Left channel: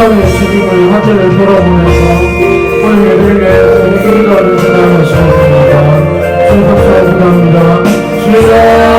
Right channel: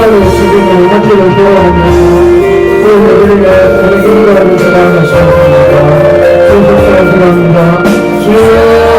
시간을 지키고 하늘을 돌아보면서 또 우리에게 우리 기도를 전하시면 됩니다. 주 박수를 드립니다. 주여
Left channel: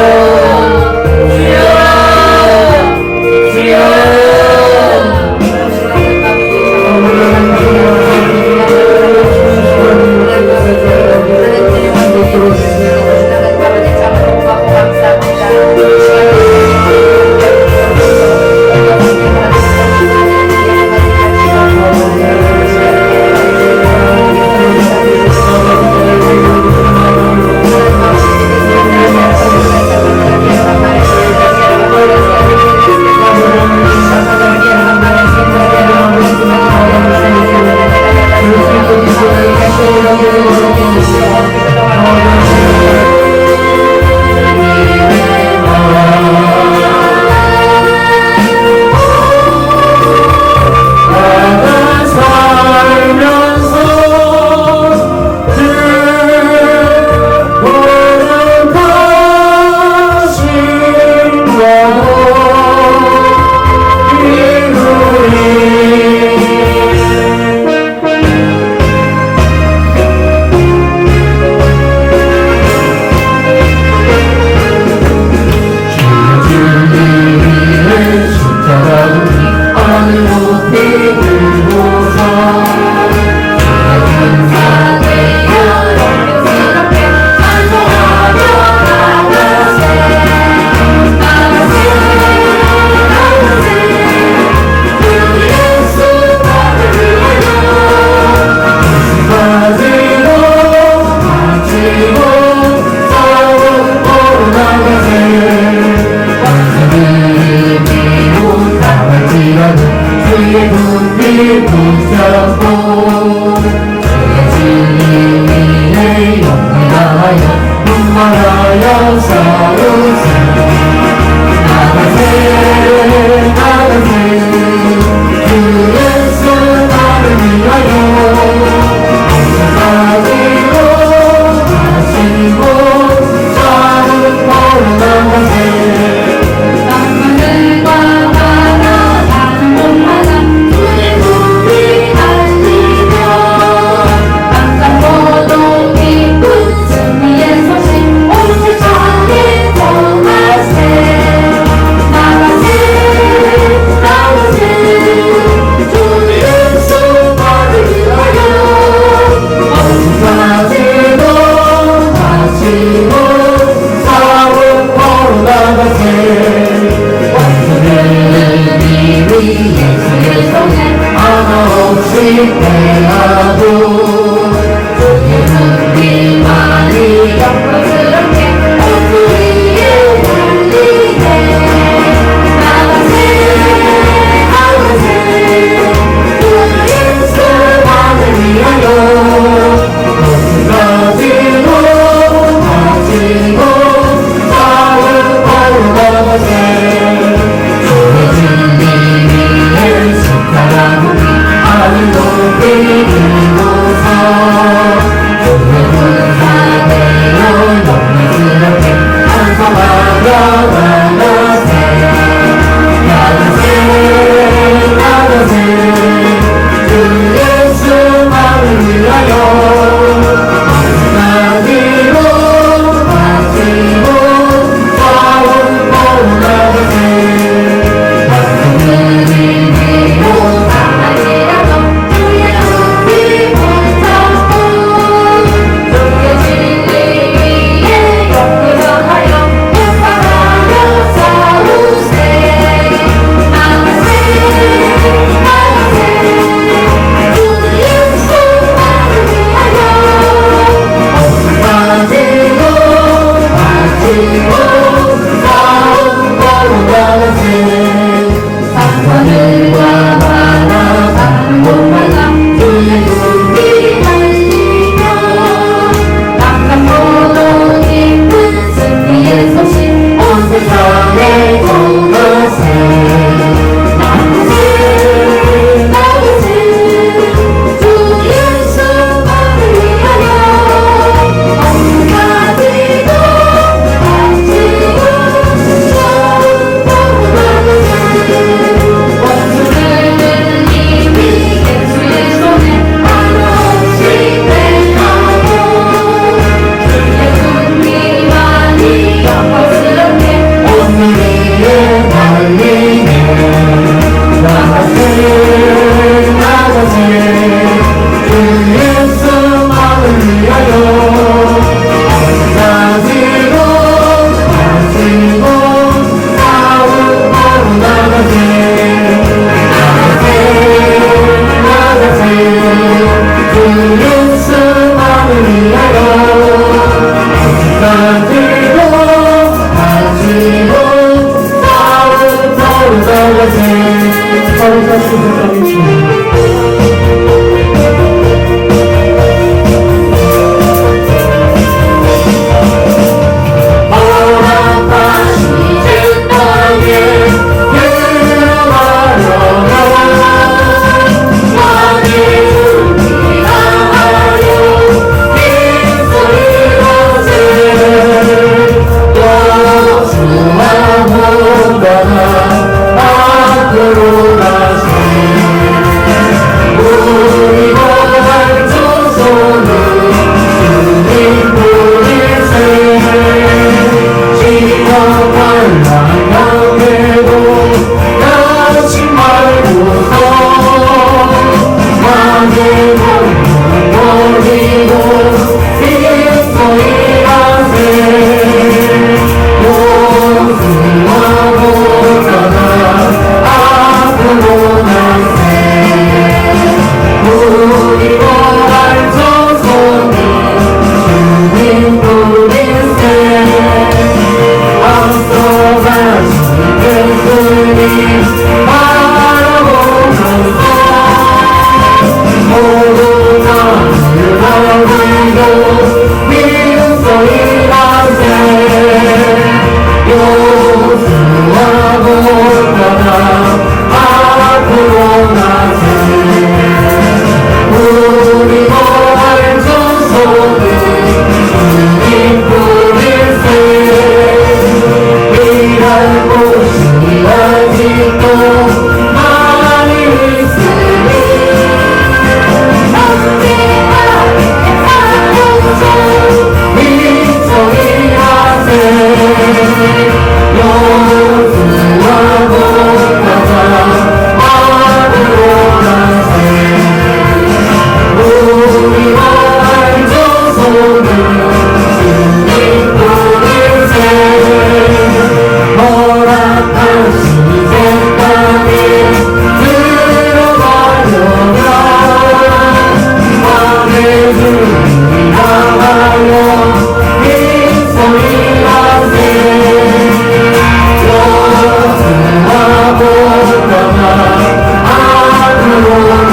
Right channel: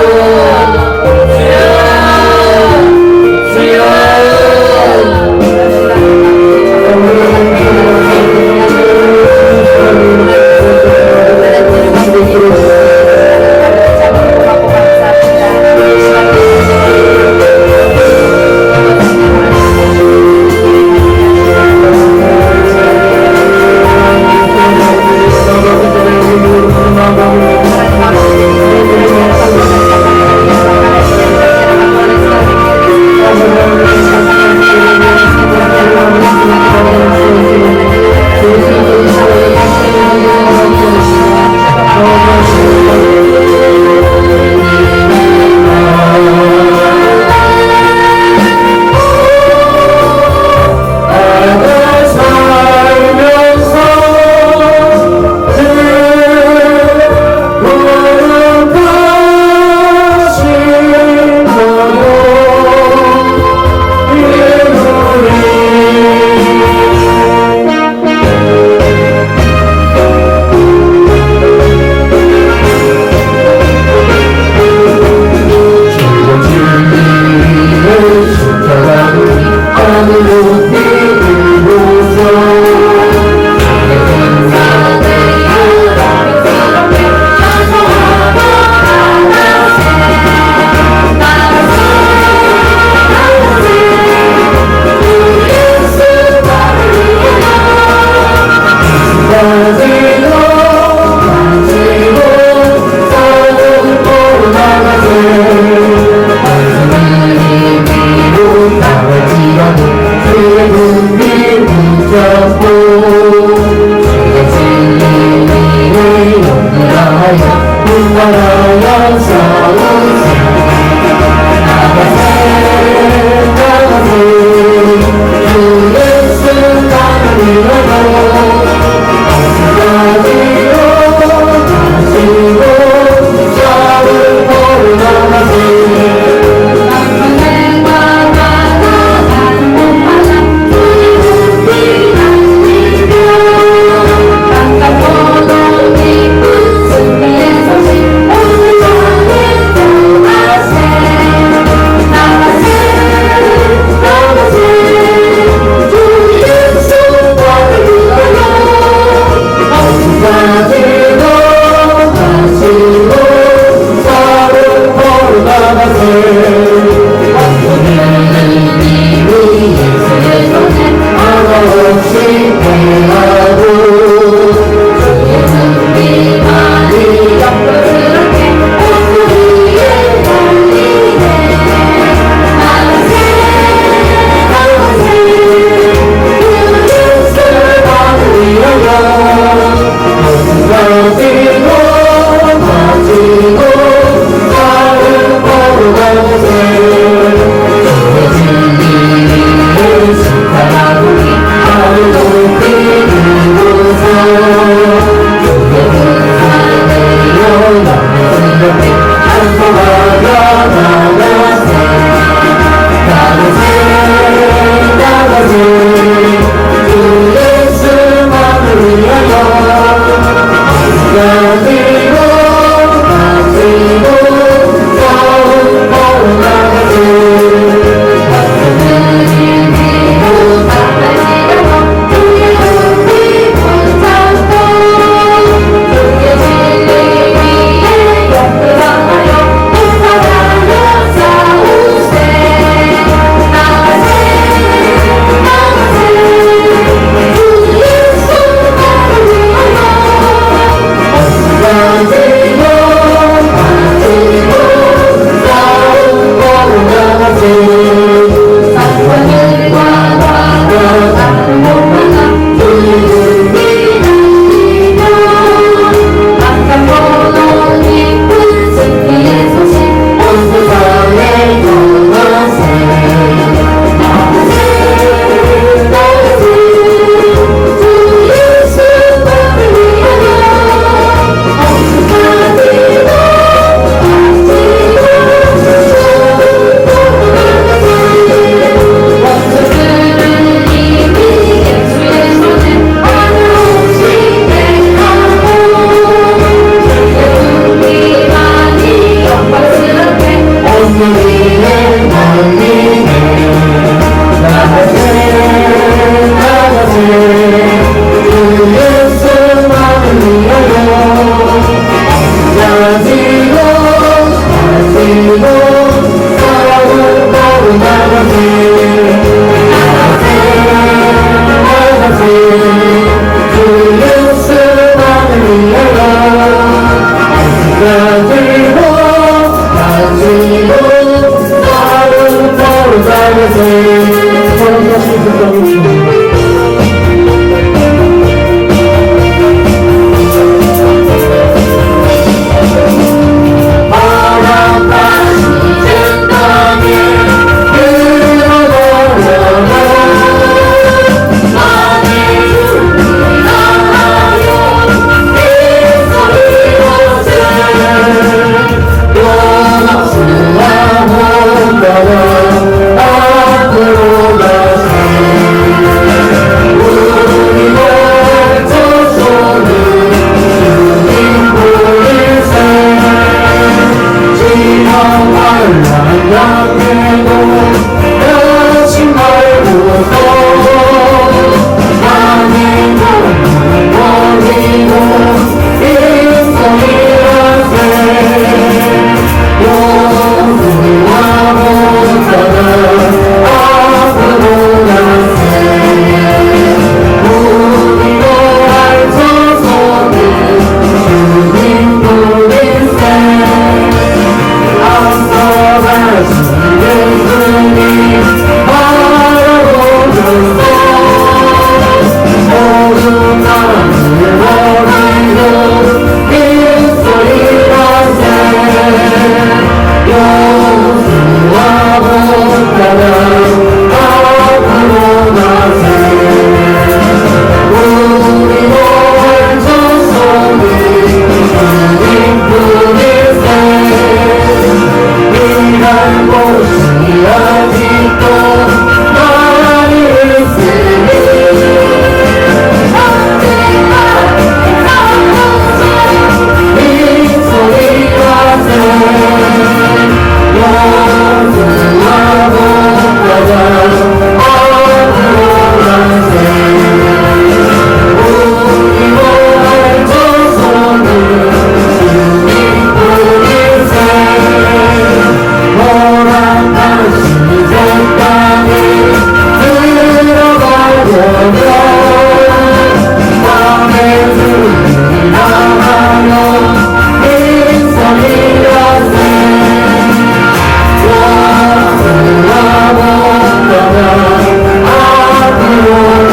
주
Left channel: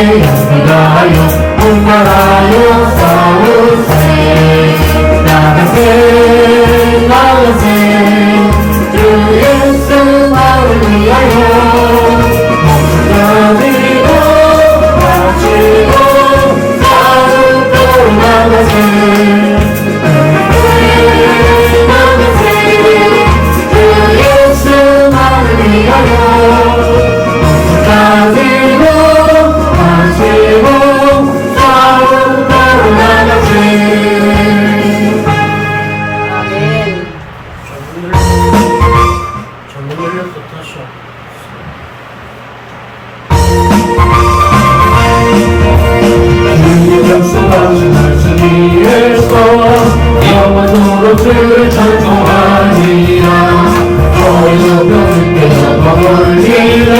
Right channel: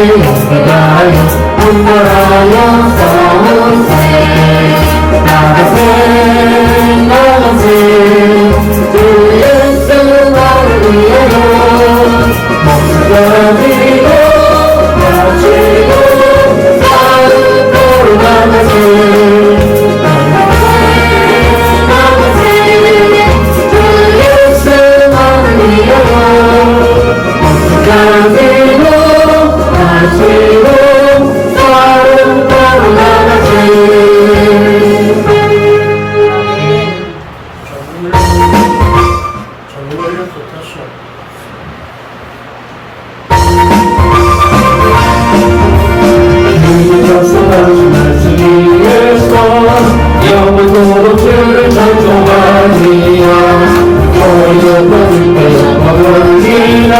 연비하여 분명하여 싸우세 나가세 나가세 주 예수 나를 위하여 가지고 가지고 싸움으로 나가세 나가세 주 예수 나를 위하여 가지고 가지고 싸움으로 나가세 전문을 부탁하시오. 약속하신 말씀 위에서 영원토록 주를 찬송하리라 너희도 그들께 영광 올리며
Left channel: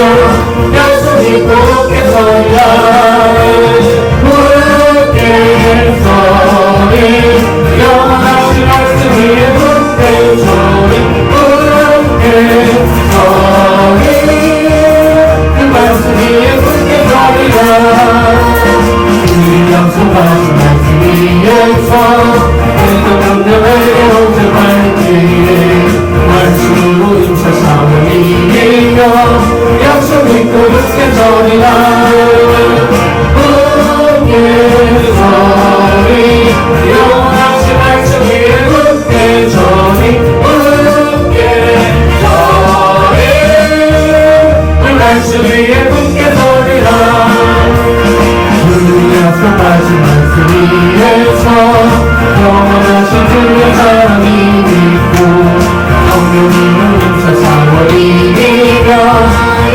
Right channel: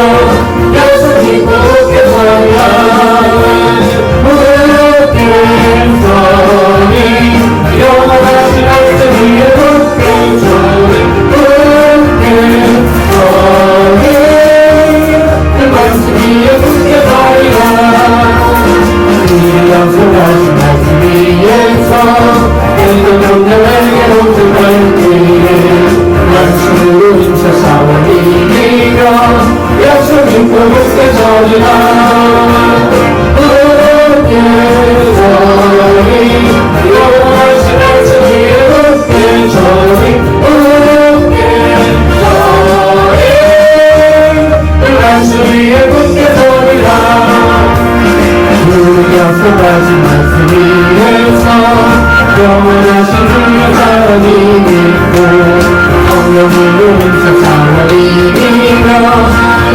약속이 그렇게 서리라 굳게 서리 영원하신 말씀 위에 굳게 서리 굳게 서리 그 말씀 위에 굳게 서리라 약속하신 말씀 위에서 그리고 명령에게 온전할 때에 말씀으로 임사삼을 이기며 약속 믿고 굳게 서리라 굳게 서리 영원하신 말씀 위에 굳게 서리 굳게 서리 그 말씀 위에 굳게 서리라 약속하신 말씀 위에서 영원하신 주의 사랑이 믿고 성령님을 인사사와 이기며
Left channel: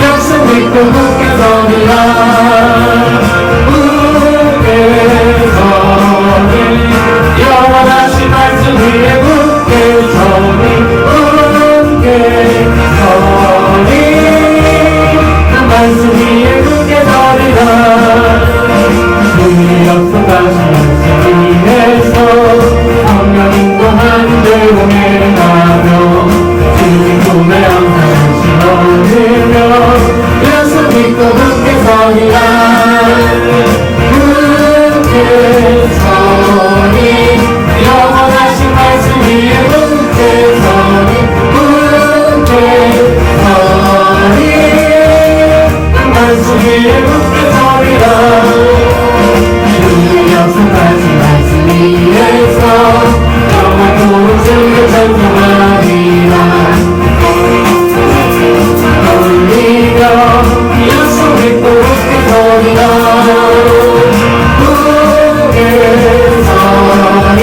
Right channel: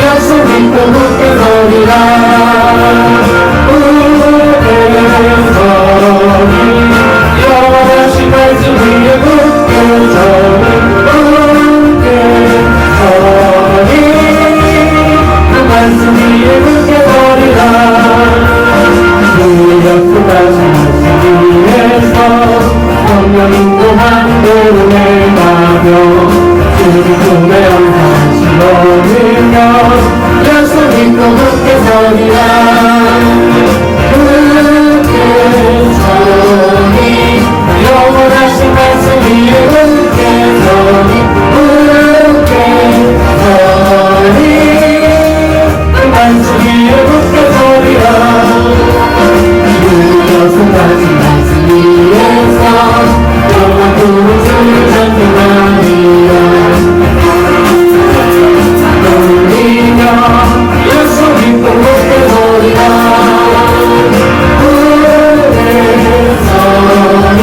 약속 믿고 굳게 서리라 굳게 서리 영원하신 말씀 위에 굳게 서리 굳게 서리 그 말씀 위에 굳게 서리라 약속하신 말씀 위에서 성령님과 함께로 내려가고 주님 손에 항상 실어내며 약속 믿고 굳게 서리라 굳게 서리 영원하신 말씀 위에 굳게 서리 굳게 서리 그 말씀 위에 굳게 서리라 약속하신 말씀 위에서 영원토록 주를 찬송하리라 돌리며 약속 믿고 굳게 서리라 굳게 서리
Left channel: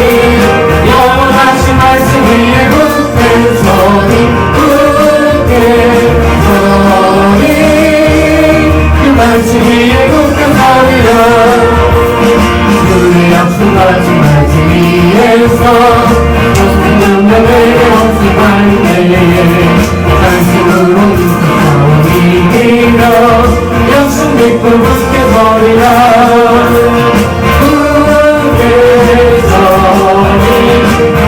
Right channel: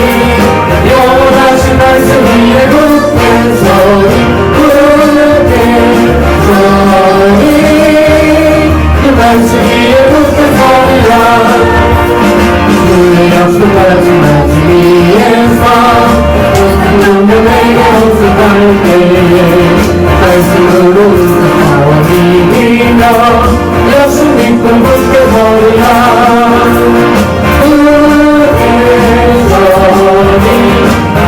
영원하신 말씀 위에 굳게 서리 굳게 서리 그 말씀 위에 굳게 서리라 약속하신 말씀 위에서 명령에게 온수할 때에 말씀으로 인사하며 이기며 약속 믿고 굳게 서리라 굳게 서리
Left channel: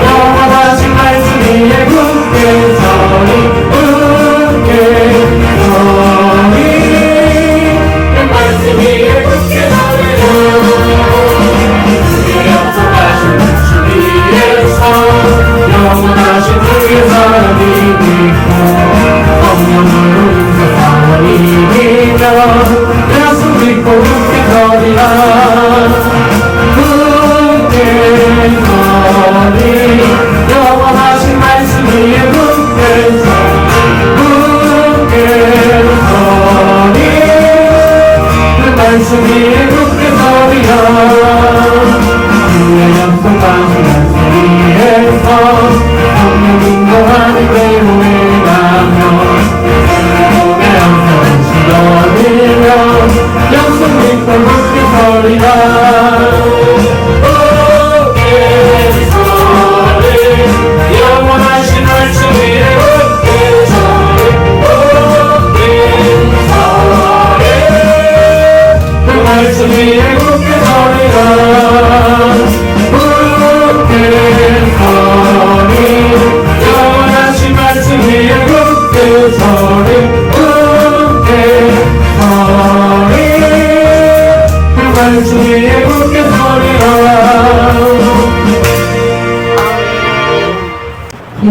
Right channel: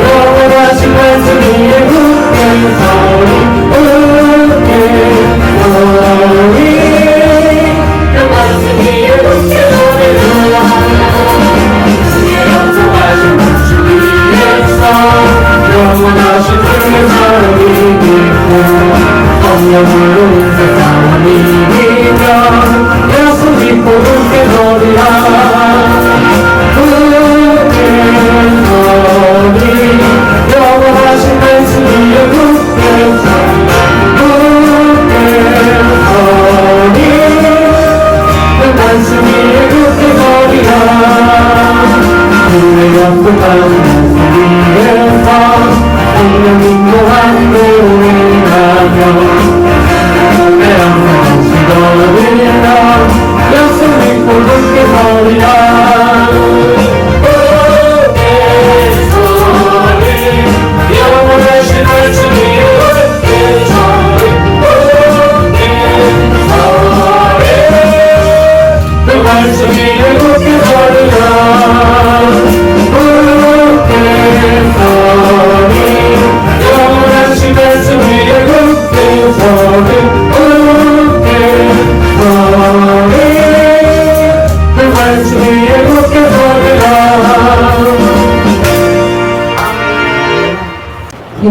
영원하신 말씀 위에 굳게 서리 굳게 서리 그 말씀 위에 굳게 서리라 영원하신 주의 사랑이 믿고 성령으로 인사사와 이기며 약속 믿고 굳게 서리라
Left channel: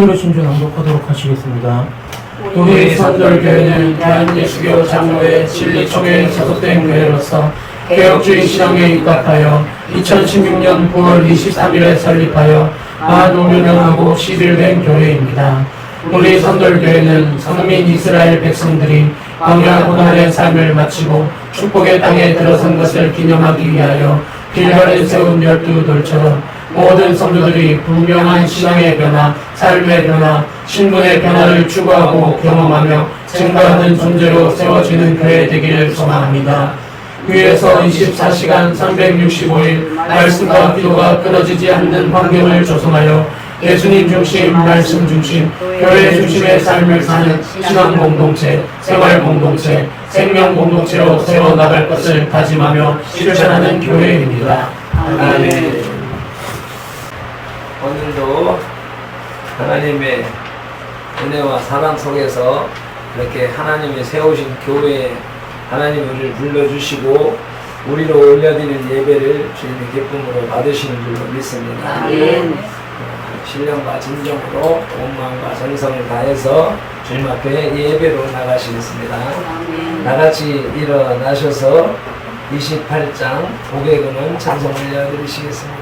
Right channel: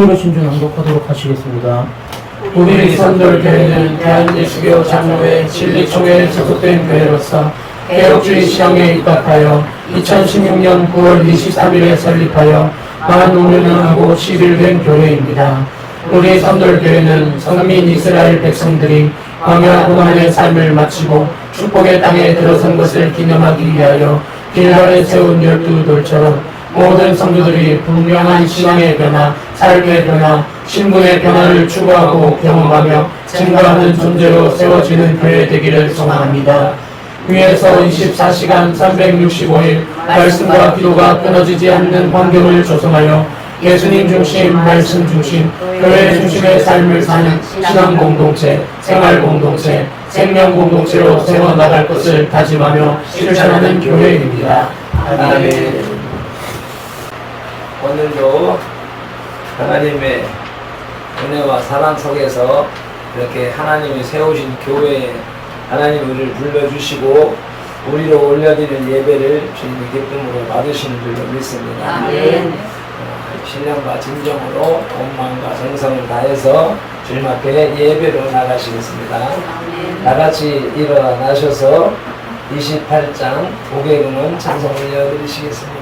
찬송으로 신주 낭독하도록 하시겠습니다. 우리 선돌교회는 대한예수교 장로회 진리총회에 소속된 교회로서 개혁주의 신앙에 입각하여 2016년 9월 23일에 설립하여 만 5년하고 10일 된 교회입니다. 우리 선돌교회는 선민 이스라엘 백성들이 광야 고난의 삶을 마치고 축복의 땅에 들어선 것을 기념하기 위하여 길갈에 세운 12돌처럼 모든 성도들이 분명한 신앙의 변화, 삶의 변화, 신분의 변화를 추구하고 경험하며 증거하는 존재로 세워지는 교회 되기를 소망합니다. 위에서 24시간 365일 말씀과 기도가 끊어지지 않는 환경을 조성하여 예수님 중심, 말씀 중심, 교회 중심의 삶을 사는 신앙 공동체, 생활 공동체, 생명 공동체로 세워나갈 것을 다짐하며 실천하는 교회입니다. 아멘. 오늘도 하나님의 은혜와 사랑 속에서 이렇게 하나님이 세우신 교회에 하나님 우리를 불러주시고 우리로 올려드리는 예배를 주님의 기쁨으로 받으시는 줄로 믿습니다. 아멘. 신령과 진정으로 온 마음과 정성을 다해서 주님 앞에 예배로 나가시겠습니다. 아멘. 나같이 일어나셔서 28장 고개구는 찬송 올려드리시겠습니다.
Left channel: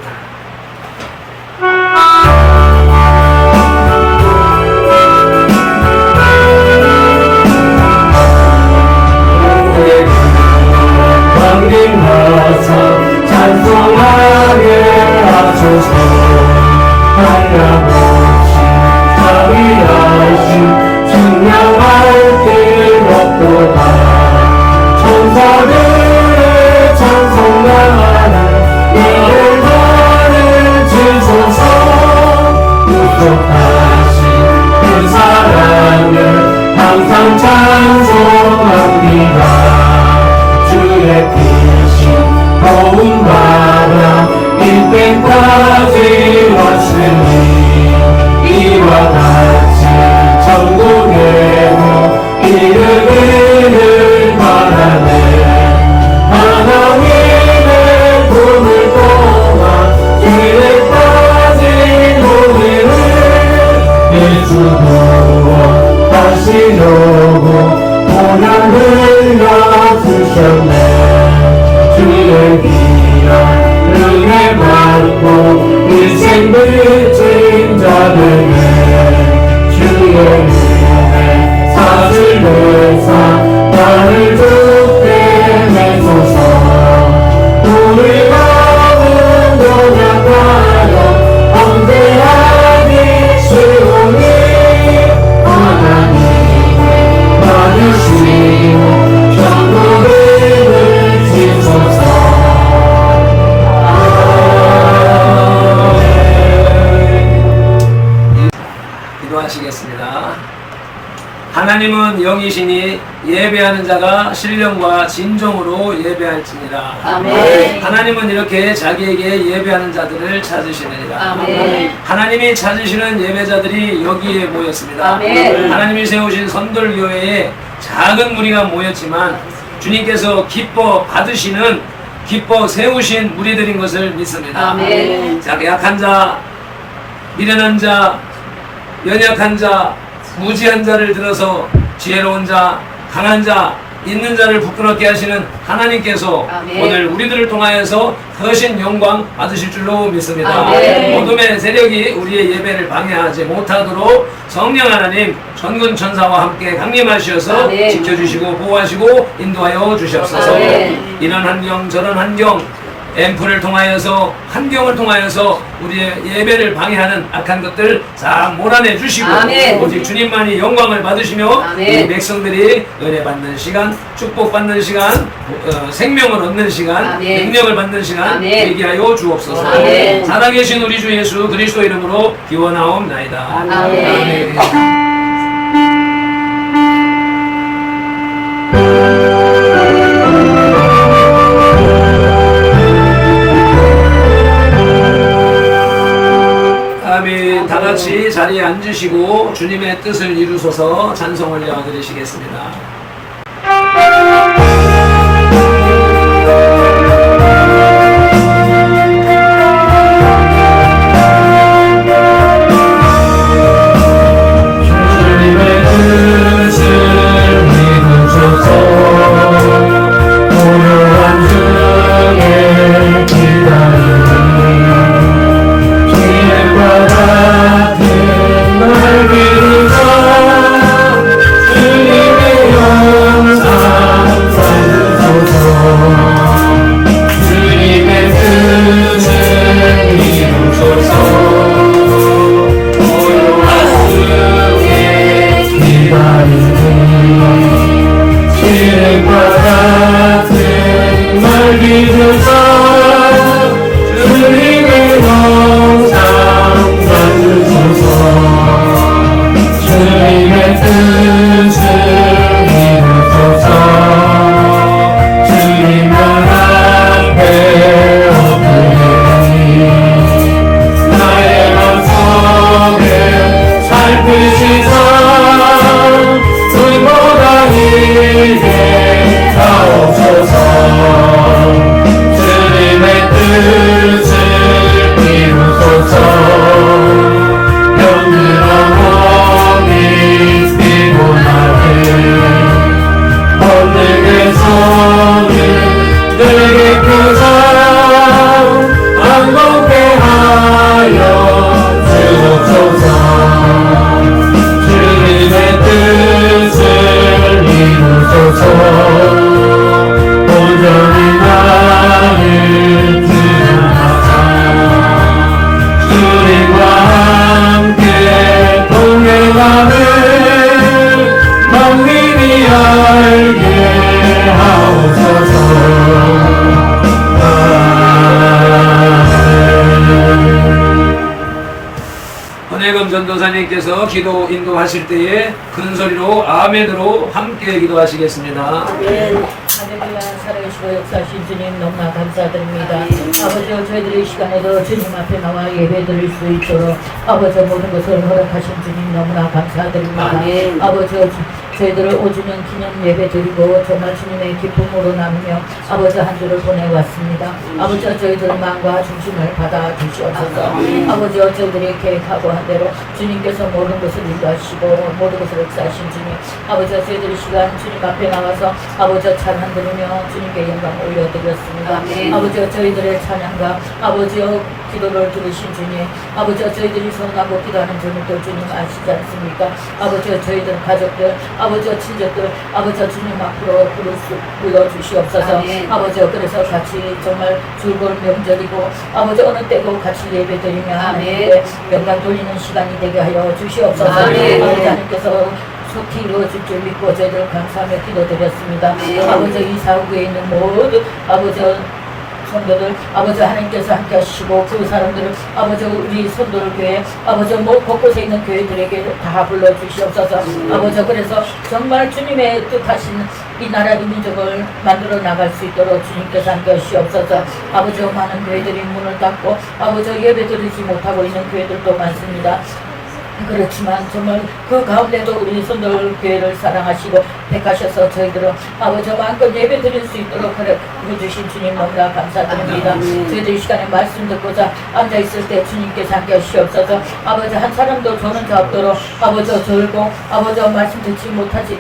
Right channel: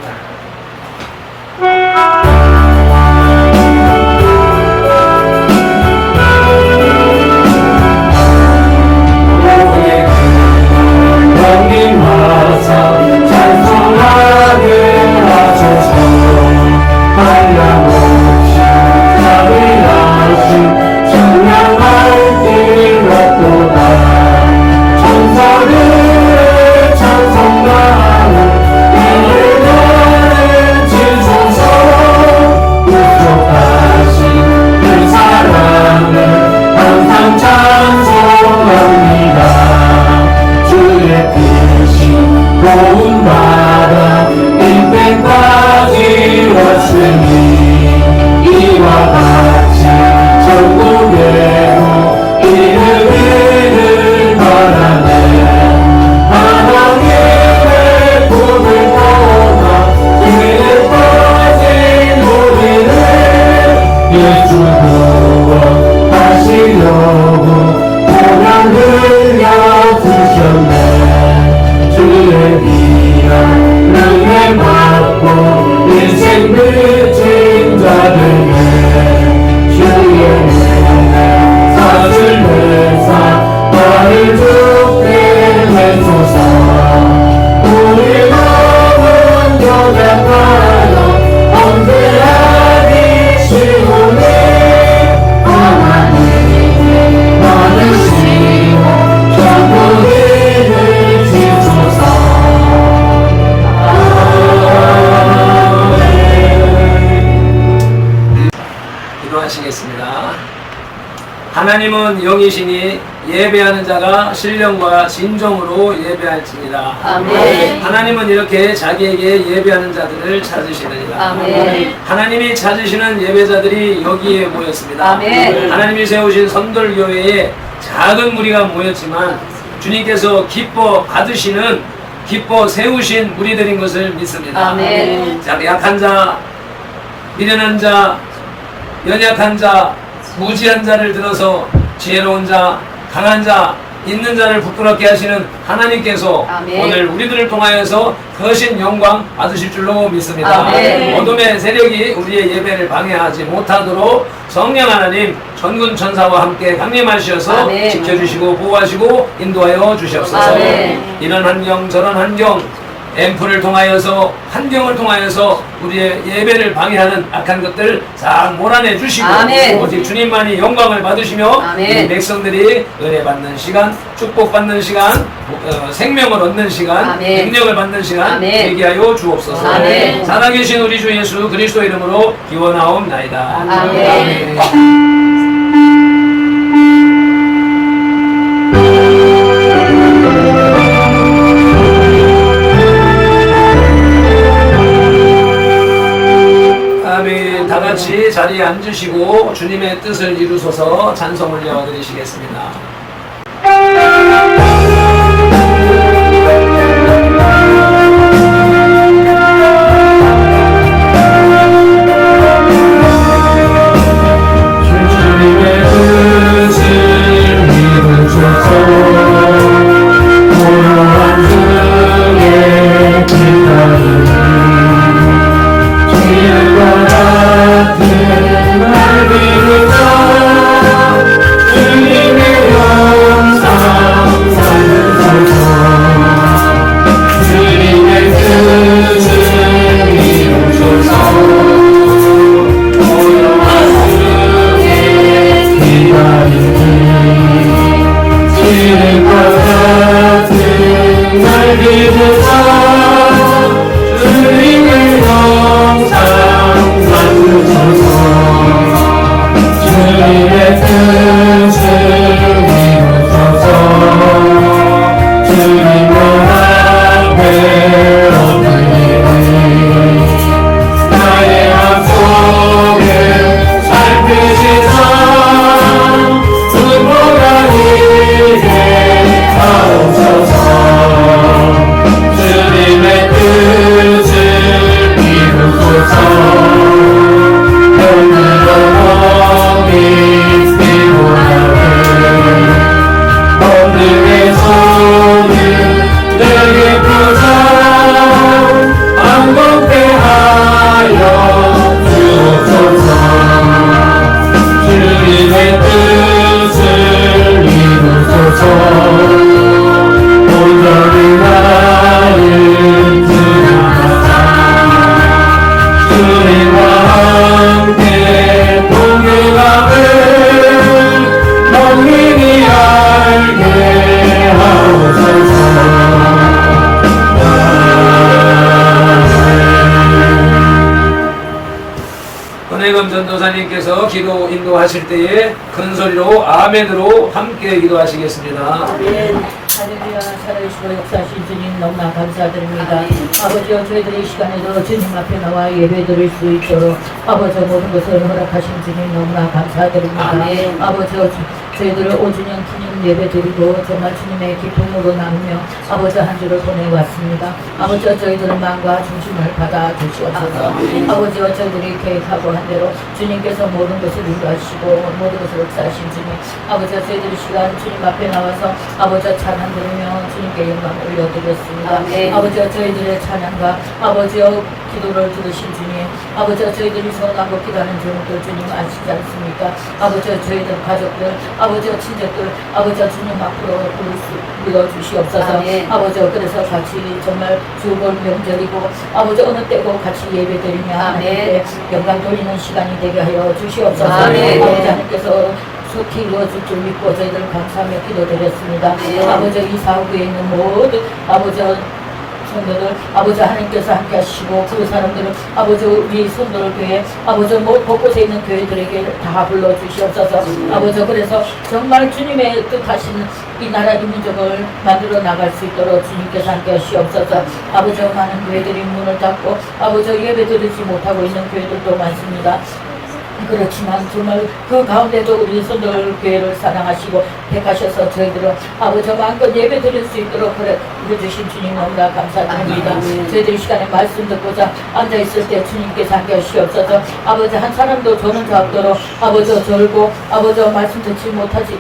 하나님은 영이시니 예배하는 자가 신령과 진정으로 예배할지니라. 아멘. 하나님은 이렇게 자기에게 예배하는 자들을 찾으시느니라. 아멘. 하나님이 찾으시는 예배자들이 여기에 모였습니다. 아멘. 하나님이 세우신 선돌교회에 작은 무리가 모였지만 주님께서 기뻐 받으시는, 기뻐 세우신 무리들인 것을 믿습니다. 아멘. 약한 자, 미련한 자, 연약한 자, 무지한 자를 들어서 지혜로운 자, 강한 자, 있는 자를 부끄럽게 하시는 하나님께서 아멘. 오늘 우리들을 통하여서 거신 영광 받으실 줄로 믿습니다. 아멘. 어둠의 세력이 우리의 예배를 방해하지 못하도록 성령 하나님 전군 천사와 함께 강림하셔서 아멘. 지켜주시고 보호하시고 인도하여 주시옵소서. 아멘. 이런 환경 저런 환경 앰프를 통하여서 환경을 통하여서 우리의 예배를 방해하는 악한 것들 싹 몰아내 주시고 아멘. 오직 주님만이 영광을 받으시며 아멘. 이 백성들이 은혜 받는 시간, 축복 받는 시간, 생명을 얻는 시간, 아멘. 능력을 받는 시간 되게 하여 주옵소서. 아멘. 살아계신 우리 주 예수 그리스도 이름으로 기원하옵나이다. 아멘. 아멘. 다같이 자리에 앉으시고 주님의 뜻을 이루소서 찬송 올려드리시겠습니다. 주님께서 기도 인도하실 때에 큰 소리로 아멘으로 함께 기도하시겠습니다. 하늘이나 살아계시고 역사하신 주님 너무나 감사드립니다. 아버지 저희들이 이 시간에도 주님 앞에 나와 예배드릴 수 있도록 아버지 모든 것을 허락하신 주님 너무나 감사드립니다. 아멘. 아버지 저희들 5주년 기념 예배 드리고 정말 주님의 기쁨으로 나누며 아버지 한 주를 보내왔습니다. 아버지 저희들 마음과 중심을 받아 주시옵소서. 아버지 저희들이 계획하고 한 대로 주님께서 모든 것을 인도하시고 모든 것을 역사하신 주님 아버지 저희들이 시간 주님 앞에 나와서 아버지 찬양 드리며 주님께 영광 올려드렸습니다. 아버지 저희들의 찬양과 아버지 기도를 들으신 주님 아버지 저희들이 선하고 기도하는 저녁들 주님 아시지 않습니까? 아버지 저희들 가족들 아버지 친척들 아버지 주님 앞으로 불러주시옵소서. 아버지 그래서 같이 정말 즐거운 명절이고 아버지 어느 때고 같이 예배드리며 하나님께 영광 돌리는 시간이 되게 하여 주시옵소서. 아버지 하나님께서 속히 이루어질 줄 믿고 저희들 감사하며 기도드렸습니다. 아버지 이 사후에 있는 모든 아버지 성도들 아버지 하나님께서 함께 하시고 그 사람들을 아버지 우리 성도를 교회 아버지 곳곳에 있는 교회들에게 다 불러주시옵소서. 아버지 그래서 정말 주님의 뜻하신 이 나라 이 민족을 만들어 나갈 수 있도록 주님께서 함께 하시옵소서. 아버지 많은 교회들이 문을 닫고 아버지 예배 드리지 못하고 있는 교회들도 많습니다. 그렇지만 정말 그 가운데도 우리 성도들 교회를 사랑하시고 택하셔서 저희들은 아버지 마음껏 예배 드릴 수 있도록 그래 주신 주님 너무나 감사드립니다. 저희들이 이 시간에 말씀 듣고자 앉아있을 때 주님께서 함께 하시옵소서. 아버지 한 사람도 조는 자 없도록 아버지 절고 아버지 말씀 듣지 못하게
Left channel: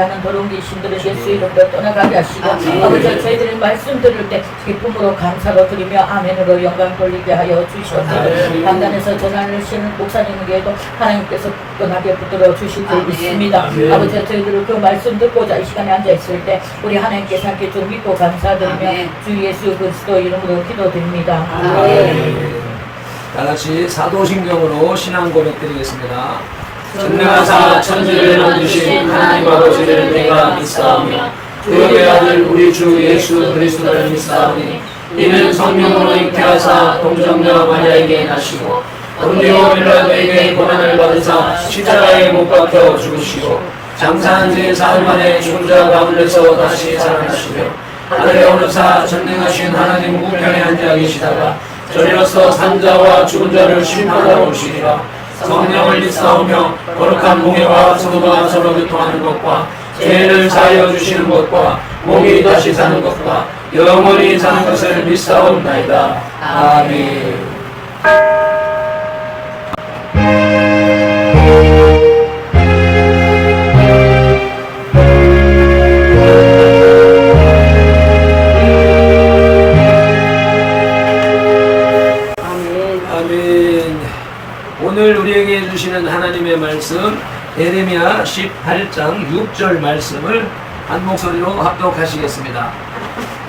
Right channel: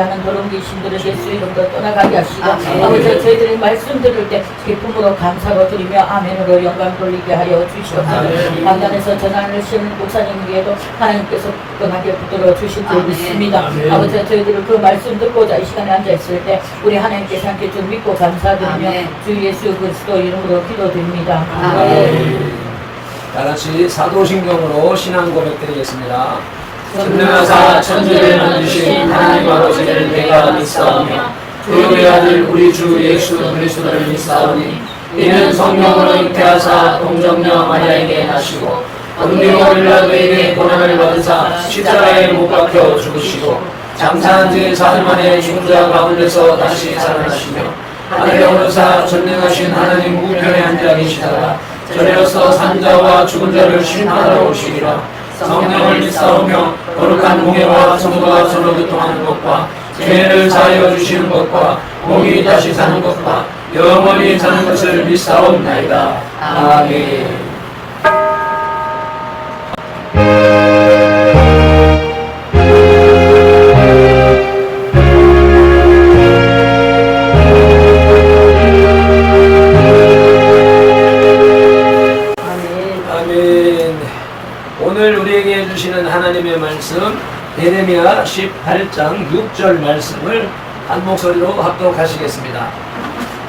하는 더러운 귀신들에게 예수 이름으로 떠나가게 하시고 아버지 저희들이 말씀 들을 때 기쁨으로 감사로 드리며 아멘으로 영광 돌리게 하여 주시옵소서. 강단에서 전하시는 목사님 외에도 하나님께서 떠나게 붙들어 주실 줄 믿습니다. 아버지 저희들은 그 말씀 듣고자 이 시간에 앉아있을 때 우리 하나님께서 함께 좀 믿고 감사드리며 주 예수 그리스도 이름으로 기도드립니다. 다같이 사도신경으로 신앙 고백드리겠습니다. 전능하사 천지를 만드신 하나님 아버지를 내가 믿사오며 그의 아들 우리 주 예수 그리스도를 믿사오니 이는 성령으로 잉태하사 동정녀 마리아에게 나시고 본디오 빌라도에게 고난을 받으사 십자가에 못 박혀 죽으시고 장사한 지 사흘 만에 죽은 자 가운데서 다시 살아나시며 하늘에 오르사 전능하신 하나님 우편에 앉아 계시다가 저리로서 산자와 죽은 자를 심판하러 오시리라. 성령을 믿사오며 거룩한 공예와 성도가 서로 교통하는 것과 죄를 사하여 주시는 것과 몸이 다시 사는 것과 영원히 사는 것을 믿사옵나이다. 아멘. 오늘 우리에게 주시는 하나님의 말씀 예레미야 18장 6절 말씀을 한 목소리로 합독하시겠습니다.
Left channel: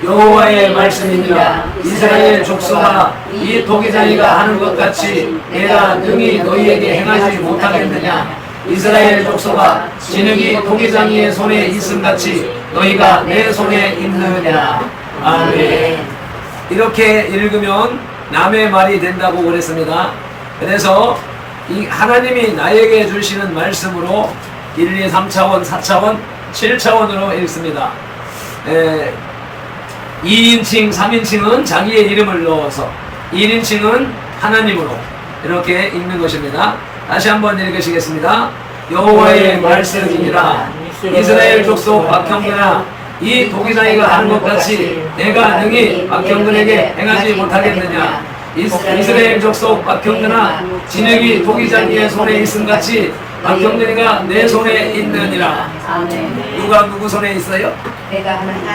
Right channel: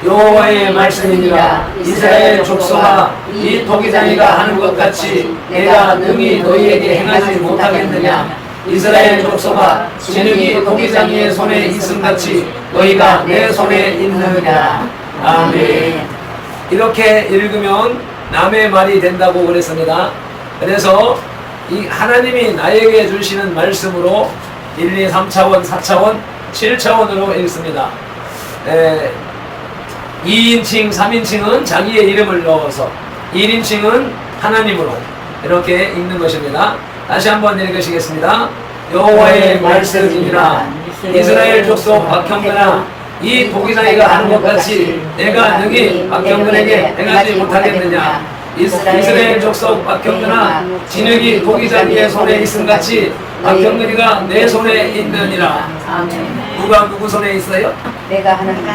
여호와의 말씀이니라. 이스라엘 족속아 이 도기장이가 하는 것 같이 내가 능히 너희에게 행하지 못하겠느냐. 이스라엘 족속아 진흙이 도기장이의 손에 있음같이 너희가 내 손에 있느냐. 아멘. 이렇게 읽으면 남의 말이 된다고 그랬습니다. 그래서 이 하나님이 나에게 주시는 말씀으로 1, 2, 3차원, 4차원, 7차원으로 읽습니다. 2인칭, 3인칭은 자기의 이름을 넣어서 1인칭은 하나님으로 이렇게 읽는 것입니다. 다시 한번 읽으시겠습니다. 여호와의 말씀이니라. 이스라엘 족속 박형근아 이 도기장이가 하는 것 같이 내가 능히 박형근에게 행하지 못하겠느냐. 이스라엘 족속 박형근아 진흙이 도기장이의 손에 있음같이 박형근이가 내 손에 있느니라. 누가 누구 손에 있어요? 내가 하나님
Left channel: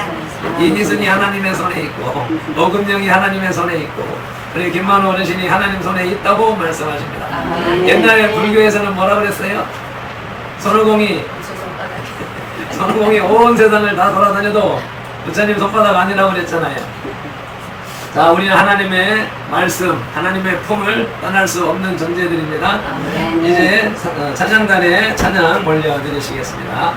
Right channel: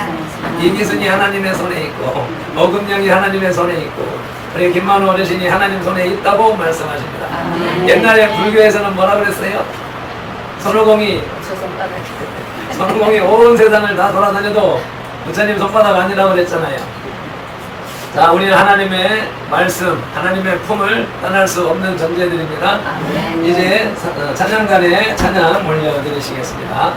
이기순이 하나님의 손에 있고 어금령이 하나님의 손에 있고 그리고 김만호 어르신이 하나님 손에 있다고 말씀하십니다. 옛날에 불교에서는 뭐라 그랬어요? 손오공이 온 세상을 다 돌아다녀도 부처님 손바닥 아니라고 그랬잖아요. 자, 우리는 하나님의 말씀, 하나님의 품을 떠날 수 없는 존재들입니다. 이제 찬양단에 찬양 올려드리시겠습니다.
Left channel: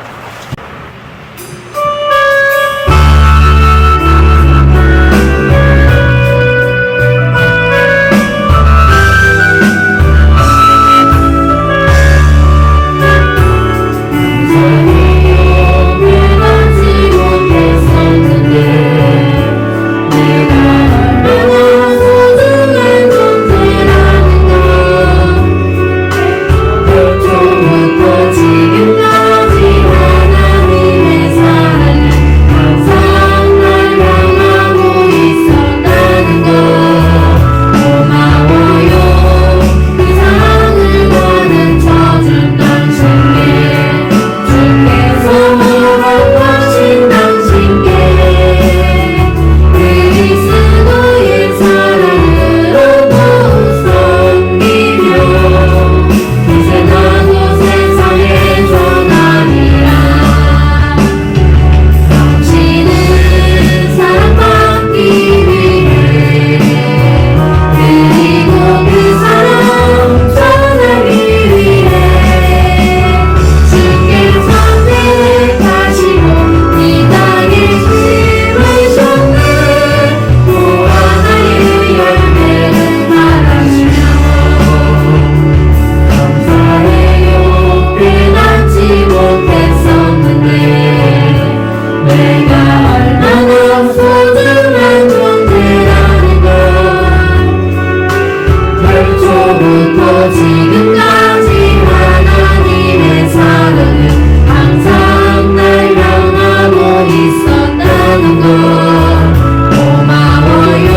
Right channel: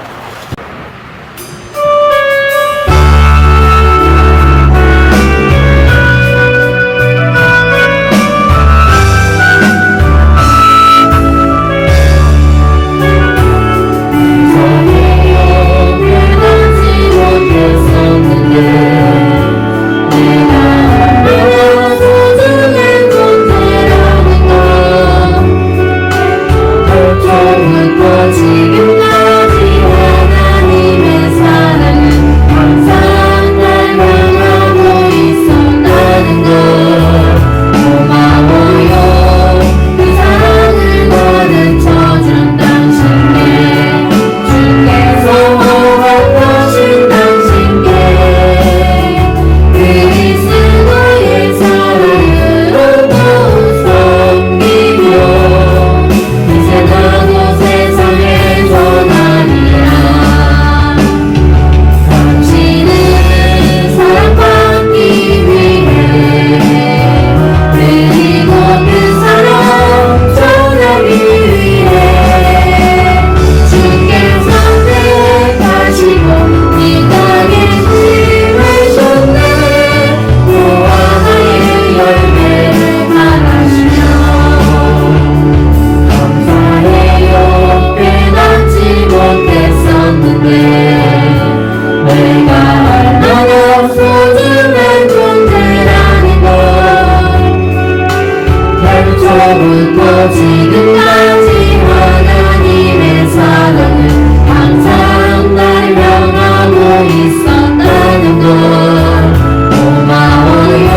고마워요.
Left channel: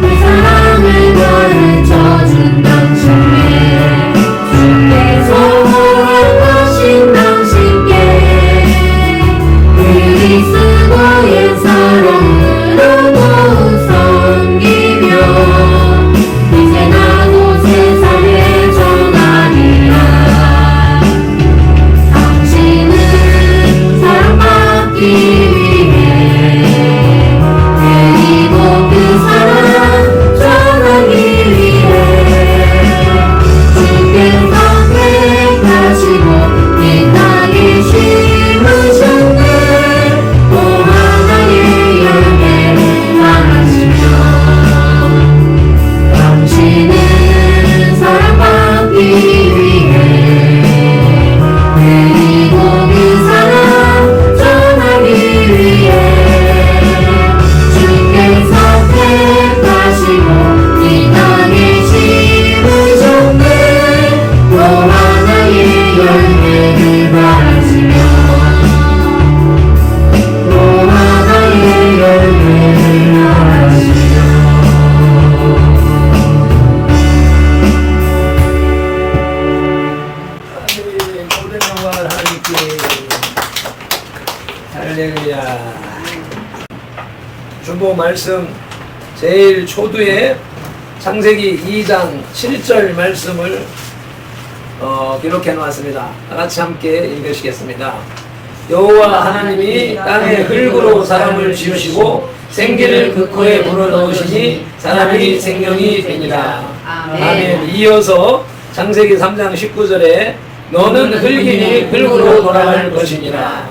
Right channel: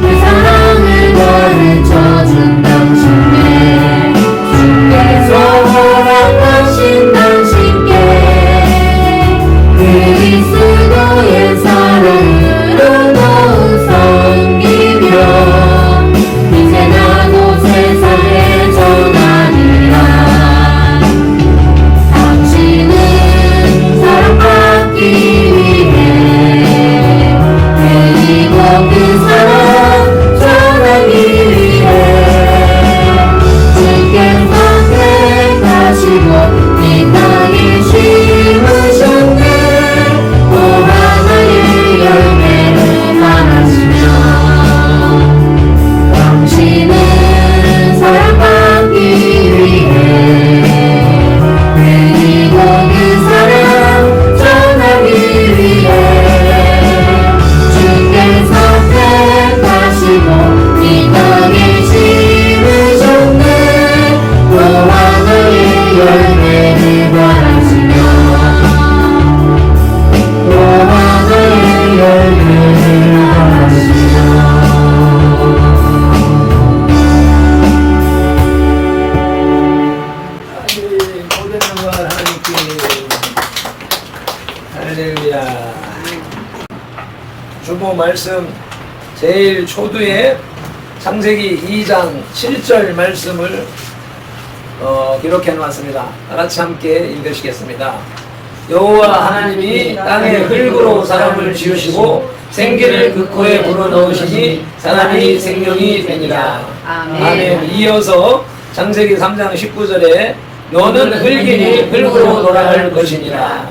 그 사랑을 가르쳐준 당신께 주께서 허락하신 당신께 그리스도의 사랑으로 더욱 섬기며 이제 나도 세상에 전하리라. 당신은 사랑받기 위해 그리고 그 사랑 전하기 위해 주께서 택하시고 이 땅에 심으셨네. 또 하나의 열매를 바라시며 당신은 사랑받기 위해 그리고 그 사랑 전하기 위해 주께서 택하시고 이 땅에 심으셨네. 또 하나의 열매를 바라시며 또 하나의 열매를 바라시며 모든 영광 하나님께. 할렐루야. 주보 말씀 제일 초두에 창세기 2장 7절 말씀을 기록해 놓았습니다. 다 같이 함께 읽으시겠습니다. 여호와 하나님이 땅의 흙으로 사람을 지으시고 생기를 그 코에 불어넣으시니 사람이 생명이 되니라. 아멘. 이어서 창세기 3장 19절에 너는 흙이니 흙으로 돌아갈 것이니라.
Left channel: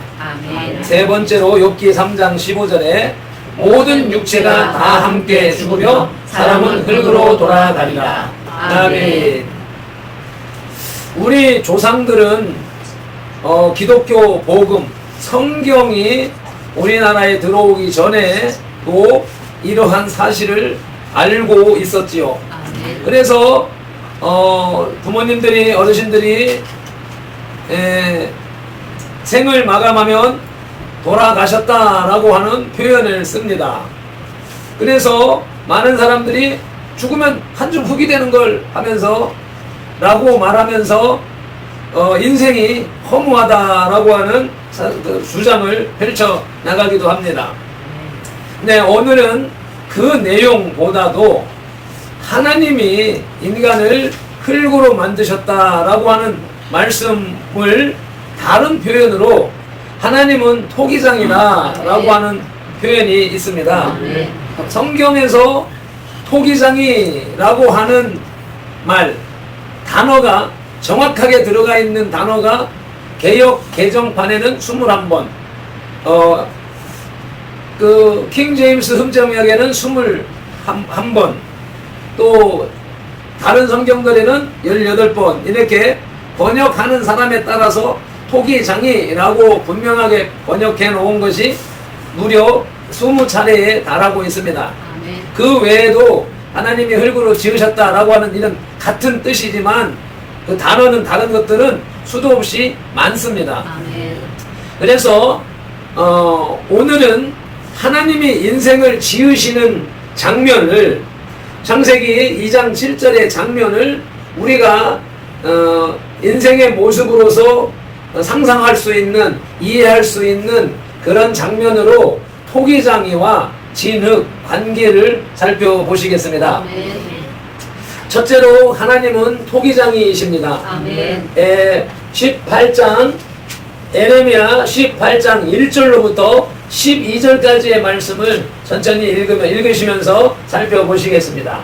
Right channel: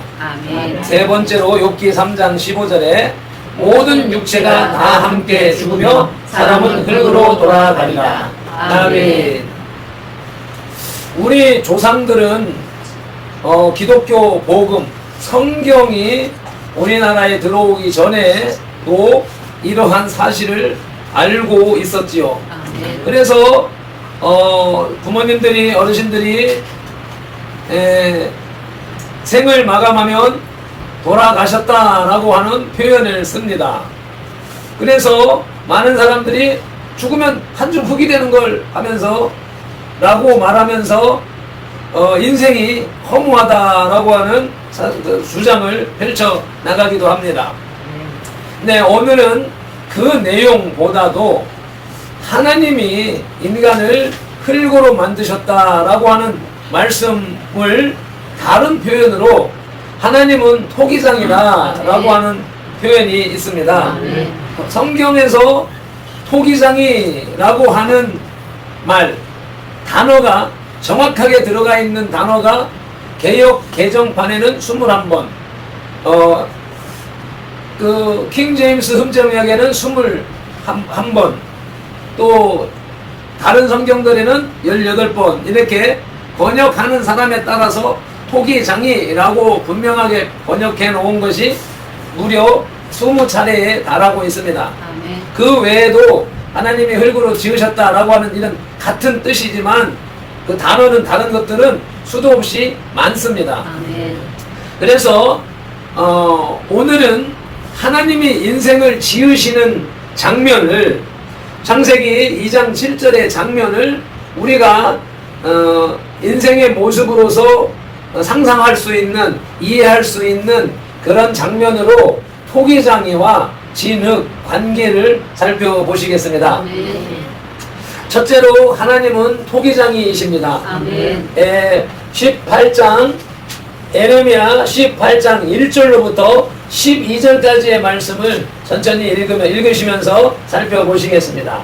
세 번째로 욥기 3장 15절에 모든 육체가 다 함께 죽으며 사람은 흙으로 돌아가리라. 아멘. 우리 조상들은 기독교 복음, 성경이 우리나라에 들어오기 전에도 이러한 사실을 알고 있었지요. 그래서 부모님들이, 어르신들이 생을 마감하면 돌아가셨다라고 하는 표현을 씁니다. 그래서 많은 사람들이 죽으면 한 줌 흙이 되는 걸 하면서 라고 말하면서 인생이 허무하다라고 하는 주장을 펼쳐 나가기도 합니다. 네, 오늘은 그 내용보다도 하나님이 인간을 흙으로 만드셨다라고 하는 말씀을 다른 표현으로 하나님은 토기장이다라고 하는 표현이 있습니다. 성경에서 토기장이라고 하는 말, 단어가 정확하게 들어가 있는 단어가 개역 개정판에는 21번, 그 킹제임스 흠정역에는 21번, 또 다른 성경들에는 18번 이렇게 번역하는 사람에 따라서 토기장이라고 분명하게 번역해 놓은 것이 무려 20차례에 달하고 있습니다. 그 외에도 하나님이 흙으로 지으셨다라고 하는 이런 같은 뜻이지만 그 단어는 다른 것들은 수도 없이 많습니다. 그래서 오늘은 하나님이 인생을 지으시는 장면을, 창세기 2장 7절의 장면을 우리가 인생의 모습으로서 상상할 수 있는, 이해할 수 있는 그런 장면으로 토기장이와 진흙 관계를 살펴보시겠습니다. 첫째로 하나님은 토기장이십니다. 18장 에레미야 18장 1절로부터 12절까지의 말씀을 천천히 읽으시면서 살펴보시겠습니다.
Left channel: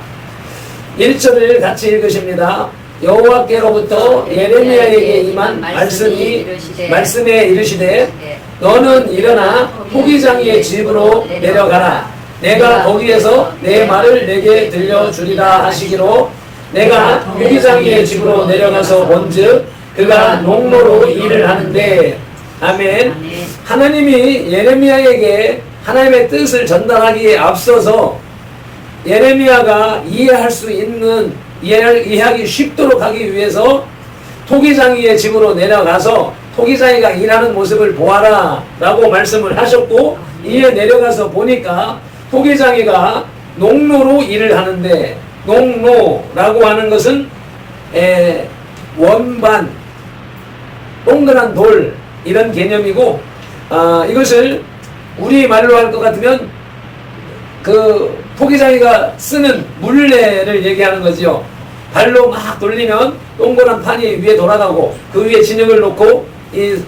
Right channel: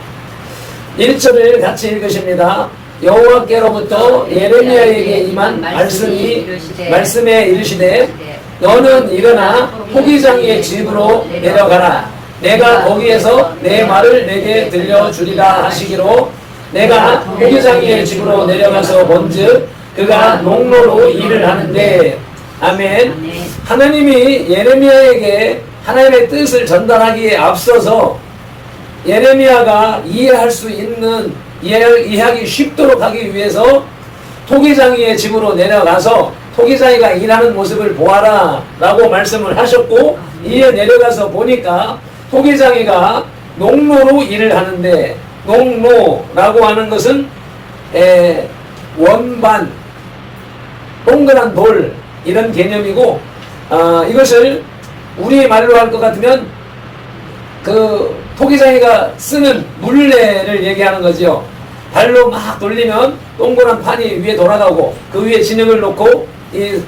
1절을 같이 읽으십니다. 여호와께로부터 예레미야에게 임한 말씀에 이르시되 너는 일어나 토기장이의 집으로 내려가라. 내가 거기에서 내 말을 내게 들려주리라 하시기로 내가 토기장이의 집으로 내려가서 본즉 그가 농로로 일을 하는데. 아멘. 하나님이 예레미야에게 하나님의 뜻을 전달하기에 앞서서 예레미야가 이해할 수 있는, 이해하기 쉽도록 하기 위해서 토기장이의 집으로 내려가서 토기장이가 일하는 모습을 보아라 라고 말씀을 하셨고, 이에 내려가서 보니까 토기장이가 농로로 일을 하는데, 농로라고 하는 것은 원반, 동그란 돌 이런 개념이고, 이것을 우리 말로 할 것 같으면 그 토기장이가 쓰는 물레를 얘기하는 거지요. 발로 막 돌리면 동그란 판이 위에 돌아가고, 그 위에 진흙을 놓고 이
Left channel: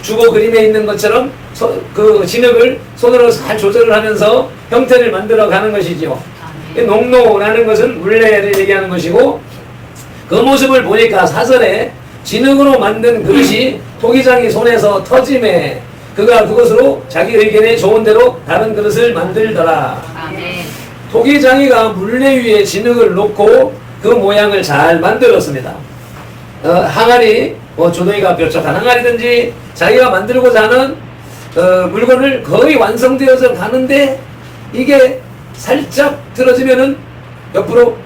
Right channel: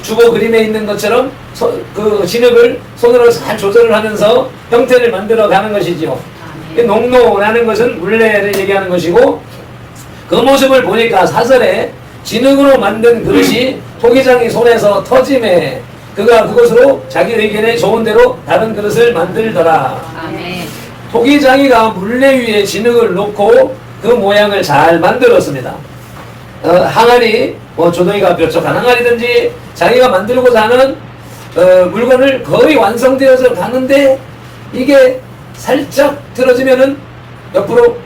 주거 그림에 있는 것처럼 그 진흙을 손으로 잘 조절을 하면서 형태를 만들어 가는 것이지요. 농로라는 것은 물레를 얘기하는 것이고, 그 모습을 보니까 사설에 진흙으로 만든 그릇이 토기장이 손에서 터짐에 그가 그것으로 자기 의견에 좋은 대로 다른 그릇을 만들더라. 아멘. 토기장이가 물레 위에 진흙을 놓고 그 모양을 잘 만들었습니다. 항아리, 조동이가 뾰족한 항아리든지 자기가 만들고자 하는 물건을 거의 완성되어서 가는데, 이게 살짝 틀어지면은 옆으로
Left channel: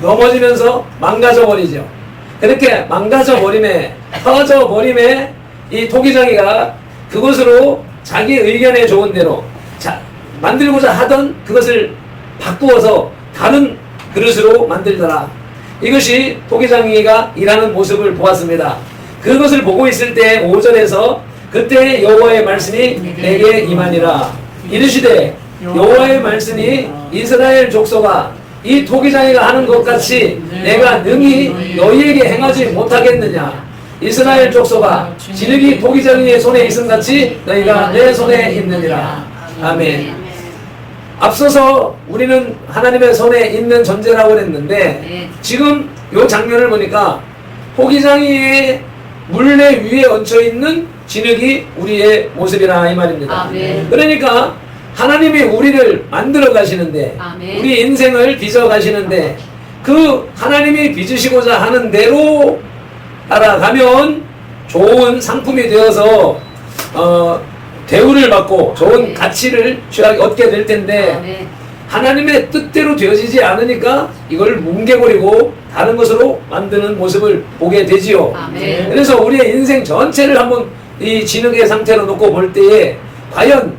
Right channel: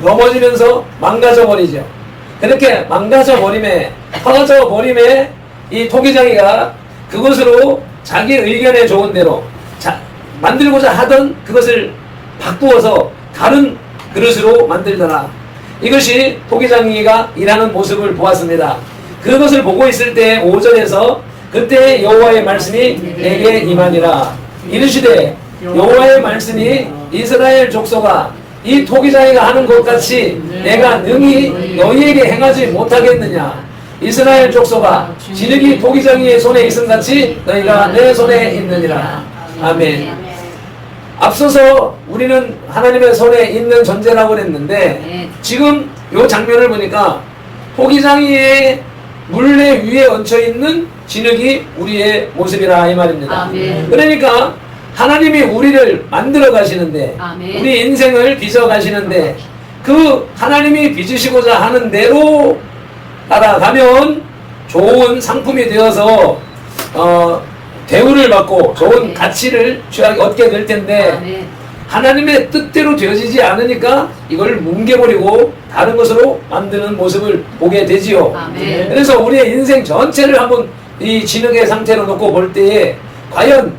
넘어지면서 망가져 버리죠. 그렇게 망가져 버림에, 터져 버림에 이 토기장이가 그것으로 자기 의견에 좋은 대로 만들고자 하던 그것을 바꾸어서 다른 그릇으로 만들더라. 이것이 토기장이가 일하는 모습을 보았습니다. 그것을 보고 있을 때 5절에서 그때 여호와의 말씀이 내게 임하니라. 이르시되 여호와의 말씀이 이스라엘 족속아, 이 토기장이가 하는 것 같이 내가 능히 너희에게 행하지 못하겠느냐. 이스라엘 족속아, 진흙이 토기장이의 손에 있음 같이 너희가 내 손에 있느니라. 아멘. 앞서서 우리는 하나님의 손에 있는 존재라고 그랬는데, 지금 이 장면을 보니까 토기장이의 물레 위에 얹혀있는 진흙이 우리의 모습이라 이 말입니다. 아멘. 그러니까 하나님이 우리를 만들어 가시는데, 아멘. 우리 인생을 빚어 가시는데, 그 하나님이 빚으시고자 하는 대로 따라가면 좋은 상품이 되어서 대우를 받고 좋은 가치를 얻게 될 텐데, 아멘. 하나님의 뜻대로 되어지지 않으니까 이걸 뭉개버리고 다른 것으로 만드는 모습을 보게 되지요. 아멘. 그래서 우리의 인생 전체를 한번 이 진흙의 상태로 놓고 볼 때에 과연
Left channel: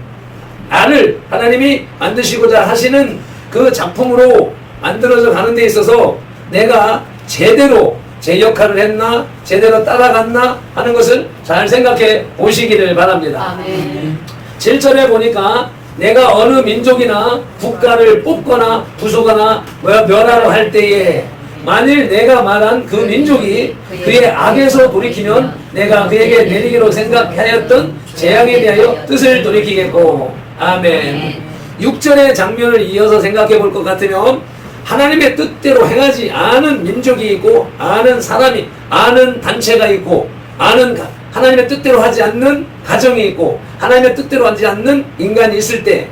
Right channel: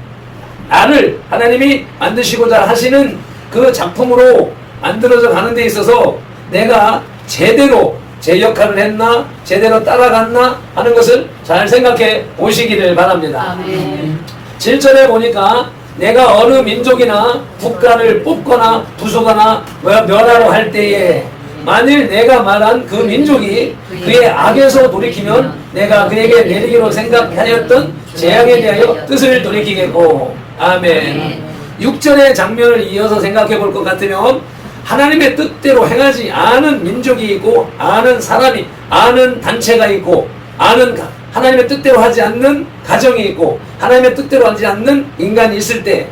나를 하나님이 만드시고자 하시는 그 작품으로 만들어져 가는 데 있어서 내가 제대로 제 역할을 했나, 제대로 따라갔나 하는 것을 잘 생각해 보시기를 바랍니다. 아멘. 7절에 보니까 내가 어느 민족이나 국가를 뽑거나 부수거나 멸하러 할 때에 만일 내가 말한 그 민족이 그의 악에서 돌이키면 내가 그에게 내리기로 생각하였던 재앙에 대하여 뜻을 돌이키겠고. 아멘. 6절의 장면을 이어서 생각해 볼 것 같으면 하나님의 뜻대로 행하지 않은 민족이 있고, 아는 사람이, 아는 단체가 있고, 하나님의 뜻대로 하지 않는 가정이 있고, 하나님의 뜻대로 하지 않는 인간이 있을 때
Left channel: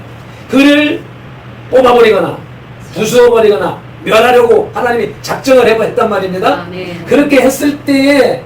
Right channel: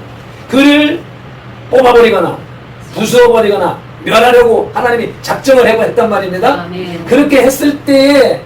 그를 뽑아버리거나 부수어버리거나 멸하려고 하나님이 작정을 했단 말입니다. 아멘. 그렇게 했을 때에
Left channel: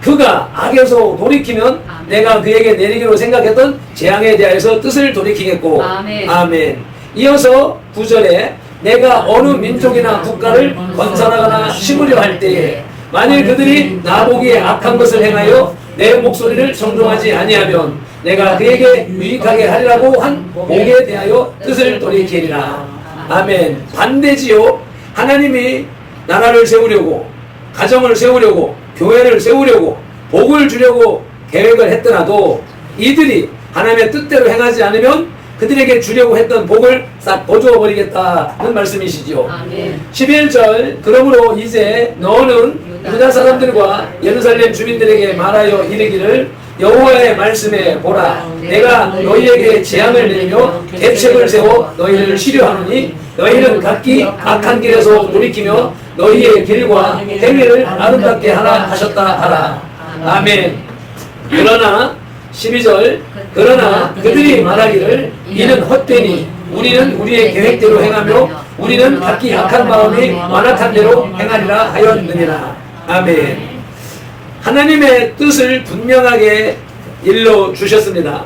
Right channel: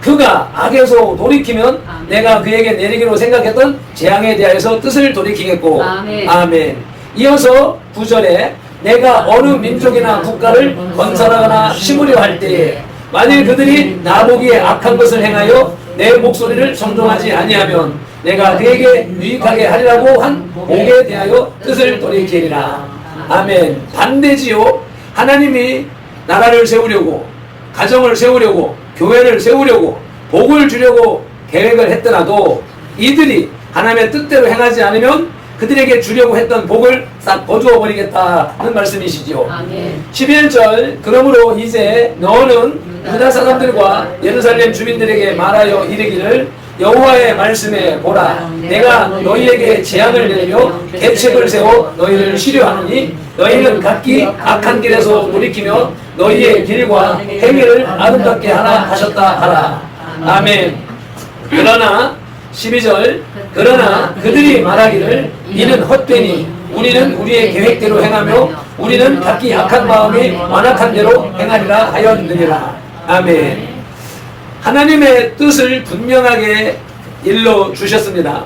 그가 악에서 돌이키면 내가 그에게 내리기로 생각했던 재앙에 대하여서 뜻을 돌이키겠고. 아멘. 아멘. 이어서 9절에 내가 어느 민족이나 국가를 건설하거나 심으려 할 때에 만일 그들이 나보기에 악한 것을 행하여 내 목소리를 청종하지 아니하면 내가 그에게 유익하게 하리라고 한 복에 대하여 뜻을 돌이키리라. 아멘. 반대지요. 하나님이 나라를 세우려고, 가정을 세우려고, 교회를 세우려고, 복을 주려고 계획을 했더라도 이들이 하나님의 뜻대로 행하지 않으면 그들에게 주려고 했던 복을 싹 거두어 버리겠다는 말씀이시지요. 아멘. 11절 그러므로 이제 너는 유다 사람들과 예루살렘 주민들에게 말하여 이르기를 여호와의 말씀에 보라, 내가 너희에게 재앙을 내리며 계책을 세워 너희를 시려하노니 너희는 각기 악한 길에서 돌이키며 너희의 길과 행위를 아름답게 하라 하셨다 하라. 아멘. 그러나 12절 그러나 그들이 말하기를 이는 헛되니 우리는 우리의 계획대로 행하며 우리는 각기 악한 마음이 완악한 대로 행하리라 하였느니라. 아멘. 하나님의 뜻을 분명하게 일러 주셨습니다.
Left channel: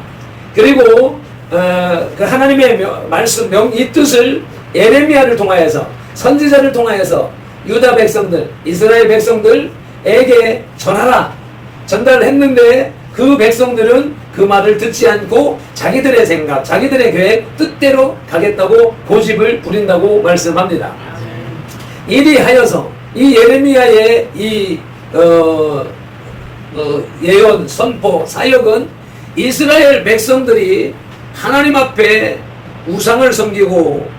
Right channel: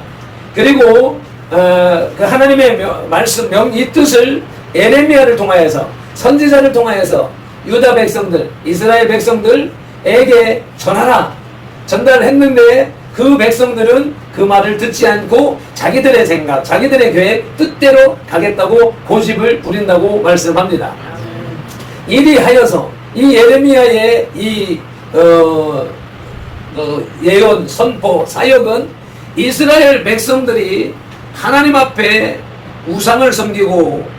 그리고 그 하나님의 말씀 이 뜻을 에레미야를 통하여서, 선지자를 통하여서 유다 백성들, 이스라엘 백성들에게 전하라 전달했는데 그 백성들은 그 말을 듣지 않고 자기들의 생각, 자기들의 계획, 뜻대로 가겠다고 고집을 부린다고 말씀합니다. 이리하여서 이 예레미야의 이 예언, 선포, 사역은 이스라엘 백성들이 하나님 앞에 우상을 섬기고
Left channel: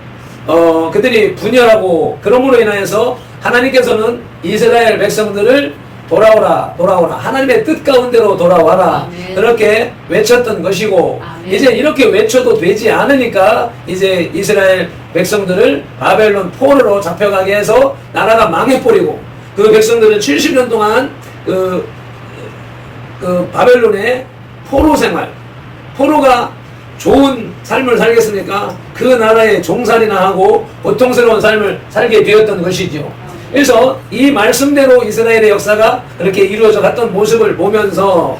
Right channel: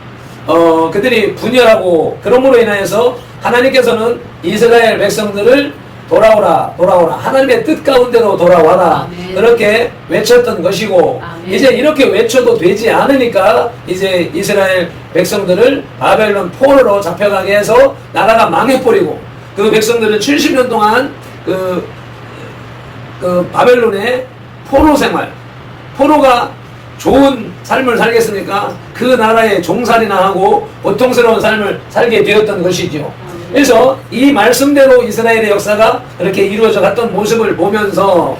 그들이 분열하고 그러므로 인하여서 하나님께서는 이스라엘 백성들을 돌아오라 돌아오라 하나님의 뜻 가운데로 돌아와라 아멘. 그렇게 외쳤던 것이고 아멘. 이제 이렇게 외쳐도 되지 않으니까 이제 이스라엘 백성들을 바벨론 포로로 잡혀가게 해서 나라가 망해버리고 그 백성들은 70년 동안 그 바벨론의 포로 생활, 포로가 좋은 삶을 살겠습니까? 그 나라의 종살이나 하고 고통스러운 삶을 살게 되었던 것이죠. 그래서 이 말씀대로 이스라엘의 역사가 그렇게 이루어져 갔던 모습을 보면서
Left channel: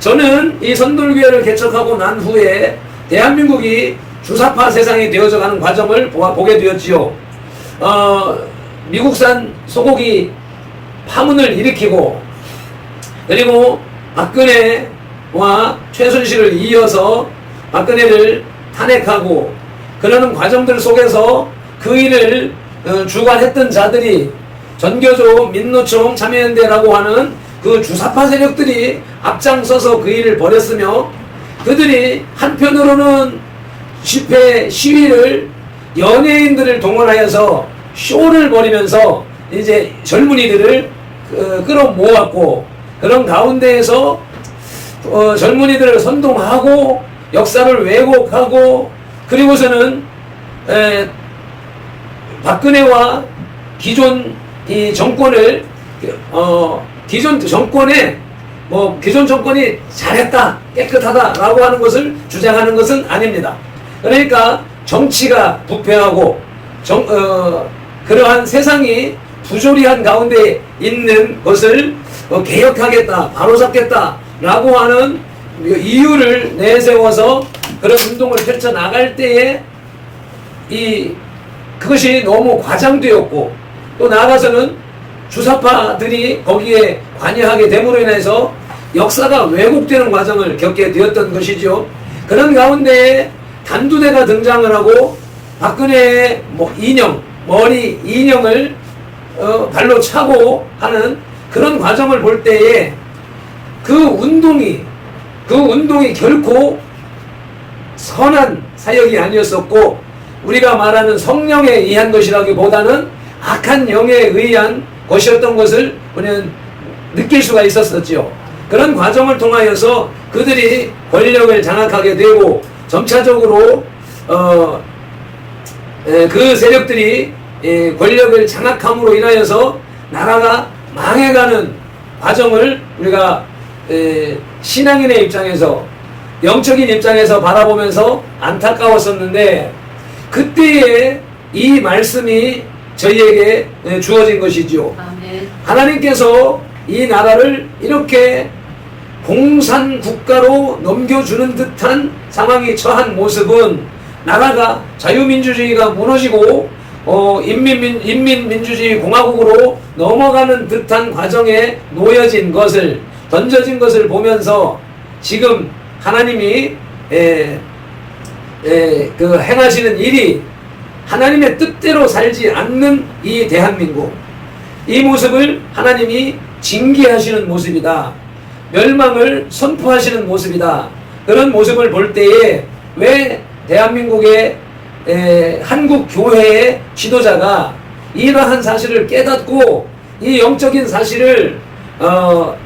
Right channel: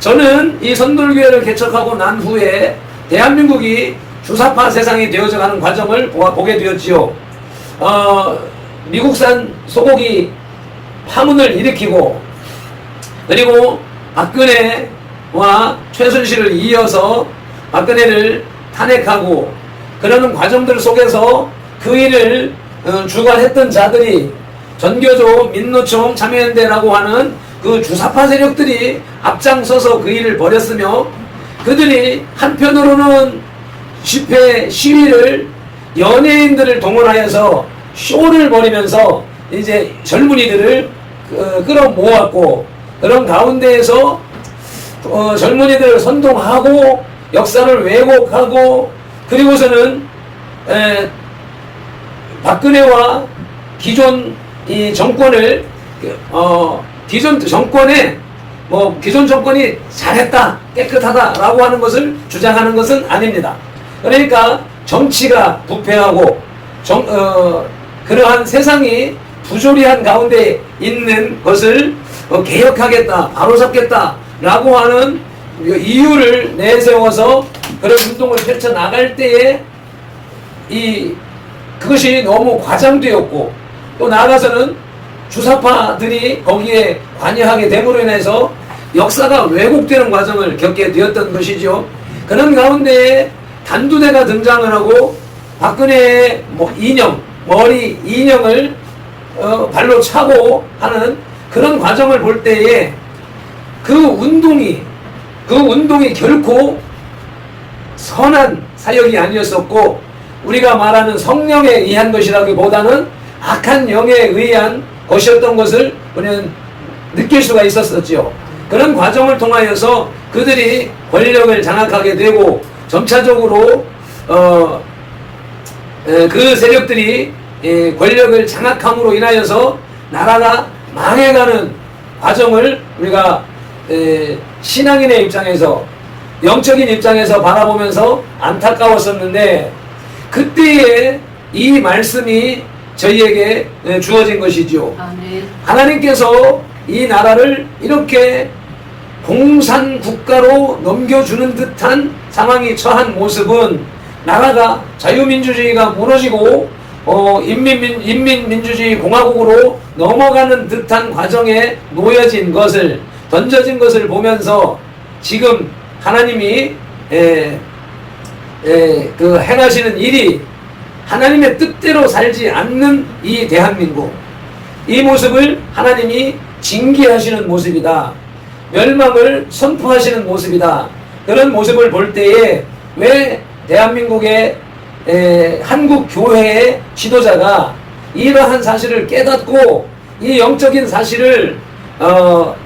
저는 이 선돌교회를 개척하고 난 후에 대한민국이 주사파 세상이 되어져 가는 과정을 보게 되었지요. 미국산 소고기 파문을 일으키고 그리고 박근혜와 최순실을 이어서 박근혜를 탄핵하고 그러는 과정들 속에서 그 일을 주관했던 자들이 전교조, 민노총, 참여연대라고 하는 그 주사파 세력들이 앞장서서 그 일을 벌였으며 그들이 한편으로는 집회, 시위를 연예인들을 동원하여서 쇼를 벌이면서 이제 젊은이들을 끌어모았고 그런 가운데에서 젊은이들을 선동하고 역사를 왜곡하고 그리고서는 박근혜와 기존 이 정권을 기존 정권이 잘했다 깨끗하다라고 하는 것을 주장하는 것은 아닙니다. 그러니까 정치가 부패하고 그러한 세상이 부조리한 가운데 있는 것을 개혁하겠다 바로잡겠다라고 하는 이유를 내세워서 그런 운동을 펼쳐나갈 때에 그것이 너무 과장되었고 또 나아가서는 주사파들이 거기에 관여하게 됨으로 인해서 역사가 왜곡되는 과정을 겪게 되었던 것이죠. 그런 가운데 단두대가 등장을 하고 박근혜의 머리 인형을 발로 차고 하는 그런 과정을 볼 때에 그 운동이 결코 선한 사역이 아니었었고 우리가 말하는 성령에 의한 것이라기보다는 악한 영에 의한 것이었던 것을 우리는 느낄 수가 있었었죠. 그런 과정을 통하여서 그들이 권력을 장악하게 되고 점차적으로 그 세력들이 권력을 장악함으로 인하여서 나라가 망해가는 과정을 우리가 신앙인의 입장에서 영적인 입장에서 바라보면서 안타까웠었는데 그때에 이 말씀이 저희에게 주어진 것이죠. 아멘. 하나님께서 이 나라를 이렇게 공산국가로 넘겨주는 듯한 상황이 처한 모습은 나라가 자유민주주의가 무너지고 인민민주주의 공화국으로 넘어가는 듯한 과정에 놓여진 것을 던져진 것을 보면서 지금 하나님이 그 행하시는 일이 하나님의 뜻대로 살지 않는 이 대한민국 이 모습을 하나님이 징계하시는 모습이다. 멸망을 선포하시는 모습이다. 그런 모습을 볼 때에 왜 대한민국의 한국 교회의 지도자가 이러한 사실을 깨닫고 이 영적인 사실을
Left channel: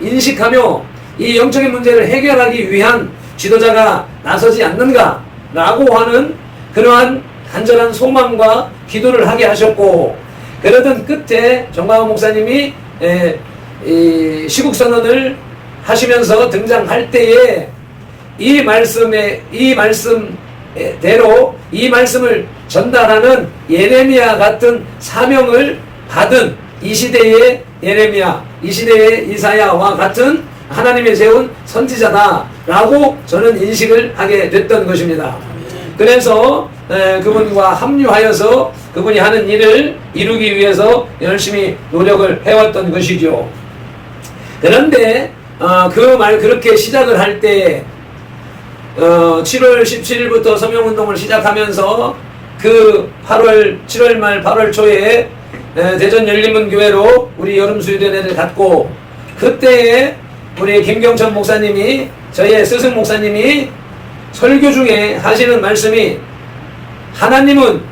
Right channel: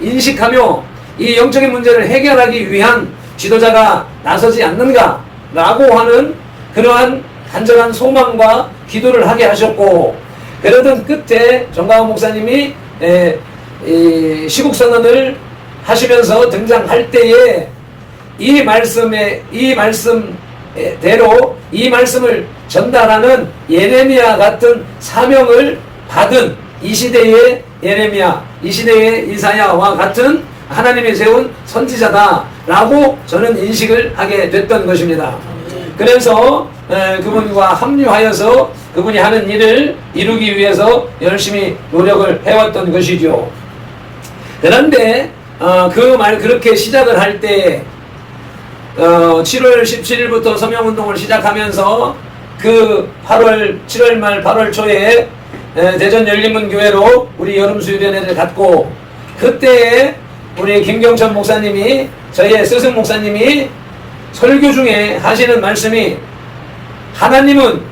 인식하며 이 영적인 문제를 해결하기 위한 지도자가 나서지 않는가 라고 하는 그러한 간절한 소망과 기도를 하게 하셨고 그러던 끝에 정광훈 목사님이 시국선언을 하시면서 등장할 때에 이 말씀대로 이 말씀을 전달하는 예레미야 같은 사명을 받은 이 시대의 예레미야, 이 시대의 이사야와 같은 하나님이 세운 선지자다라고 저는 인식을 하게 됐던 것입니다. 그래서 그분과 합류하여서 그분이 하는 일을 이루기 위해서 열심히 노력을 해왔던 것이죠. 그런데 그렇게 시작을 할 때 7월 17일부터 서명운동을 시작하면서 그 7월 말 8월 초에 대전 열린문교회로 우리 여름수련회를 갖고, 그때에 우리 김경천 목사님이, 저희의 스승 목사님이 설교 중에 하시는 말씀이, 하나님은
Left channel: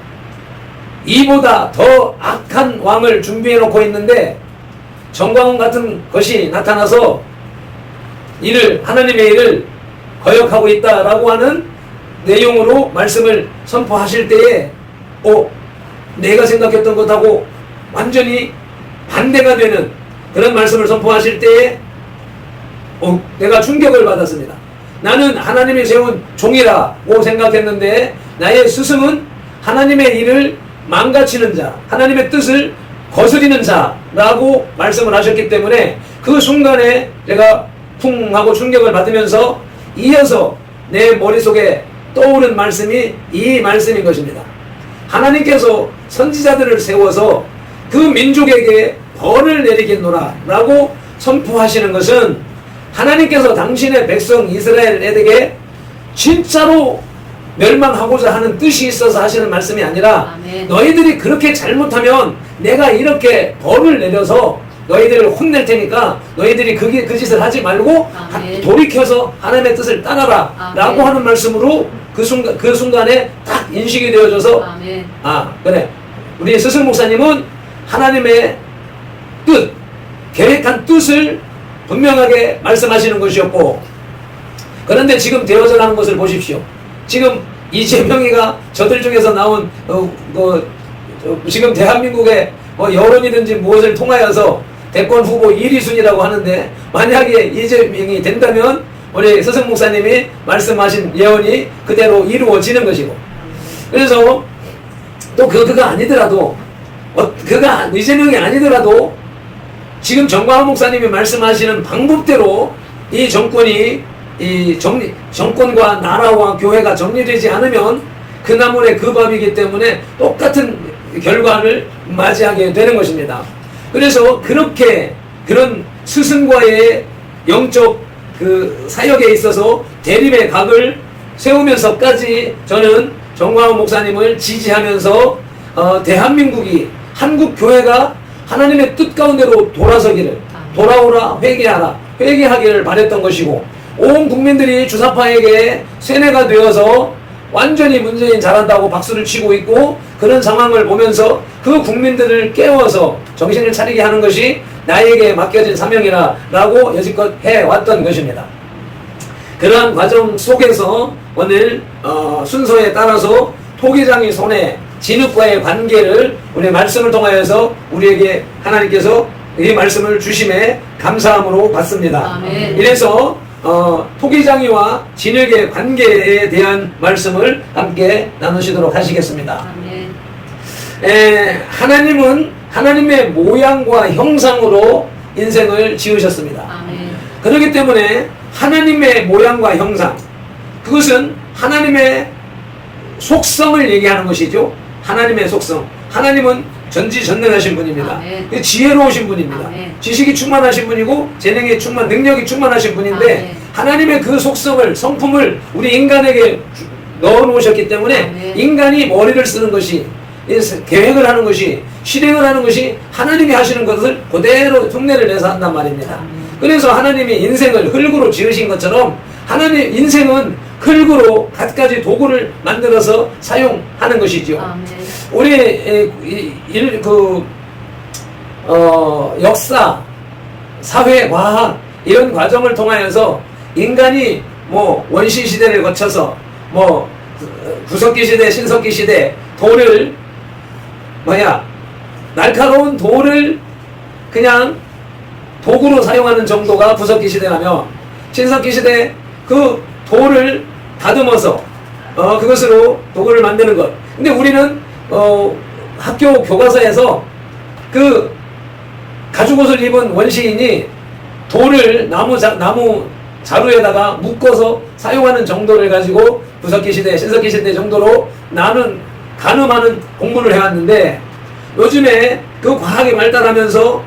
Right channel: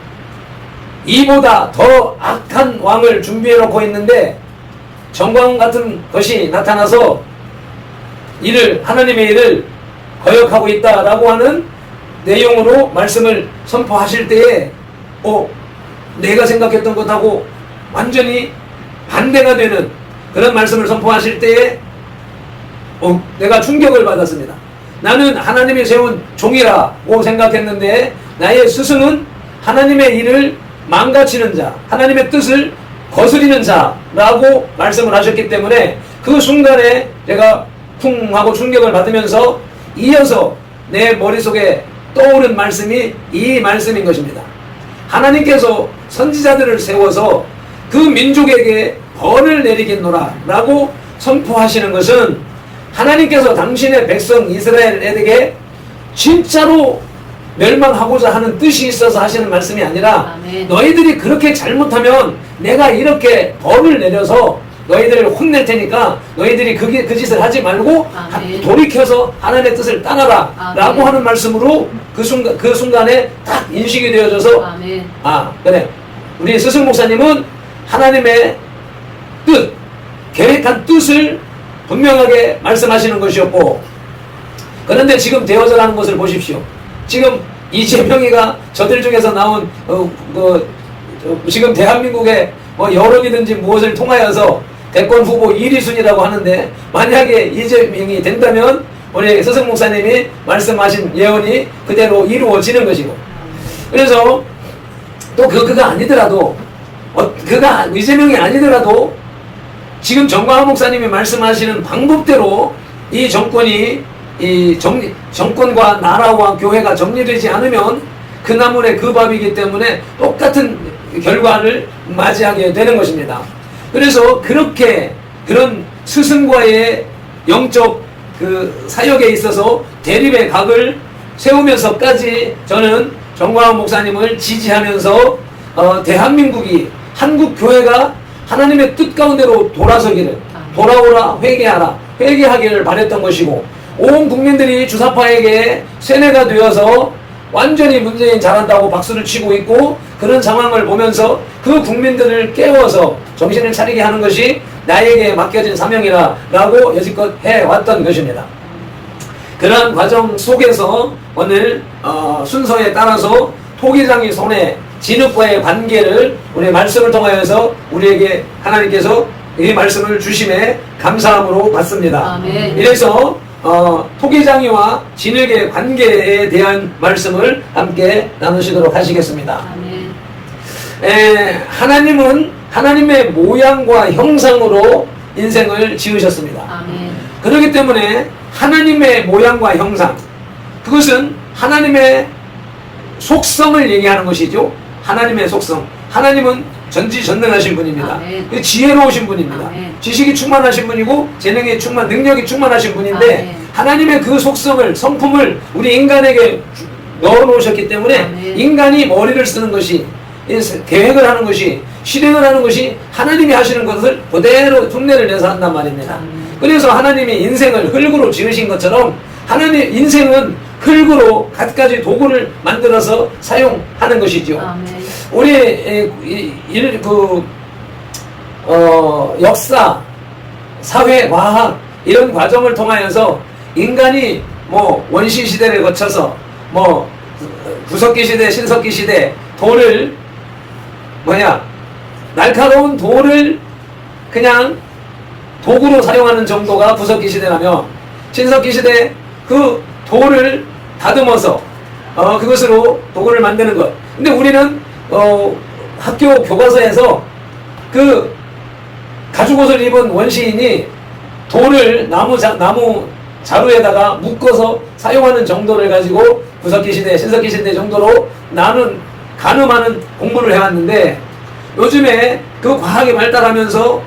이보다 더 악한 왕을 준비해 놓고 있는데 정광훈 같은 것이 나타나서 하나님의 일을 거역하고 있다라고 하는 내용으로 말씀을 선포하실 때에 내가 생각했던 것하고 완전히 반대가 되는 그런 말씀을 선포하실 때에 내가 충격을 받았습니다. 나는 하나님이 세운 종이라고 생각했는데 나의 스승은 하나님의 일을 망가치는 자, 하나님의 뜻을 거스리는 자라고 말씀을 하셨기 때문에 그 순간에 제가 쿵 하고 충격을 받으면서 이어서 내 머릿속에 떠오른 말씀이 이 말씀인 것입니다. 하나님께서 선지자들을 세워서 그 민족에게 벌을 내리겠노라 라고 선포하시는 것은 하나님께서 당신의 백성 이스라엘에게 진짜로 멸망하고자 하는 뜻이 있어서 하시는 말씀이 아니라, 아멘. 너희들이 그렇게 잘못하면 내가 이렇게 벌을 내려서 너희들을 혼낼 테니까 너희들이 그 짓을 하지 말고 아멘. 돌이켜서 하나님의 뜻을 따라라 아멘. 라고 하는 말씀으로 그 순간에 딱 인식이 되어져서 아멘. 그래, 우리 스승 목사님은 하나님의 뜻, 계획한 뜻을 분명하게 말씀하시는 것이었고, 그런데 지금 되어져 가는 것을 보십시오. 지금 이재명이가 저들 중에서 나온 지금 대한민국의 여론이든지 무엇을 통하여서 대권 후보 1위 순위라고 하는데, 만약에 이재명이 된다면 우리 스승 목사님이 말씀하신 예언이 그대로 이루어지는 것이고, 그래서 또 그가 아니더라도, 그가 이재명이 아니더라도 지금 정광훈 목사님이 말씀하시는 방법대로 이 정권과 나라와 교회가 정리되지 않으면 그 나물의 그 밥이기 때문에 똑같은 결과를 맞이하게 되는 것입니다. 그래서 그런 스승과의 영적 그 사역에 있어서 대립의 각을 세우면서까지 저는 정광훈 목사님을 지지하면서 대한민국이, 한국 교회가 하나님의 뜻 가운데로 돌아서기를, 돌아오라, 회개하기를 바랬던 것이고, 온 국민들이 주사파에게 세뇌가 되어서 완전히 문재인 잘한다고 박수를 치고 있고, 그런 상황을 보면서 그 국민들을 깨워서 정신을 차리게 하는 것이 나에게 맡겨진 사명이라고 여지껏 해왔던 것입니다. 그러한 과정 속에서 오늘 순서에 따라서 토기장이 손에 진흙과의 관계를 우리 말씀을 통하여서 우리에게 하나님께서 이 말씀을 주심에 감사함으로 받습니다. 아멘. 이래서 토기장이와 진흙의 관계에 대한 말씀을 함께 나누시도록 하시겠습니다. 아멘. 하나님은 하나님의 모양과 형상으로 인생을 지으셨습니다. 아멘. 그렇기 때문에 하나님의 모양과 형상, 그것은 하나님의 속성을 얘기하는 것이죠. 하나님의 속성. 하나님은 전지전능하신 분입니다. 아멘. 지혜로우신 분입니다. 아멘. 지식이 충만하신 분이고 재능이 능력이 충만하신 분인데, 아멘. 하나님의 그 속성을, 성품을 우리 인간에게 넣어놓으셨기 때문에 아멘. 인간이 머리를 쓰는 것이, 계획을 하는 것이, 실행을 하는 것이 하나님이 하시는 것을 그대로 흉내를 내서 한단 말입니다. 그래서 하나님이 인생을 흙으로 지으신 것처럼 하나님 인생은 흙으로 갖가지 도구를 만들어서 사용하는 것이죠. 아멘. 우리 역사, 사회, 과학 이런 과정을 통하여서 인간이 원시 시대를 거쳐서 구석기 시대, 신석기 시대 돌을 날카로운 돌을 그냥 도구로 사용하는 정도가 구석기 시대라면, 신석기 시대 그 돌을 다듬어서 그것으로 도구를 만드는 것. 근데 우리는 학교 교과서에서 그 가죽옷을 입은 원시인이 돌을 나무 자루에다가 묶어서 사용하는 정도를 가지고 구석기 시대, 신석기 시대 정도로 가늠하는 공부를 해왔는데, 요즘에 그 과학이 발달하면서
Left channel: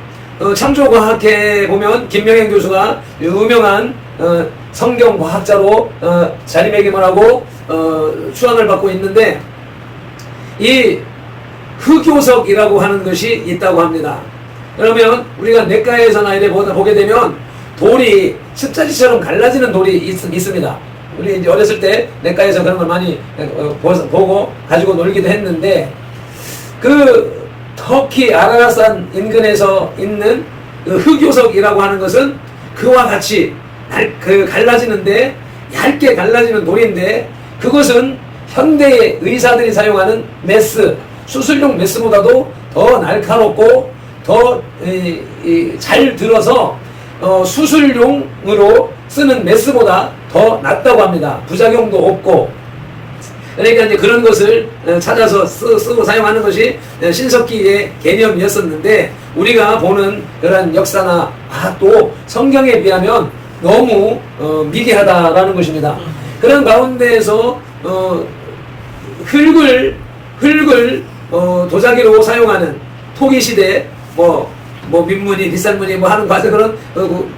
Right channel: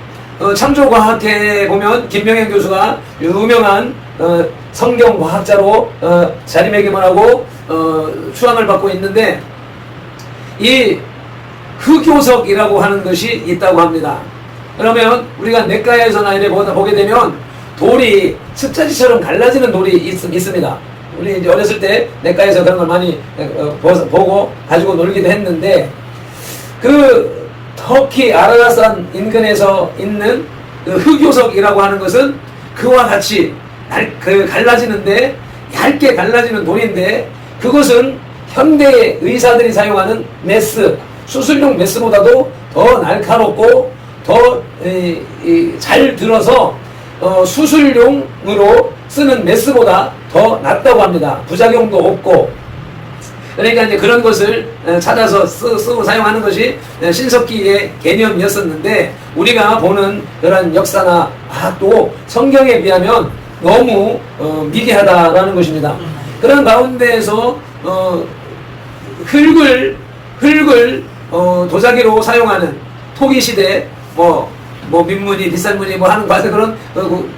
창조과학회에 보면 김명현 교수가 유명한 성경과학자로 자리매김을 하고 추앙을 받고 있는데, 이 흑요석이라고 하는 것이 있다고 합니다. 그러면 우리가 내과에서나 이래 보게 되면 돌이 습자지처럼 갈라지는 돌이 있습니다. 우리 이제 어렸을 때 내과에서 그런 걸 많이 보고 가지고 놀기도 했는데, 그 터키 아라라산 인근에서 있는 그 흑요석이라고 하는 것은 그와 같이 갈라지는데, 얇게 갈라지는 돌인데, 그것은 현대의 의사들이 사용하는 메스, 수술용 메스보다도 더 날카롭고 더 잘 들어서 수술용으로 쓰는 메스보다 더 낫다고 합니다. 부작용도 없고. 그러니까 이제 그런 것을 찾아서 쓰고 사용하는 것이 신석기의 개념이었었는데, 우리가 보는 그런 역사나 과학도 성경에 비하면 너무 미개하다라는 것입니다. 그런 가운데에서 흙을 도자기로 사용하는 토기 시대, 뭐 민문이 비싼 문이 뭐 하는 과정,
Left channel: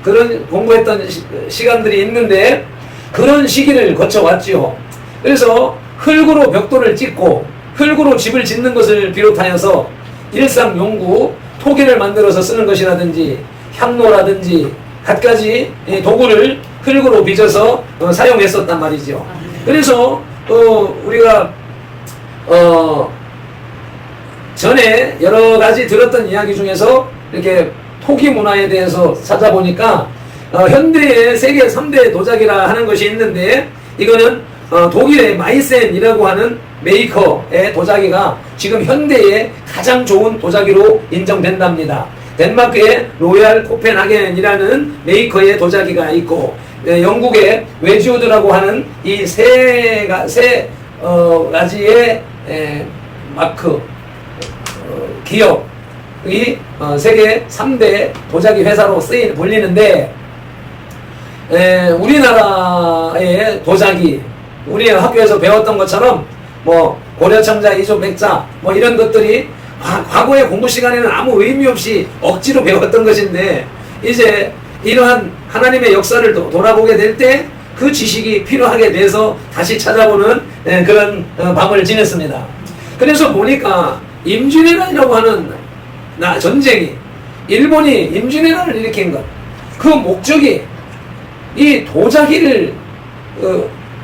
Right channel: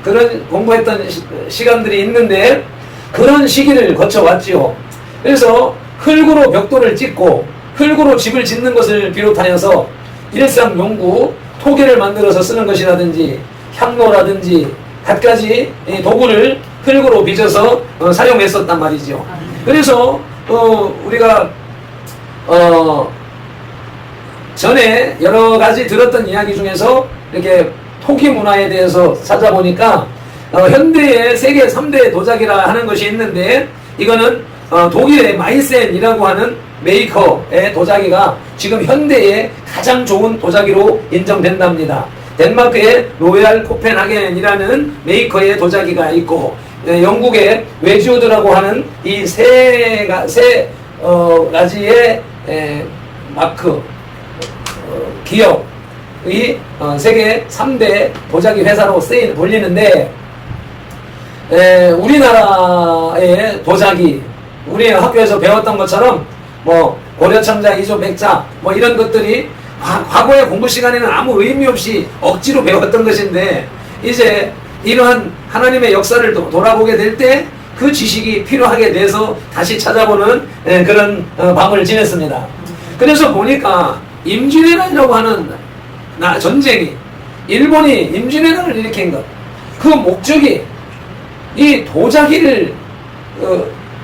그런 공부했던 시간들이 있는데, 그런 시기를 거쳐왔지요. 그래서 흙으로 벽돌을 짓고 흙으로 집을 짓는 것을 비롯하여서 일상용구, 토기를 만들어서 쓰는 것이라든지 향로라든지 갖가지 도구를 흙으로 빚어서 사용했었단 말이죠. 그래서 우리가 전에 여러 가지 들었던 이야기 중에서 이렇게 토기 문화에 대해서 찾아보니까 현대의 세계 3대 도자기라 하는 것이 있는데, 이거는 독일의 마이센이라고 하는 메이커의 도자기가 지금 현대의 가장 좋은 도자기로 인정된답니다. 덴마크의 로얄 코펜하겐이라는 메이커의 도자기가 있고, 영국의 웨지우드라고 하는 이 세 가지의 마크 기업이 세계 3대 도자기 회사로 불리는데, 우리나라의 도자기, 우리 학교에서 배웠던 것처럼 뭐 고려청자, 이조백자 뭐 이런 것들이 과거의 공부 시간에는 아무 의미 없이 억지로 배웠던 것인데, 이제 이러한 하나님의 역사를 돌아보게 될 때 그 지식이 필요하게 돼서 다시 찾아보는 그런 밤을 지냈습니다. 그래서 보니까 임진왜란이라고 하는 전쟁이, 일본이 임진왜란을 일으킨 것, 그 목적이 이 도자기를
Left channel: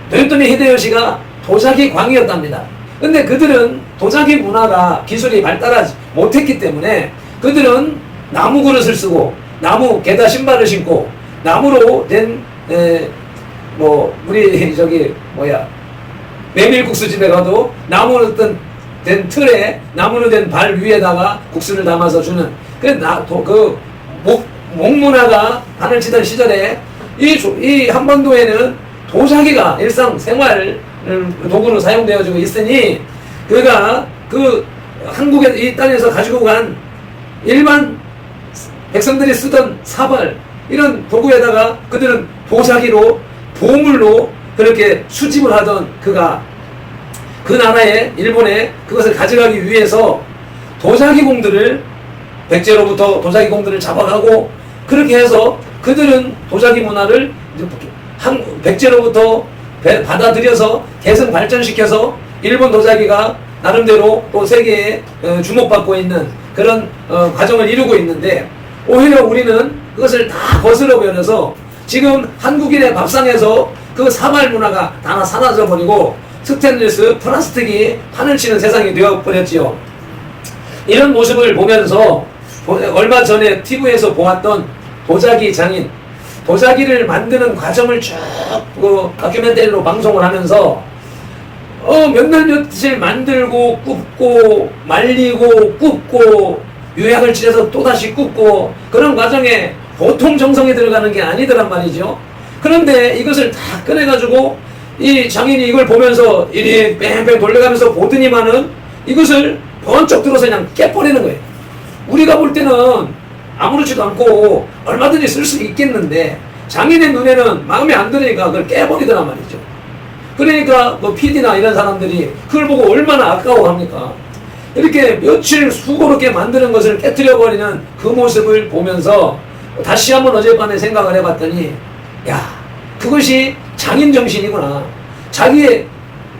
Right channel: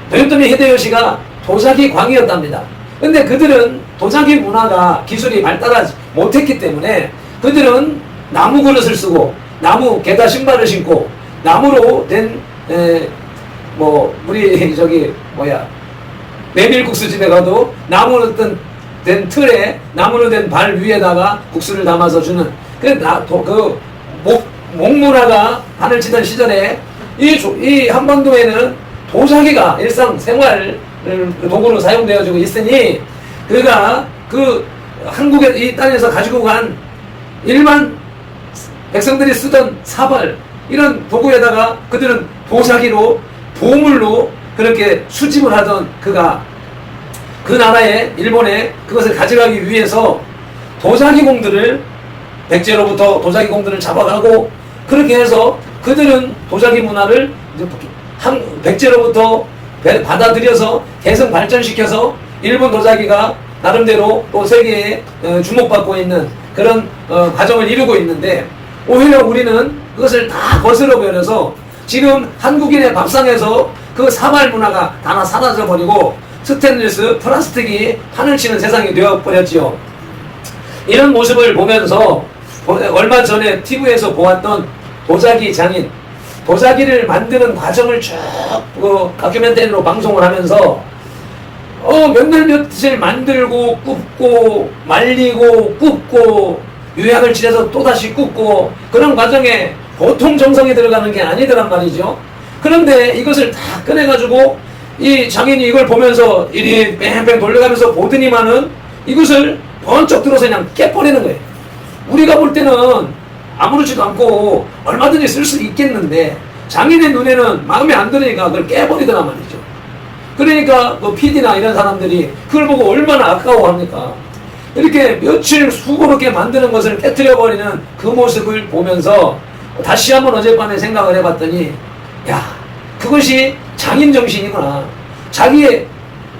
도요토미 히데요시가 도자기 광이었답니다. 근데 그들은 도자기 문화가 기술이 발달하지 못했기 때문에 그들은 나무 그릇을 쓰고 나무 게다 신발을 신고 나무로 된 우리 메밀국수 집에 가도 나무로 된 틀에 나무로 된 발 위에다가 국수를 담아서 주는 그 목문화가 판을 치던 시절에 이 한반도에는 도자기가 일상생활 도구로 사용되어지고 있으니, 그가 그 한국의 이 땅에서 가지고 간 일반 백성들이 쓰던 사발, 이런 도구에다가 그들은 도자기로 보물로 그렇게 수집을 하던 그가 그 나라에, 일본에 그것을 가져가기 위해서 도자기공들을, 백제로부터 도자기공들을 잡아가고, 그렇게 해서 그들은 도자기 문화를 백제로부터 받아들여서 계속 발전시켜서 일본 도자기가 나름대로 또 세계에 주목받고 있는 그런 과정을 이루고 있는데, 오히려 우리는 그것을 다 거슬러 버려서 지금 한국인의 밥상에서 그 사발 문화가 다 사라져 버리고 스테인리스, 플라스틱이 판을 치는 세상이 되어버렸지요. 이런 모습을 보면서 얼마 전에 TV에서 보았던 도자기 장인, 도자기를 만드는 과정을 쭉 다큐멘터리로 방송을 하면서 몇날 며칠 만들고 굽고 말리고 굽고 유약을 칠해서 또다시 굽고, 그런 과정에 보통 정성이 들어가는 게 아니더란 말이죠. 그런데 이것을 다 꺼내가지고 이 장인이 이걸 보면서 이리 뺑뺑 돌려가면서 보더니만은 이것을 번쩍 들어서 그냥 깨버리는 거예요. 우리가 볼 때는 아무렇지도 않고 얼마든지 쓸 수 있겠는데, 장인의 눈에는 마음에 안 들으니까 그걸 깨버리더란 말이죠. 그러니까 PD나 이런 사람들이 그걸 보고 얼마나 아까워합니까? 이렇게 며칠 수고롭게 만드는 것을 깨뜨려버리는 그 모습을 보면서 다시 한번 어젯밤에 생각을 해봤더니, 야, 그것이 장인 정신이구나. 자기의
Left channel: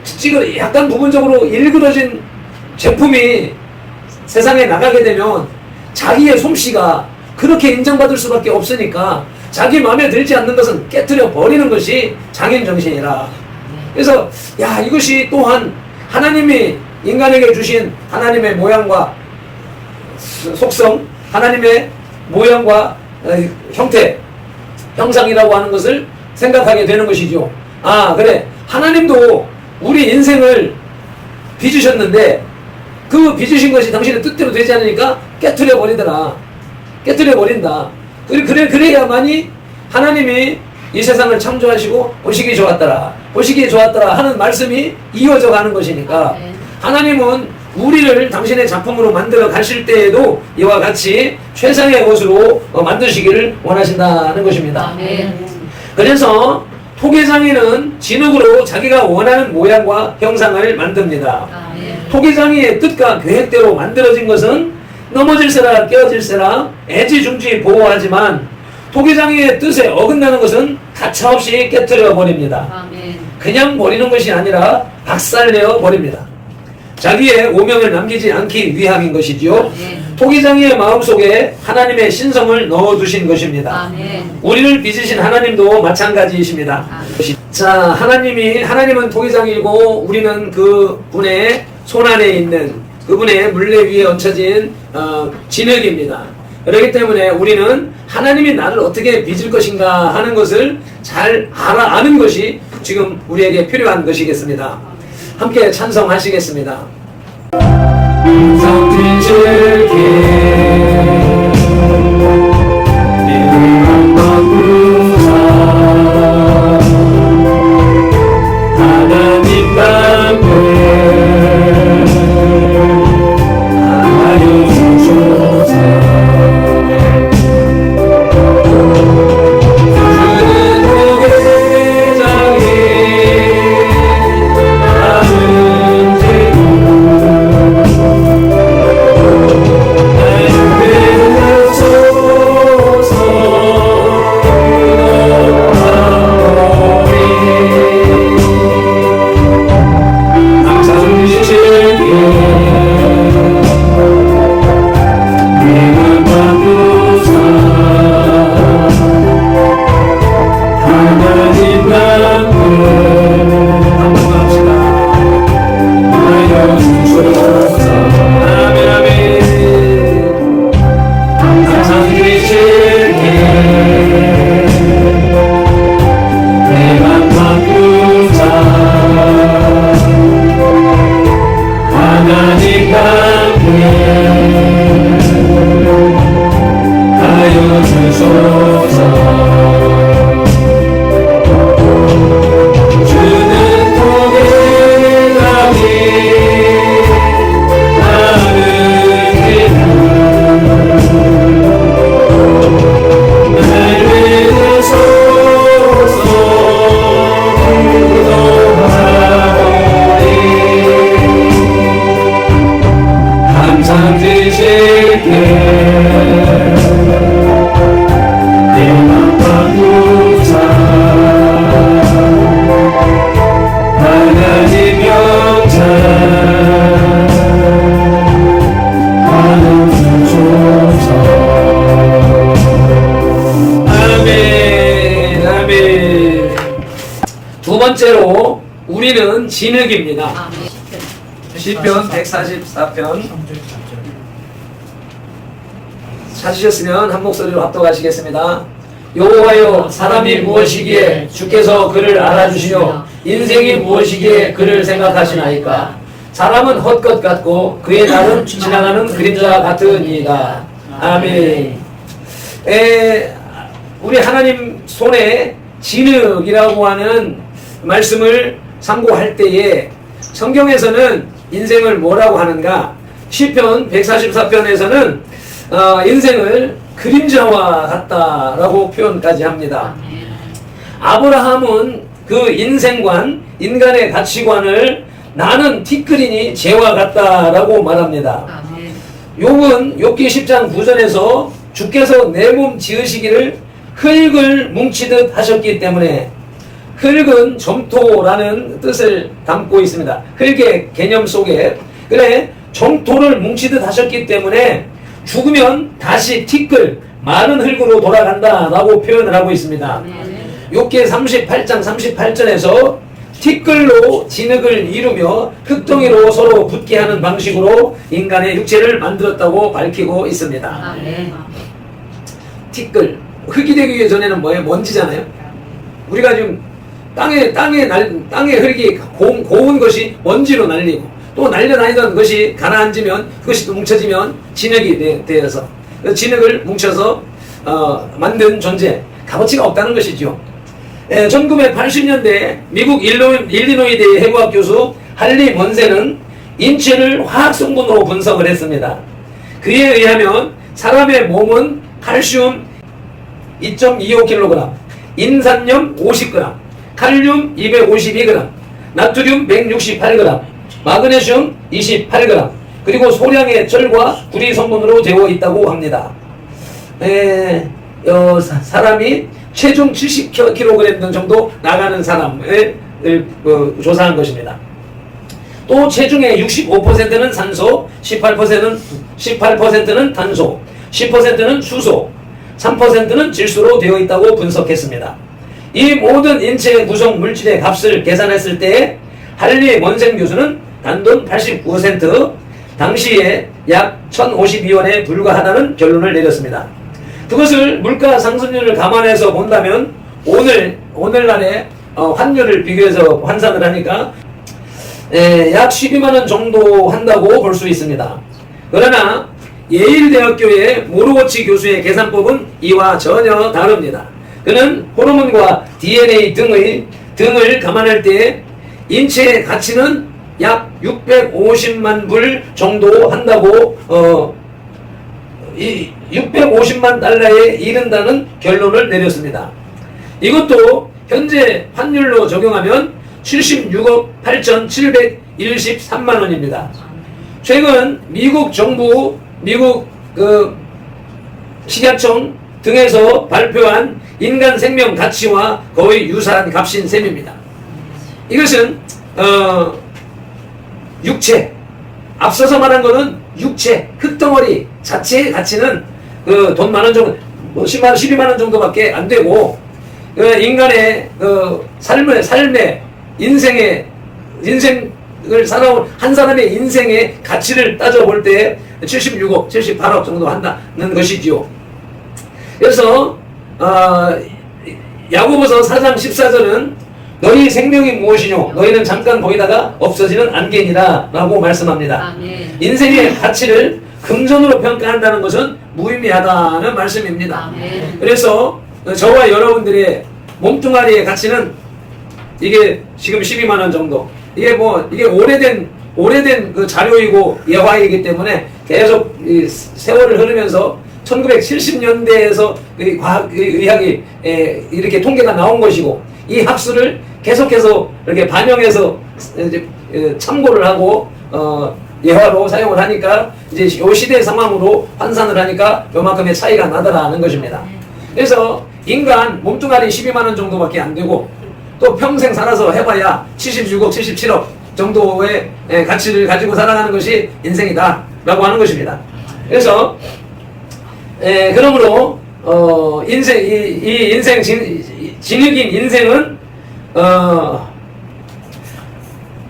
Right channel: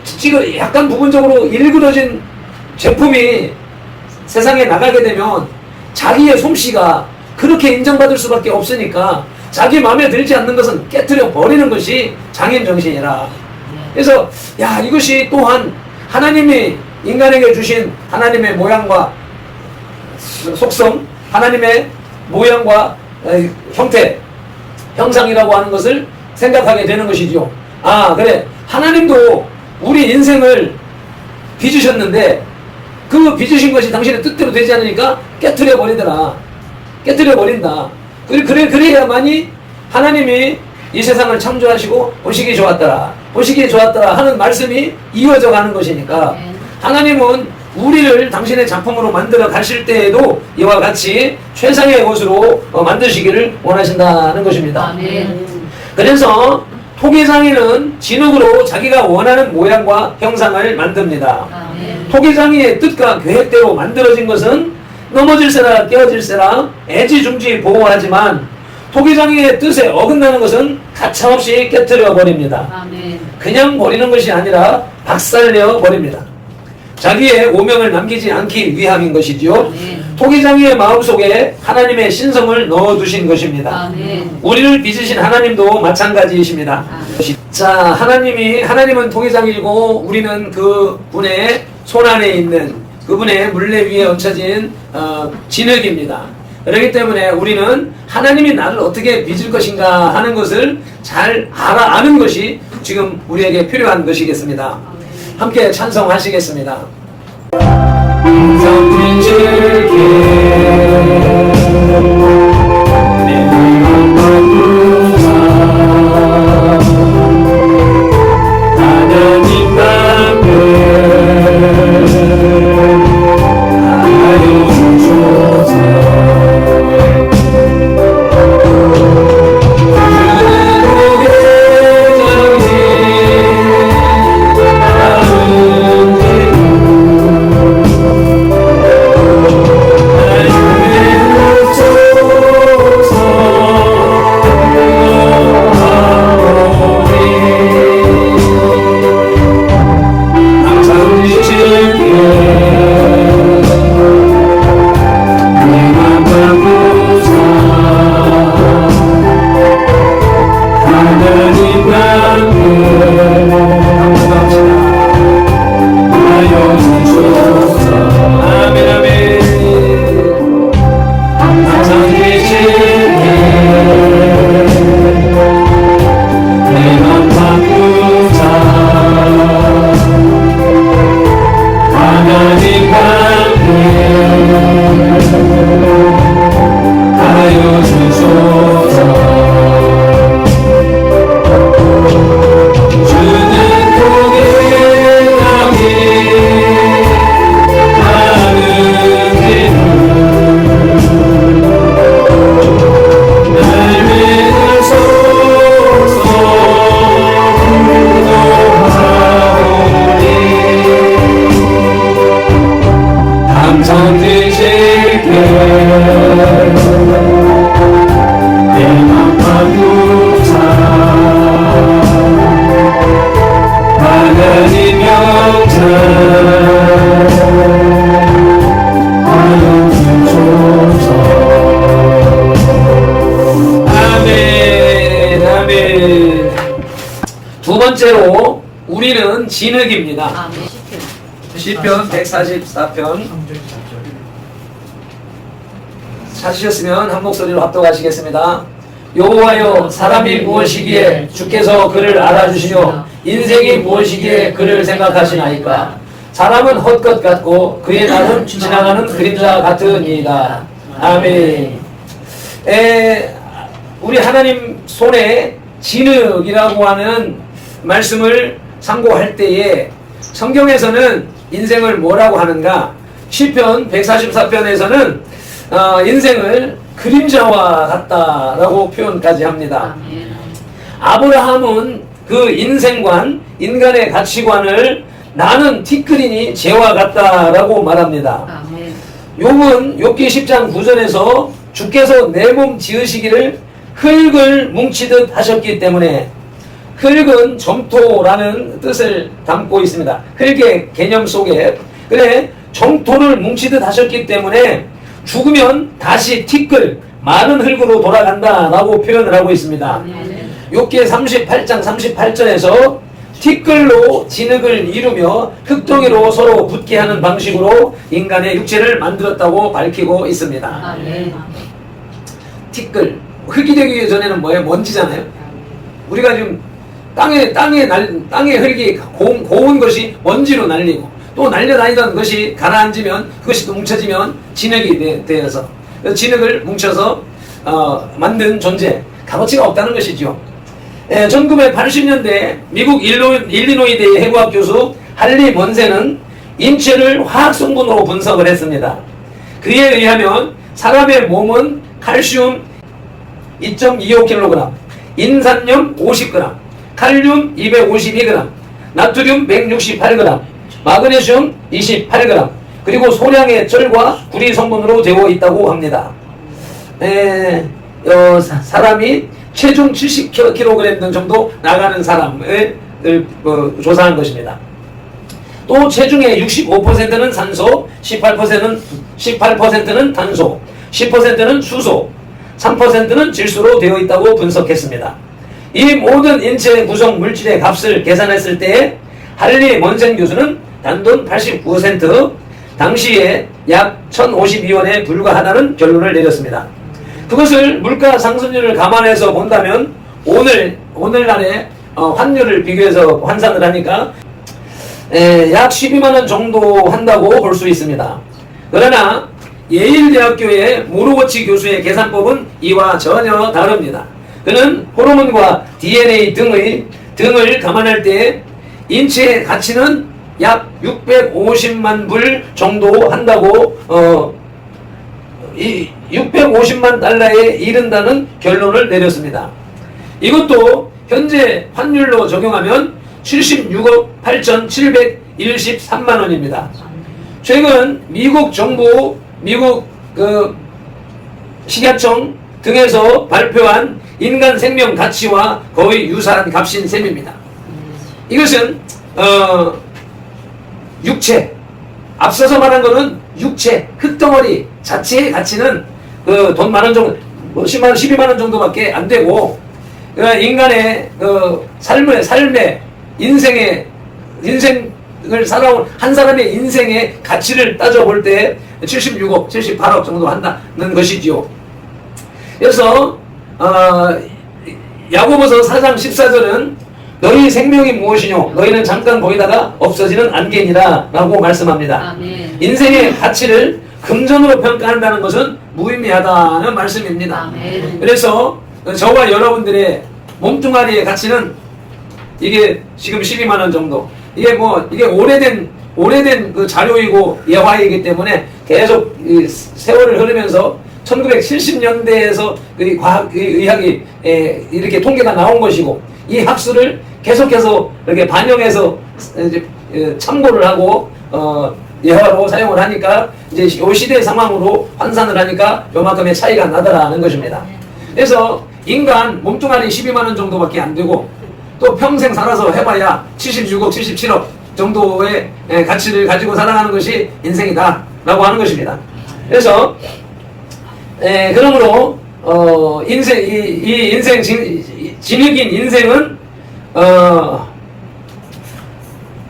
지금 약간 부분적으로 일그러진 제품이 세상에 나가게 되면 자기의 솜씨가 그렇게 인정받을 수밖에 없으니까 자기 마음에 들지 않는 것은 깨뜨려 버리는 것이 장인 정신이라. 그래서 야, 이것이 또한 하나님이 인간에게 주신 하나님의 모양과 속성, 하나님의 모양과 형태, 형상이라고 하는 것을 생각하게 되는 것이죠. 아, 그래, 하나님도 우리 인생을 빚으셨는데 그 빚으신 것이 당신의 뜻대로 되지 않으니까 깨뜨려 버리더라. 깨뜨려 버린다. 그래야만이 하나님이 이 세상을 창조하시고 보시기 좋았더라, 보시기 좋았더라 하는 말씀이 이어져 가는 것이니까, 하나님은 우리를 당신의 작품으로 만들어 가실 때에도 이와 같이 최상의 것으로 만드시기를 원하신다는 것입니다. 아멘. 그래서 토기장이는 진흙으로 자기가 원하는 모양과 형상을 만듭니다. 아멘. 토기장이의 뜻과 계획대로 만들어진 것은 넘어질세라 깨어질세라 애지중지 보호하지만, 토기장이의 뜻에 어긋나는 것은 가차없이 깨뜨려 버립니다. 아멘. 그냥 버리는 것이 아니라 박살내어 버립니다. 자기의 오명을 남기지 않기 위함인 것이지요. 아멘. 토기장이의 마음속에 하나님의 신성을 넣어두신 것입니다. 아멘. 우리를 빚으신 하나님도 마찬가지이십니다. 아멘. 자, 하나님은 토기장이고 우리는 그 분의 손안에 있는 그분의 물레 위에 얹혀진 진흙입니다. 그렇기 때문에 우리는 하나님이 나를 어떻게 빚을 것인가 하는 것을 잘 아는 것이 지금 우리에게 필요한 것이겠습니다. 함께 찬송하시겠습니다. 두 번째로 우리는 진흙입니다. 아멘. 시편 144편 찾으셨으면 한 목소리로 합독하시겠습니다. 여호와여, 사람이 무엇이기에 주께서 그를 알아주시며 인생이 무엇이기에 그를 생각하시나이까. 사람은 헛것 같고 그의 날은 지나가는 그림자 같으니이다. 아멘. 우리 하나님 손에 진흙이라고 하는 말씀을 상고할 때에 성경에서는 인생을 뭐라고 하는가? 시편 144편에서는 인생을 그림자와 같다라고 표현까지 합니다. 아브라함은 그 인생관, 인간의 가치관을 나는 티끌이니 재와 같다라고 말합니다. 아멘. 욥은 욥기 10장 9절에서 주께서 내 몸 지으시기를 흙을 뭉치듯 하셨기 때문에, 흙은 점토라는 뜻을 담고 있습니다. 흙의 개념 속에 그래 점토를 뭉치듯 하셨기 때문에 죽으면 다시 티끌 마른 흙으로 돌아간다라고 표현을 하고 있습니다. 욥기 38장 38절에서 티끌로 진흙을 이루며 흙덩이로 서로 붙게 하는 방식으로 인간의 육체를 만들었다고 밝히고 있습니다. 아멘. 티끌, 흙이 되기 전에는 뭐예요? 먼지잖아요. 우리가 지금 땅에 흙이 고운 것이 먼지로 날리고, 또 날려다니던 것이 가라앉으면 그것이 또 뭉쳐지면 진흙이 되어서 진흙을 뭉쳐서 만든 존재, 값어치가 없다는 것이죠. 1980년대 미국 일리노이대 해부학 교수 할리 먼센은 인체를 화학 성분으로 분석을 했습니다. 그에 의하면 사람의 몸은 칼슘 2.25kg, 인산염 50g, 칼륨 252g, 나트륨 168g, 마그네슘 28g, 그리고 소량의 철과 구리 성분으로 되어 있다고 합니다. 사람이 체중 70kg 정도 나가는 사람을 조사한 것입니다. 또 체중의 65%는 산소, 18%는 탄소, 10%는 수소, 3%는 질소로 되어 있다고 분석했습니다. 이 모든 인체 구성 물질의 값을 계산했을 때 할리 먼센 교수는 단돈 89센트, 당시에 약 1052원에 불과하다는 결론을 내렸습니다. 그것을 물가 상승률을 감안해서 본다면 오늘날의 환율을 비교해서 환산을 하니까 약 12만원 정도 한다고 볼 수 있습니다. 그러나 예일대학교의 모로워치 교수의 계산법은 이와 전혀 다릅니다. 그는 호르몬과 DNA 등을 감안할 때 인체의 가치는 약 650만 불 정도 한다고 650만 달러에 이른다는 결론을 내렸습니다. 이것도 현재 환율로 적용하면 76억 8,713만 원입니다. 최근 미국 정부, 미국 식약청 등에서 발표한 인간 생명 가치와 거의 유사한 값인 셈입니다. 이것은 육체, 앞서서 말한 것은 육체, 흙덩어리 자체의 가치는 돈 많은 정도, 12만 원 정도밖에 안 되고, 인간의 삶의 인생을 살아온 한 사람의 인생의 가치를 따져볼 때 76억, 78억 정도 한다는 것이지요. 그래서 야고보서 4장 14절은 너희 생명이 무엇이뇨? 너희는 잠깐 보이다가 없어지는 안개니라 라고 말씀합니다. 아멘. 인생의 가치를 금전으로 평가한다는 것은 무의미하다는 말씀입니다. 아멘. 그래서 저와 여러분들의 몸뚱아리의 가치는 이게 지금 12만 원 정도. 이게 오래된 그 자료이고 예화이기 때문에 계속 세월을 흐르면서 1970년대에서 의학이 이렇게 통계가 나온 것이고, 이 학술을 계속해서 이렇게 반영해서 이제 참고를 하고 예화로 사용을 하니까 이제 이 시대 상황으로 환산을 하니까 요만큼의 차이가 나더라는 것입니다. 그래서 인간 몸뚱아리 12만 원 정도밖에 안 되고, 또 평생 살아서 해봐야 76억, 77억 정도의 가치를 가지고 살아가는 것이 인생이다 라고 하는 것입니다. 그래서 그러므로 이 인생 진흙인 인생은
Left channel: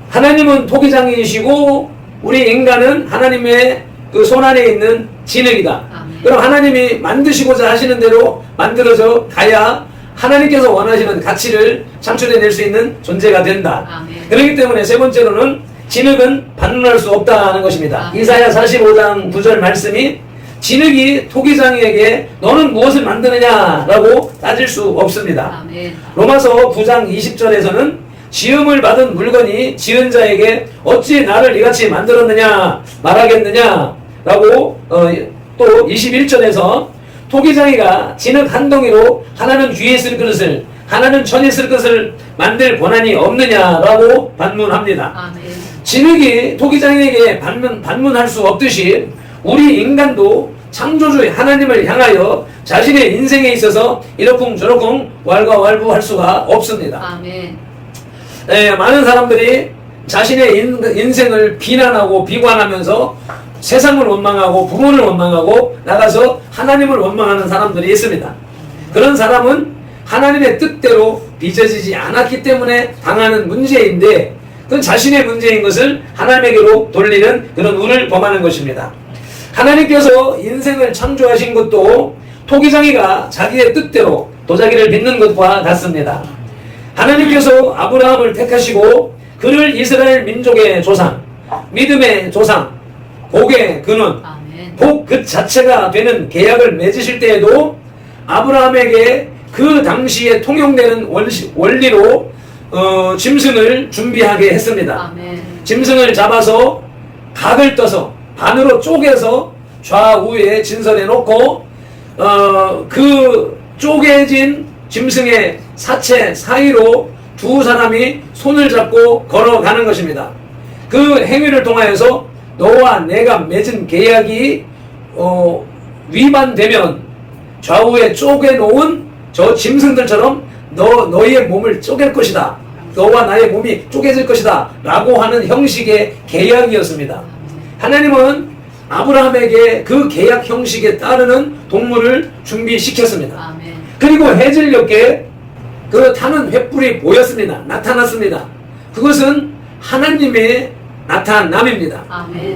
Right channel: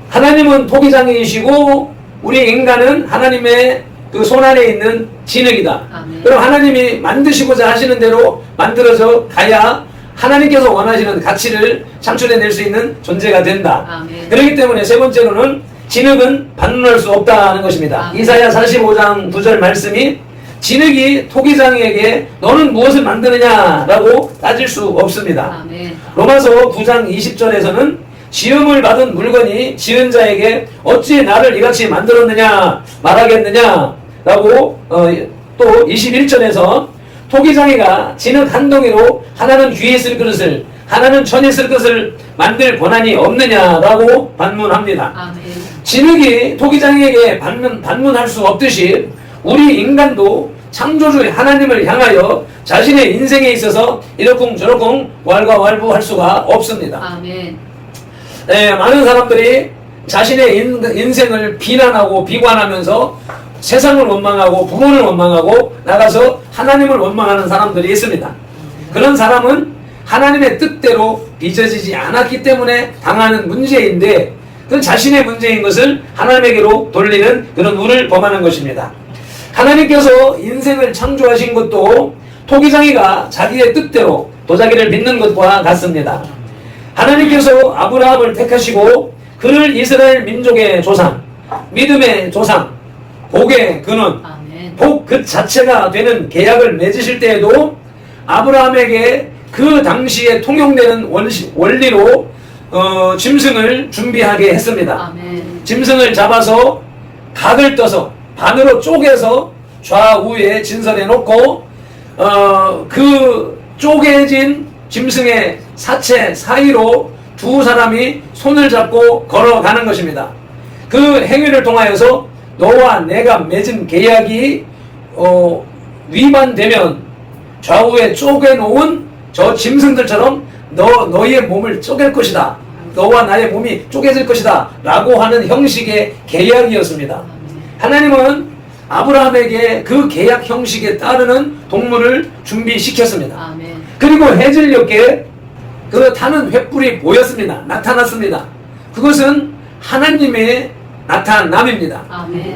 하나님은 토기장이시고 우리 인간은 하나님의 그 손안에 있는 진흙이다. 아멘. 그럼 하나님이 만드시고자 하시는 대로 만들어져 가야 하나님께서 원하시는 가치를 창출해낼 수 있는 존재가 된다. 아멘. 그렇기 때문에 세 번째로는 진흙은 반론할 수 없다는 것입니다. 아멘. 이사야 45장 9절 말씀이 진흙이 토기장에게 너는 무엇을 만드느냐라고 따질 수 없습니다. 아멘. 로마서 9장 20절에서는 지음을 받은 물건이 지은 자에게 어찌 나를 이같이 만들었느냐 말하겠느냐라고 또 21절에서 토기장이가 진흙 한 덩이로 하나는 귀에 쓸 그릇을 하나는 천에 쓸 것을 만들 권한이 없느냐라고 반문합니다. 아멘. 진흙이 토기장에게 반문할 수 없듯이 우리 인간도 창조주 하나님을 향하여 자신의 인생에 있어서 이러쿵저러쿵 왈가왈부할 수가 없습니다. 아멘. 많은 사람들이 자신의 인생을 비난하고 비관하면서 세상을 원망하고 부모를 원망하고 나가서 하나님을 원망하는 사람들이 있습니다. 그런 사람은 하나님의 뜻대로 빚어지지 않았기 때문에 당하는 문제인데 그건 자신의 문제인 것을 하나님에게로 돌리는 그런 운을 범하는 것입니다. 하나님께서 인생을 창조하신 것도 토기장이가 자기의 뜻대로 도자기를 빚는 것과 같습니다. 하나님께서 아브라함을 택하시고 그를 이스라엘 민족의 조상, 믿음의 조상, 복의 근원, 복 그 자체가 되는 계약을 맺으실 때에도 아브라함에게 그 당시에 통용되는 원리로 짐승을 준비하게 했습니다. 짐승을 잡아서 각을 떠서 반으로 쪼개서 좌우에 진설해 놓고 그 쪼개진 짐승의 사체 사이로 두 사람이 손을 잡고 걸어가는 것입니다. 그 행위를 통하여서 너와 내가 맺은 계약이 위반되면 좌우에 쪼개놓은 저 짐승들처럼 너희의 몸을 쪼갤 것이다. 너와 나의 몸이 쪼개질 것이다. 라고 하는 형식의 계약이었습니다. 하나님은 아브라함에게 그 계약 형식에 따르는 동물을 준비시켰습니다. 그리고 해질녘에 그 타는 횃불이 보였습니다. 나타났습니다. 그것은 하나님의 나타남입니다.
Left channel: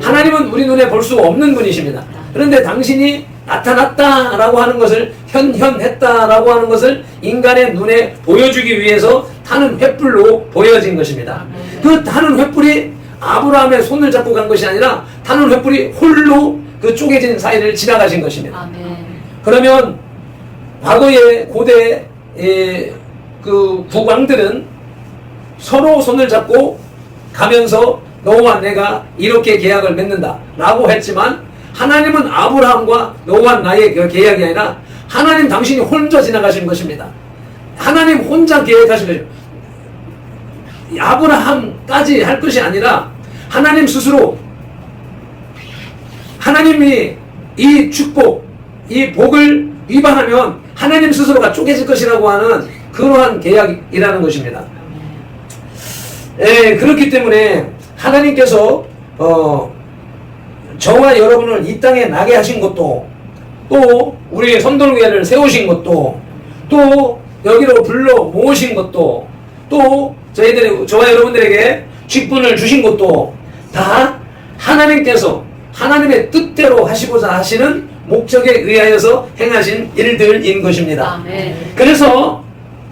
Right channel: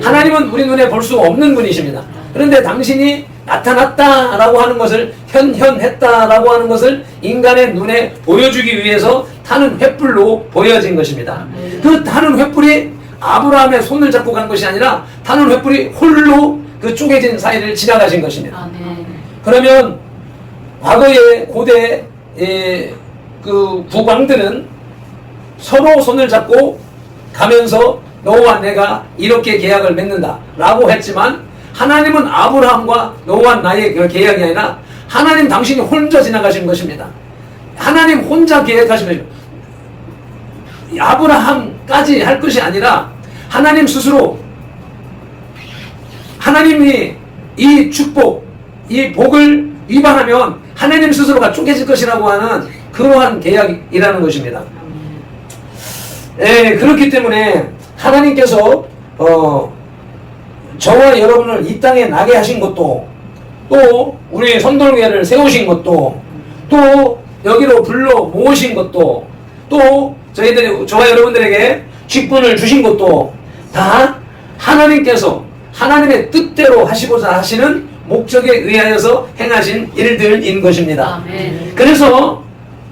하나님은 우리 눈에 볼 수 없는 분이십니다. 그런데 당신이 나타났다라고 하는 것을 현현했다라고 하는 것을 인간의 눈에 보여주기 위해서 타는 횃불로 보여진 것입니다. 그 타는 횃불이 아브라함의 손을 잡고 간 것이 아니라 타는 횃불이 홀로 그 쪼개진 사이를 지나가신 것입니다. 그러면 과거의 고대 그 국왕들은 서로 손을 잡고 가면서 너와 내가 이렇게 계약을 맺는다 라고 했지만 하나님은 아브라함과 너와 나의 그 계약이 아니라 하나님 당신이 혼자 지나가신 것입니다. 하나님 혼자 계약하신 것입니다. 아브라함까지 할 것이 아니라 하나님 스스로 하나님이 이 축복, 이 복을 위반하면 하나님 스스로가 쪼개질 것이라고 하는 그러한 계약이라는 것입니다. 그렇기 때문에 하나님께서 저와 여러분을 이 땅에 나게 하신 것도 또 우리 선돌교회를 세우신 것도 또 여기로 불러 모으신 것도 또 저와 여러분들에게 직분을 주신 것도 다 하나님께서 하나님의 뜻대로 하시고자 하시는 목적에 의하여서 행하신 일들인 것입니다. 아멘. 그래서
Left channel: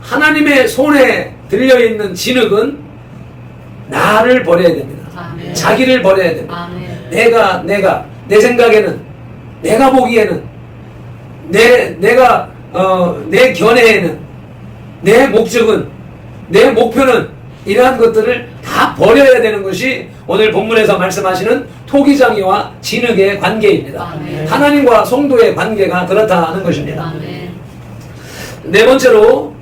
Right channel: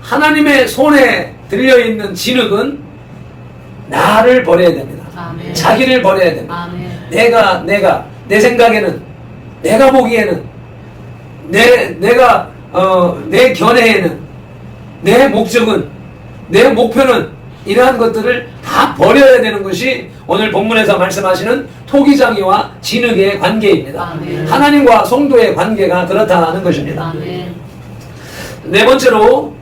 하나님의 손에 들려있는 진흙은 나를 버려야 됩니다. 아멘. 자기를 버려야 됩니다. 아멘. 내가 내 생각에는 내가 보기에는 내 견해에는 내 목적은 내 목표는 이러한 것들을 다 버려야 되는 것이 오늘 본문에서 말씀하시는 토기장이와 진흙의 관계입니다. 아멘. 하나님과 성도의 관계가 그렇다는 것입니다. 아멘. 네 번째로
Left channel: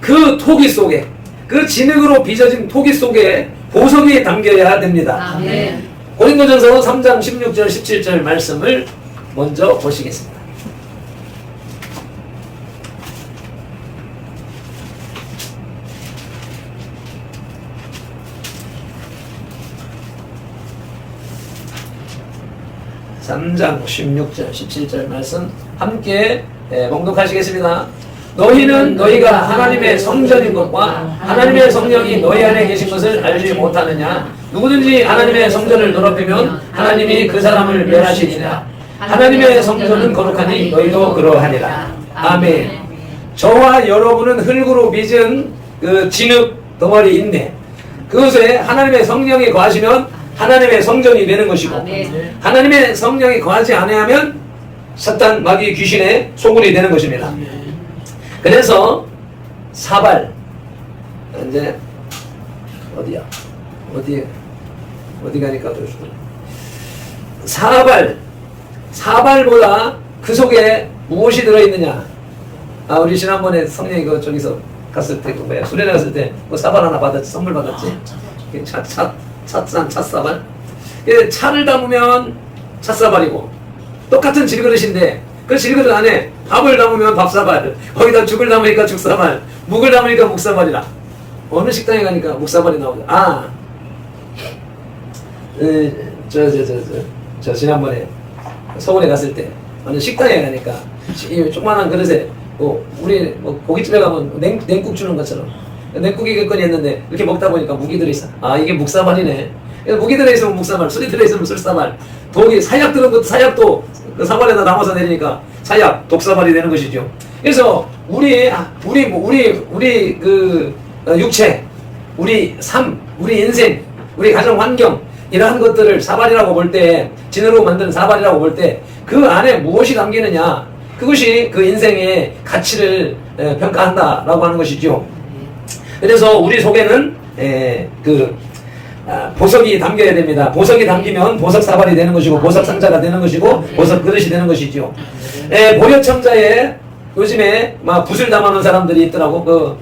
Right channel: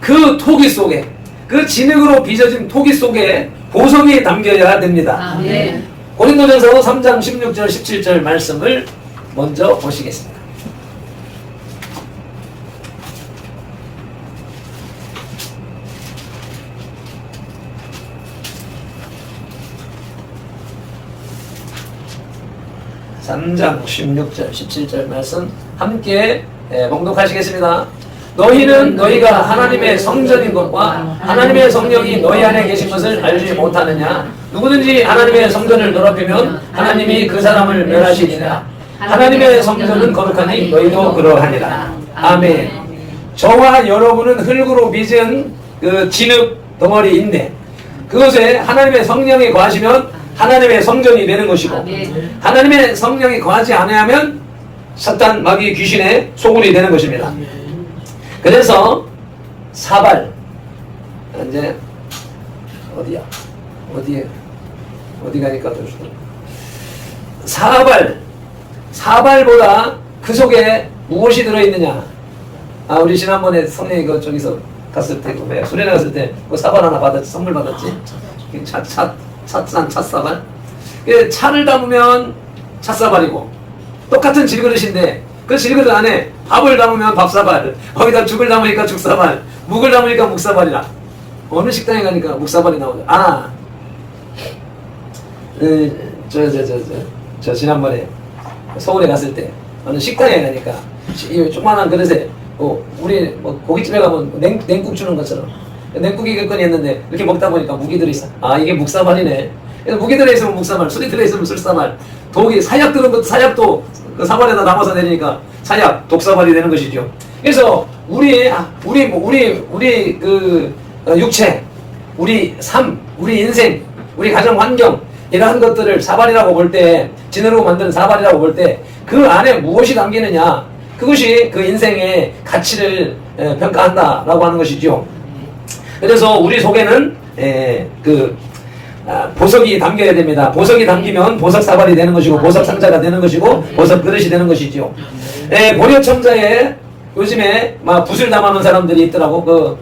그 토기 속에 그 진흙으로 빚어진 토기 속에 보석이 담겨야 됩니다. 아멘. 고린도전서 3장 16절 17절 말씀을 먼저 보시겠습니다. (3장) 16절 17절 말씀 함께 봉독하시겠습니다. 너희는 너희가 하나님의 성전인 것과 하나님의 성령이 너희 안에 계신 것을 알지 못하느냐? 누구든지 하나님의 성전을 더럽히면 하나님이 그 사람을 멸하시리라. 하나님의 성전은 거룩하니 너희도 그러하니라. 아멘. 저와 여러분은 흙으로 빚은 그 진흙 덩어리인데 그것에 하나님의 성령이 거하시면 하나님의 성전이 되는 것이고 아멘. 하나님의 성령이 거하지 않으면 사탄, 마귀, 귀신의 소굴이 되는 것입니다. 그래서 사발 이제 어디 가니까 또 사발보다 그 속에 무엇이 들어있느냐? 우리 지난번에 성령이 저기서 갔을 때, 그 뭐야, 수련회 갔을 때, 그 사발 하나 받았지, 선물 받았지. 찻사발. 차를 담으면 찻사발이고, 똑같은 질그릇인데, 그 질그릇 안에 밥을 담으면 밥사발, 거기다 죽을 담으니까 죽사발, 묵을 담으니까 묵사발이라. 어느 식당에 가니까 묵사발이 나오죠. 아, 저 지난번에 서울에 갔을 때, 어느 식당에 가니까, 이 조그만한 그릇에, 우리 뭐 고깃집에 가면 냉국 주는 것처럼, 냉국이 겠거니 했는데, 이렇게 먹다 보니까 묵이 들어있어. 아, 이게 묵사발이네. 그래서 묵이 들어있으면 묵사발, 술이 들어있으면 술사발, 독이, 사약 들은 것도 사약도 그 사발에다 담아서 내리니까 사약, 독사발이 되는 것이죠. 그래서 우리 그 육체, 우리 삶, 우리 인생, 우리 가정 환경, 이러한 것들을 사발이라고 볼 때, 진으로 만든 사발이라고 볼 때, 그 안에 무엇이 담기느냐, 그것이 그 인생의 가치를 평가한다라고 하는 것이죠. 그래서 우리 속에는 보석이 담겨야 됩니다. 보석이 담기면 보석 사발이 되는 것이고, 보석 상자가 되는 것이고, 보석 그릇이 되는 것이죠. 보려첨자에 요즘에 막 붓을 담아놓은 사람들이 있더라고.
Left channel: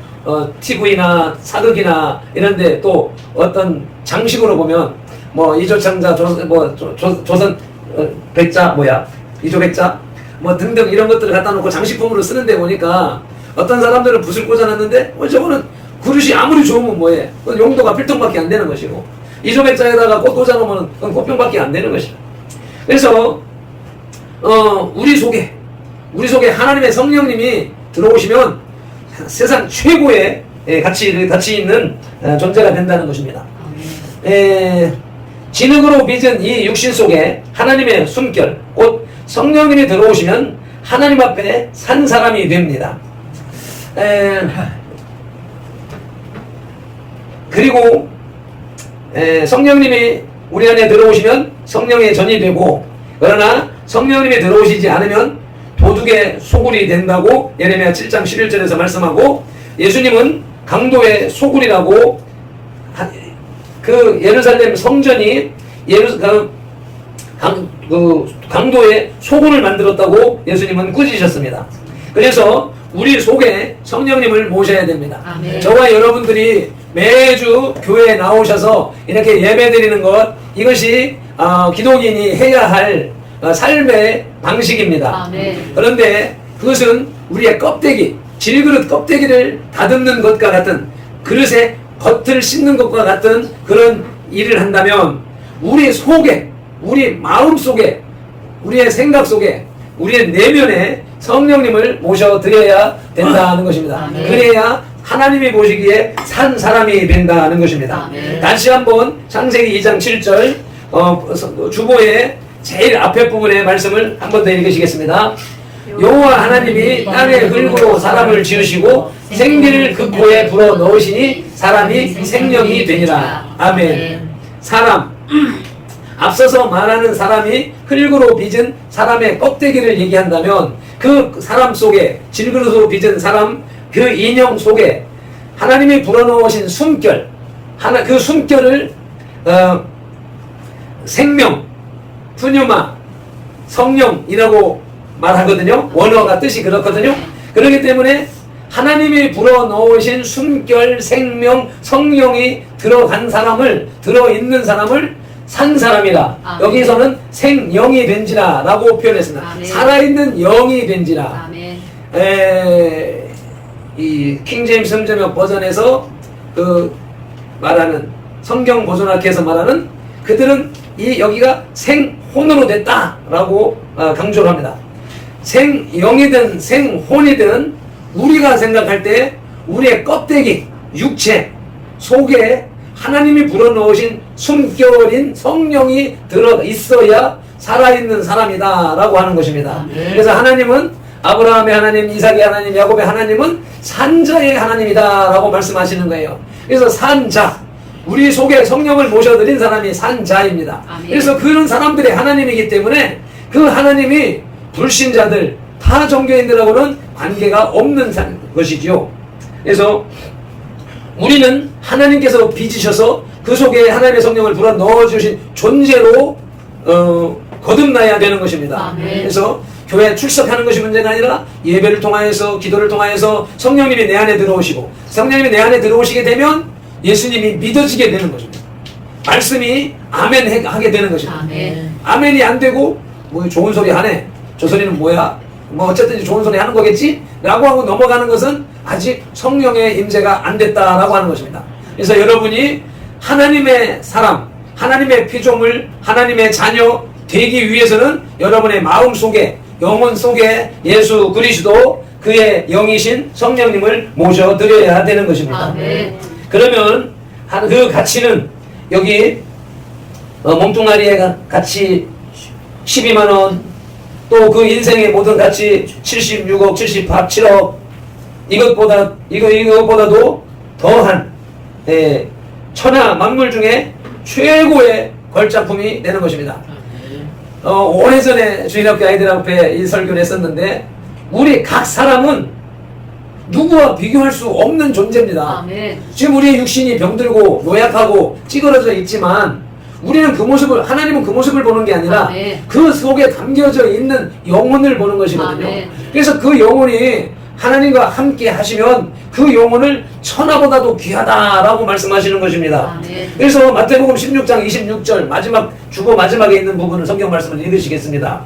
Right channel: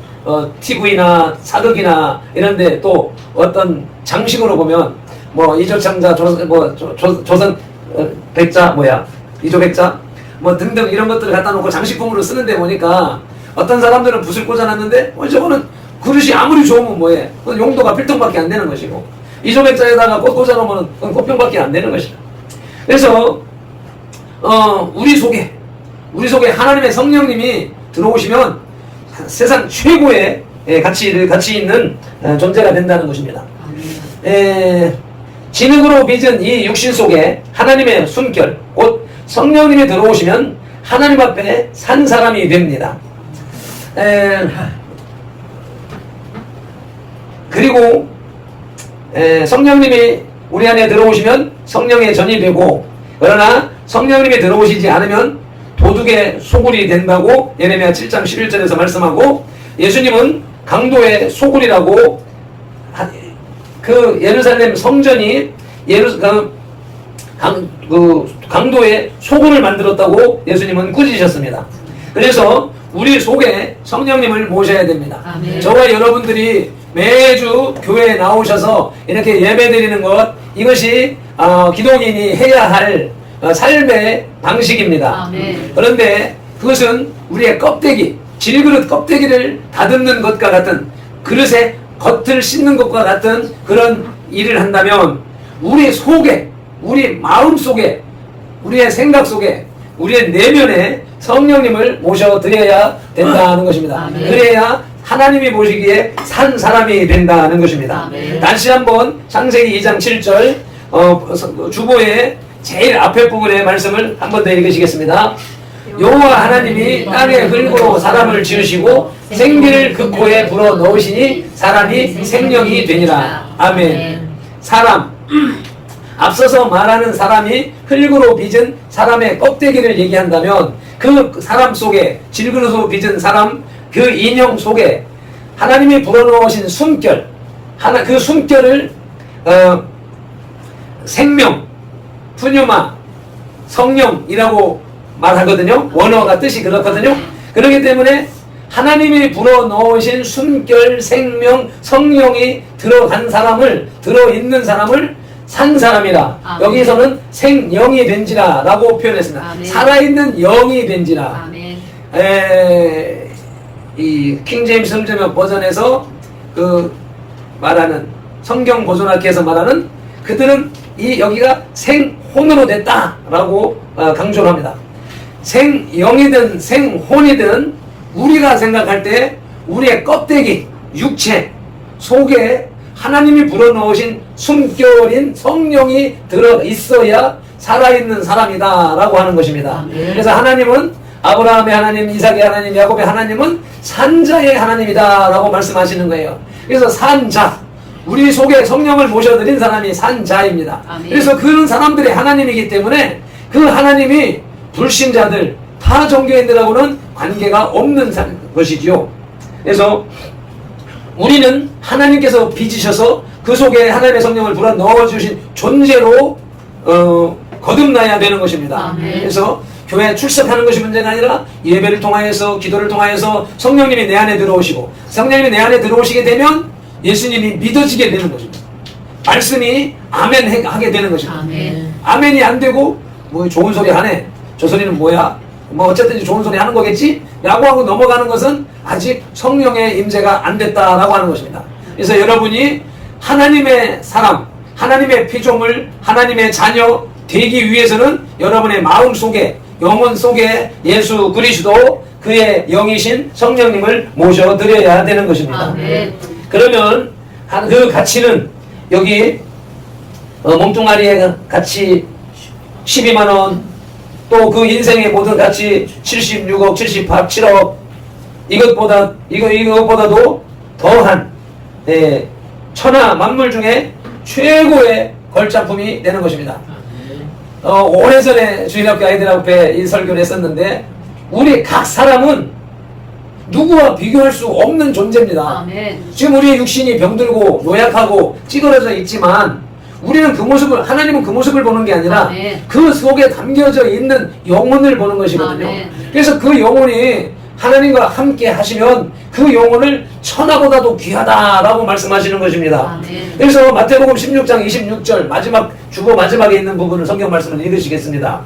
TV나 사극이나 이런데 또 어떤 장식으로 보면 뭐 이조첨자, 조선 백자 이조백자 뭐 등등 이런 것들을 갖다 놓고 장식품으로 쓰는데 보니까 어떤 사람들은 붓을 꽂아놨는데 저거는 그릇이 아무리 좋으면 뭐해? 그건 용도가 필통밖에 안 되는 것이고, 이조백자에다가 꽃 꽂아놓으면 그건 꽃병밖에 안 되는 것이다. 그래서 우리 속에 하나님의 성령님이 들어오시면 세상 최고의 가치 있는 존재가 된다는 것입니다. 진흙으로 빚은 이 육신 속에 하나님의 숨결, 곧 성령님이 들어오시면 하나님 앞에 산 사람이 됩니다. 그리고 성령님이 우리 안에 들어오시면 성령의 전이 되고, 그러나 성령님이 들어오시지 않으면 도둑의 소굴이 된다고 예레미야 7장 11절에서 말씀하고, 예수님은 강도의 소굴이라고, 그 예루살렘 성전이 강도의 소굴을 만들었다고 예수님은 꾸짖으셨습니다. 그래서 우리 속에 성령님을 모셔야 됩니다. 아멘. 저와 여러분들이 매주 교회에 나오셔서 이렇게 예배드리는 것, 이것이 기독인이 해야 할 삶의 방식입니다. 아멘. 그런데 그것은 우리의 껍데기, 질그릇 껍데기를 다듬는 것과 같은, 그릇의 겉을 씻는 것과 같은 그런 일을 한다면, 우리 속에, 우리 마음 속에, 우리의 생각 속에, 우리의 내면에 성령님을 모셔드려야 된다는 것입니다. 아멘. 그래야 하나님이 보시기에 산 사람이 된다는 것입니다. 아멘. 다시 한번 창세기 2장 7절 주보의 제일 앞에 부분의 말씀을 한 번 더 읽으시겠습니다. 여호와 하나님이 땅의 흙으로 사람을 지으시고 생기를 그 코에 불어 넣으시니 사람이 생명이 되니라. 아멘. 사람, 앞서서 말하는 사람이 흙으로 빚은 사람의 껍데기를 얘기한다면, 그 사람 속에, 질그릇으로 빚은 사람, 그 인형 속에 하나님이 불어넣으신 숨결, 그 숨결을 생명, 푸뉴마, 성령이라고 말하거든요. 원어가 뜻이 그렇거든요. 그렇기 때문에 하나님이 불어넣으신 숨결, 생명, 성령이 들어있는 사람을 산 사람이라. 아멘. 여기서는 생영이 된지라 라고 표현했습니다. 아멘. 살아있는 영이 된지라. 아멘. 이 킹제임스 성전역 버전에서 그 말하는, 성경 보존학회에서 말하는, 그들은 여기가 생혼으로 됐다라고 강조를 합니다. 생영이든 생혼이든 우리가 생각할 때 우리의 껍데기, 육체 속에 하나님이 불어넣으신 숨결인 성령이 들어 있어야 살아있는 사람이다 라고 하는 것입니다. 그래서 하나님은, 아브라함의 하나님, 이삭의 하나님, 야곱의 하나님은 산자의 하나님이다 라고 말씀하시는 거예요. 그래서 산자, 우리 속에 성령을 모셔드린 사람이 산자입니다. 아멘. 그래서 그런 사람들이 하나님이기 때문에 그 하나님이 불신자들, 타 종교인들하고는 관계가 없는 것이지요. 그래서 우리는 하나님께서 빚으셔서 그 속에 하나님의 성령을 불어 넣어주신 존재로 거듭나야 되는 것입니다. 아멘. 그래서 교회 출석하는 것이 문제가 아니라 예배를 통하여서 기도를 통하여서 성령님이 내 안에 들어오시고 성령님이 내 안에 들어오시게 되면 예수님이 믿어지게 되는 것입니다. 말씀이 아멘 하게 되는 것입니다. 아멘. 아멘이 안 되고 뭐 좋은 소리 하네, 저 소리는 뭐야, 뭐 어쨌든 좋은 소리 하는 거겠지 라고 하고 넘어가는 것은 아직 성령의 임재가 안 됐다라고 하는 것입니다. 그래서 여러분이 하나님의 사람, 하나님의 피조물, 하나님의 자녀 되기 위해서는 여러분의 마음 속에, 영혼 속에 예수 그리스도 그의 영이신 성령님을 모셔드려야 되는 것입니다. 아멘. 그러면 그 가치는 여기 몽뚱아리의 가치 12만원, 또 그 인생의 모든 가치 76억, 78, 7억, 이것보다도 더한 천하 만물 중에 최고의 걸작품이 되는 것입니다. 오래전에 주일학교 아이들 앞에 이 설교를 했었는데, 우리 각 사람은 누구와 비교할 수 없는 존재입니다. 아멘. 지금 우리의 육신이 병들고 노약하고 찌그러져 있지만 우리는 그 모습을, 하나님은 그 모습을 보는 게 아니라 아멘. 그 속에 담겨져 있는 영혼을 보는 것이거든요. 아멘. 그래서 그 영혼이 하나님과 함께 하시면 그 영혼을 천하보다도 귀하다라고 말씀하시는 것입니다. 아멘. 그래서 마태복음 16장 26절 마지막에 있는 부분을 성경 말씀을 읽으시겠습니다.